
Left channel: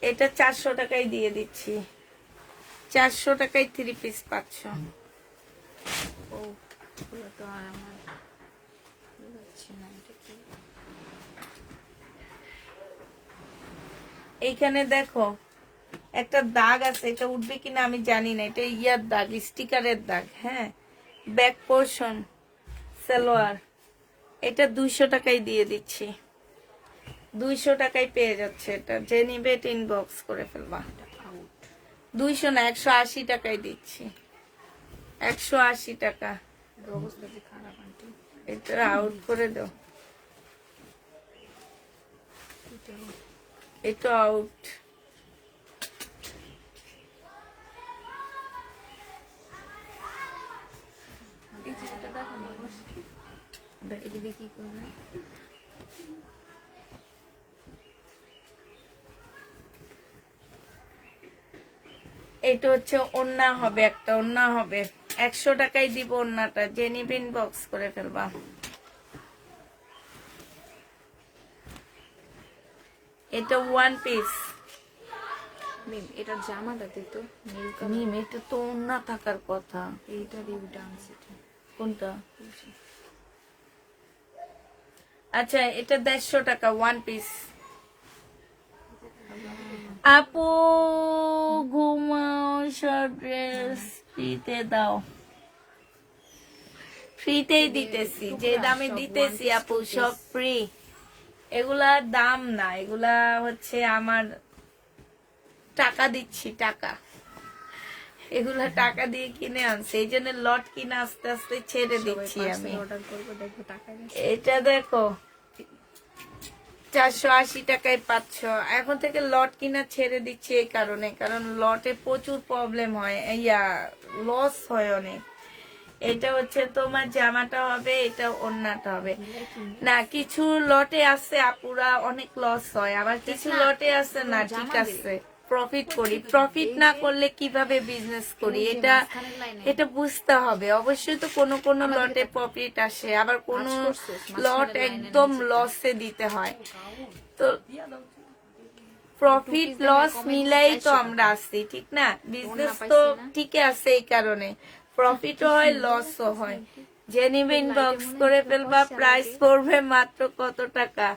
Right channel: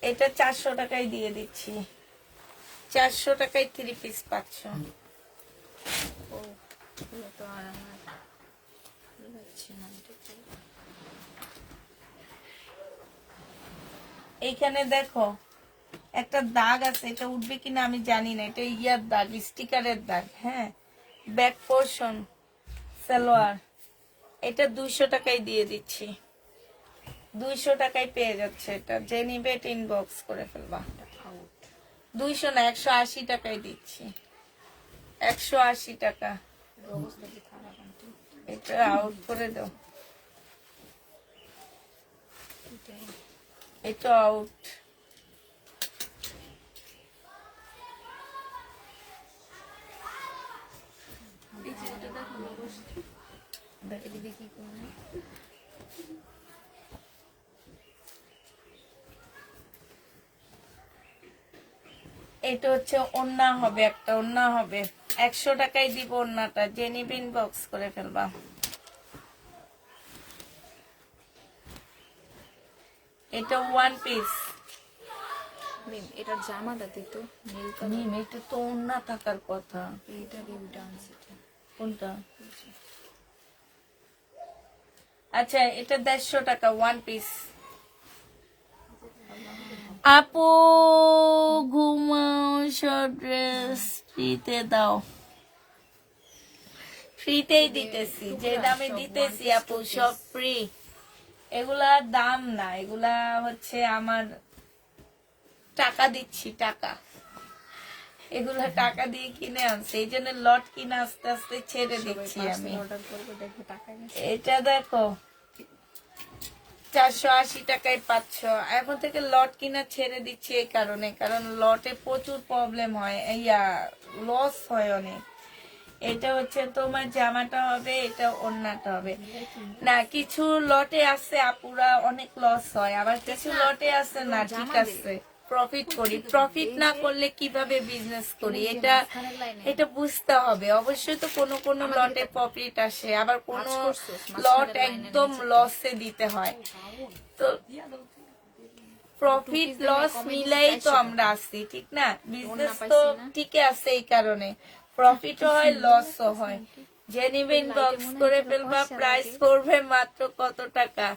এটা 400 টাকায় দিয়ে দিচ্ছি। 400 টাকায় 3 পিস পাচ্ছ। ও এগুলো তো আর আমার ভালো লাগছে না, এটা কি? এইখানে দেখো একটা দাগ আছে, এটা উঠবে কিনা আমি জানি না। এটা ইয়ার দাগ, স্টিকারের দাগ। হ্যাঁ, ব্যাক পোর্শন সালোয়ার, এটা 200 টাকায় দিয়ে দিচ্ছি। 200 টাকায় পেয়ে যাচ্ছে এটা, যে নিবে ইনবক্স করে ফেলবা। 200 না, 180 টাকায় দিচ্ছি। 180 টাকা। অবস্থা কি খারাপ আন্টি? এটা আউট করে দাও, এটা আউট। এদিকে কি করবো? এটা হচ্ছে ওন্না হবে, একটা ওন্না হবে। 100 টাকায় দিব ওন্নাটা, যে নিবে ইনবক্স করে ফেলবা। এটা 1 পিস। এটা জামাটাতে তো নীল কালার, এটা তো ওন্না থাকার কথা। এইটা দিয়ে ডান্স, এটা কোনটা? আচ্ছা, এটা 150 টাকা 1 পিস। আপু ঘুমাও, শর্ট ড্রেস ফ্রিতে দাও। ফ্রিতেই দিতেছি, যে দামে দিতেছি আপু সব ফ্রি। এগুলার দাম না, এগুলা হচ্ছে আমার টাকা দিচ্ছি, টাকা। এগুলা টাকা দিয়ে কিনে আনছে, এই জন্য লট কিনে আস্তে আস্তে ছেড়ে দিচ্ছি আমি। অর্ডার করবো, দেখবো টাকা গেছে। এটা দেখো 480 টাকায় পাচ্ছ। এখন থেকে লট কিনা ছেড়ে দিচ্ছি এই কারণে, কারণ লটে প্রচুর প্রবলেম হয়, লস হয় অনেক। এটা হচ্ছে তোমার জামাটা হবে, এটা ওড়নাটা হবে না। কিছু লটে আছে আপুরা অনেক লস হয়, আবার কিছু লটে আছে না, ঠিক আছে প্রফিট করি। প্রফিট না করলে কিভাবে বিজনেস করি, এটা বুঝতে হবে। অবশ্যই তো কোনো কোনো লটে প্রফিট আসে, আবার কোনো লট একদম লসে দিতে হয়। তো প্রফিট লস মিলাই তো আমরা আছি, ঠিক না। বিজনেস তো ঠিকই আছে, এই কারণে প্রফিটও হয় লসও হয়। যে নিবে ইনবক্স করে ফেলবা। প্রাইস পড়বে মাত্র কত টাকা?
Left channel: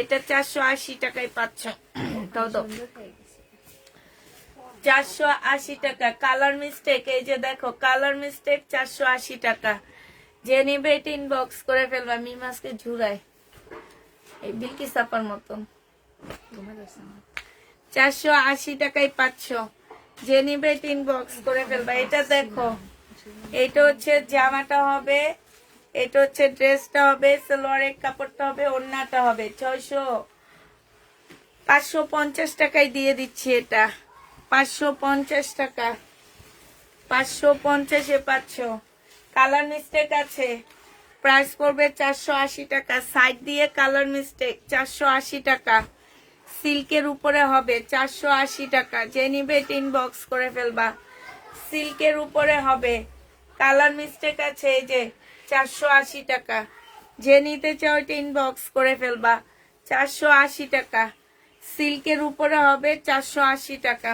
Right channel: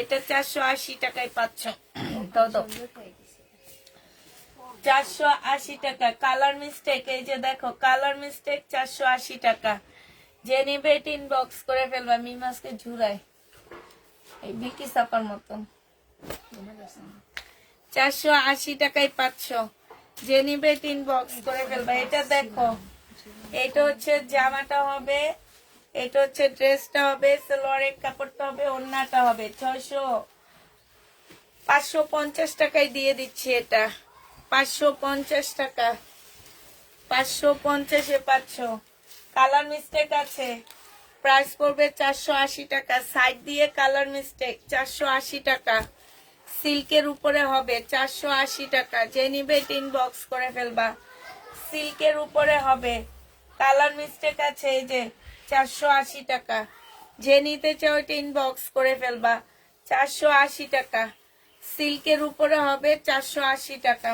এটা 480 টাকায় পাচ্ছ। দাও দাও, 480 টাকা। কালার মিস্টেক, এই যে দেখো কালার মিস্টেক, 480 টাকা। যে নিবে এটা ইনবক্স করে ফেলবা। মিমাসকে ঝুরায় এই বিকি সাপার মতন। 480 টাকায় পাচ্ছ, যে নিবে ইনবক্স করে ফেলবা। এটা দেখো, এটা হচ্ছে জামাটা হবে, এটা হচ্ছে ড্রেসটা হবে, সালোয়ারের কাপড়টা হবে, ওড়নাটা হবে। 550 টাকায় দিয়ে দিচ্ছি এটা। 550 টাকা, 550-এ পাচ্ছ। কালার মিস্টেক আছে, প্রাইস পড়বে 480 টাকা। সাইড দিয়ে কালার মিস্টেক, 480 টাকা। সিল্কের উপরে হবে 480 টাকা। যে নিবে ইনবক্স করে ফেলবা। সিল্কের উপরে হবে, কালার মিস্টেক আছে, এই যে 480 টাকা। যে নিতে চাও এটা ইনবক্স করে ফেলবা। 480 টাকা। সিল্কের উপরে হবে 480 টাকা।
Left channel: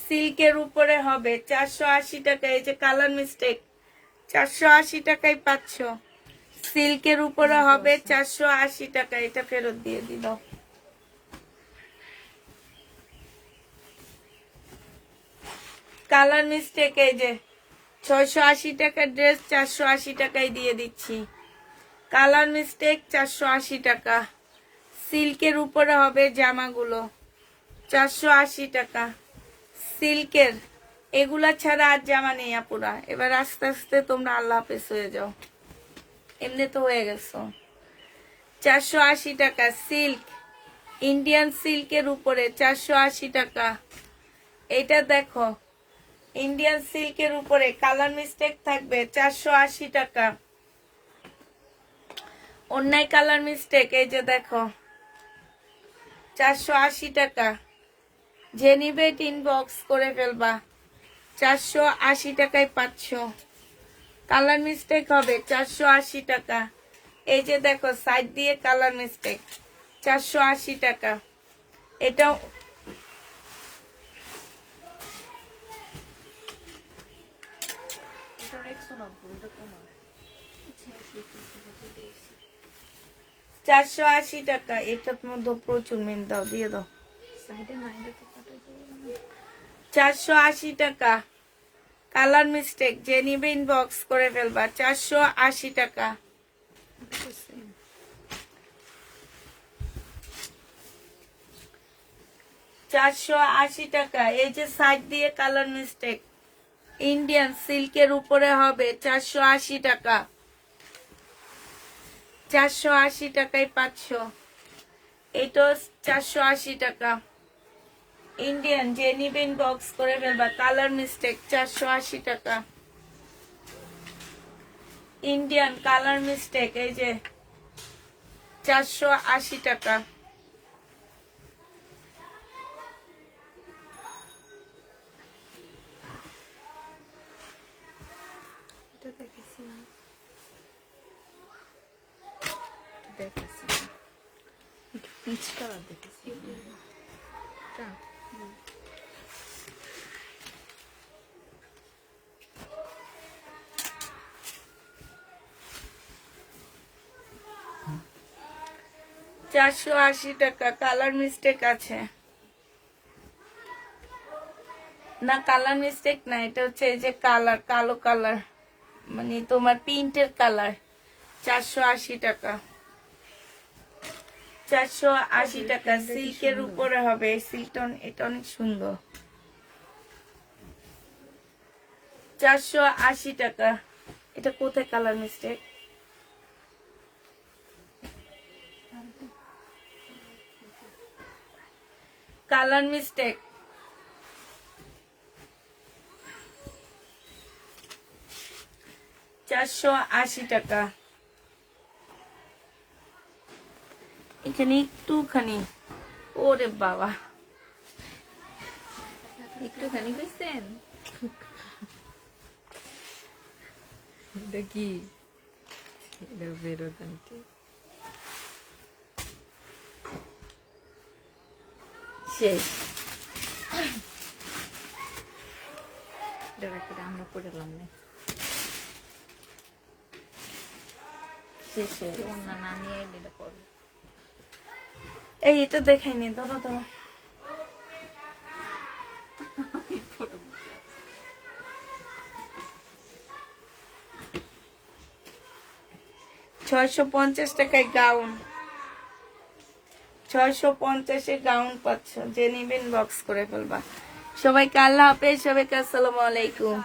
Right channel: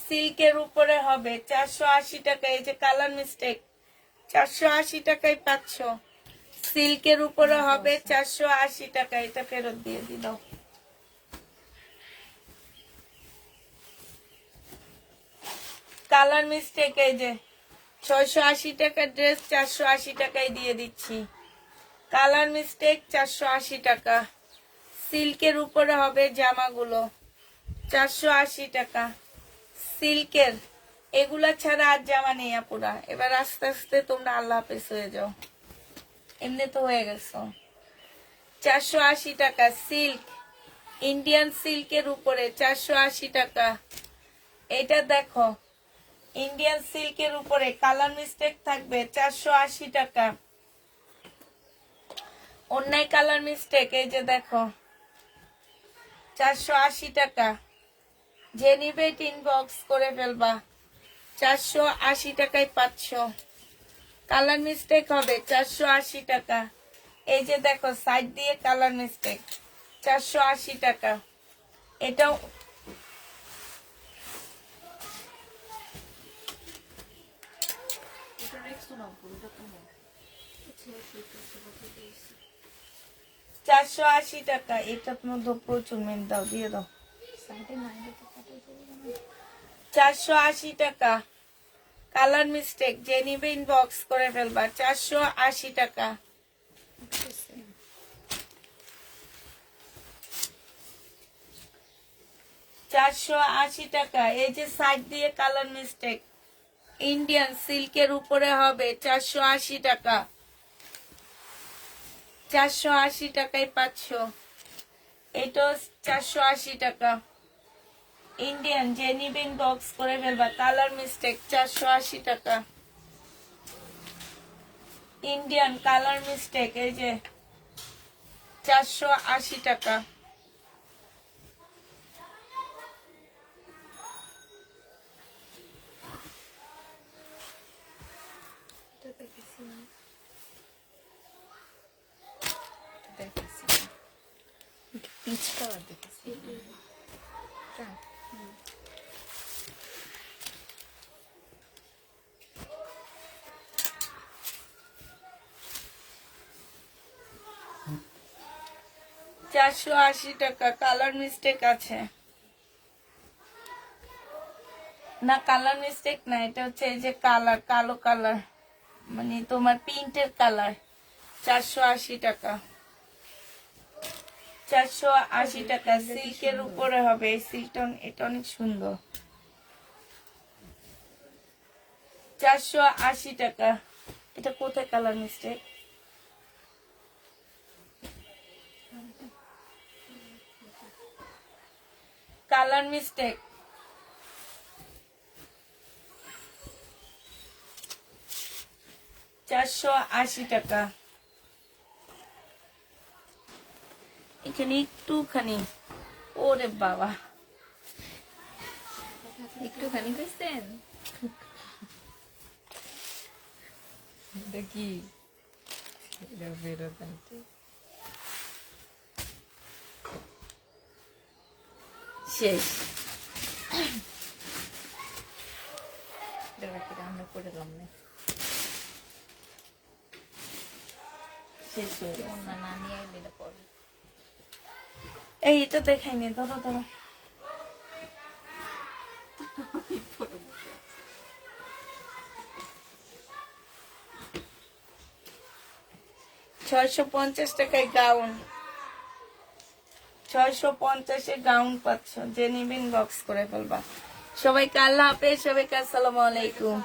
সিল্কের উপরে হবে 480 টাকা। এই যে কালার মিস্টেক, 480 টাকায় পাচ্ছ। সিল্কের উপরে হবে 480 টাকা। এটা ফেরত দিয়ে দিল। কালার মিস্টেক, এই যে 680 টাকার ড্রেস 480 টাকায় দিয়ে দিচ্ছি। কালার মিস্টেক 480 টাকা। সিল্কের উপরে হবে জামাগুলো 480 টাকা। সিল্কের এগুলা ছাড়া আর জামা নেই আপুরা। এবার আস্তে আস্তে তোমরা আল্লাহ হাফেজ হয়ে যাও, এমনি তো হয়ে গেছো। 480 টাকা সিল্ক, ইন্ডিয়ান সিল্কের উপরে 480 টাকা। এটা দেখো ইন্ডিয়ান সিল্কের উপরে কালার মিস্টেক থাকবে 480 টাকা। অন্যায় কালার মিস্টেক, এই যে দেখো 480 টাকা। যে নিবে ইনবক্স করে ফেলবা, 480 টাকায় পাচ্ছ। কালার মিস্টেক হবে 480 টাকা। এই যে দেখো সাইড দিয়ে কালার মিস্টেক 480 টাকা। এটা এটা রেখছো না, এটা তোমার। 480 টাকা। এটার মধ্যে প্রচুর মেন দাও, দিয়ে দাও। সাইডে নাই দেখো কাটো করবে 480 টাকা। কালার মিস্টেক, যে নিবে ইনবক্স করে ফেলবা, 480 টাকা। 480 টাকা। এই যে সাইড দিয়ে কালার মিস্টেক ইন্ডিয়ান সিল্কের উপরে হবে 480 টাকা। 480 টাকায় পাচ্ছ। এটা 480 টাকা। ইন্ডিয়ান যে নিবে ইনবক্স করে ফেলবা, কালার মিস্টেক 480 টাকা। ইন্ডিয়ান কালার মিস্টেক, এই যে 480 টাকা। এটা দেখেছি, দেখেছি একটু পিচ কালার দেখেছি। এটা চারশো 480 টাকা। কালার মিস্টেক আছে না? কালার মিস্টেক না, এটা হচ্ছে এই যে কালার, কালো কালার, মানে তোমার প্রিন্টের কালার। 480 টাকা। 480 টাকা। সিল্কের উপরে হবে। সিল্কটা এটা অনেক সুন্দর। 480 টাকা। এটা কোথায় কালার মিস্টেক? Colour mistake. 480 টাকা। এখানে একটুখানি, ওরে বাবা, একটুখানি কইছেন। দেখি এটা বেরোবেন কি শেষ। আমরা করে এলাম না, শেষ হয়ে গেছে। অন্য নামিয়ে দিলে করবে। এই এটা দেখাইনি, ধরো ধরো। $650 টাকায় গাউন, 650-এ গাউন পাচ্ছ। যে নিবেন বক্স করে ফেলবা। সবাইকে আল্লাহ হাফেজ, সবাইকে আসসালামু আলাইকুম।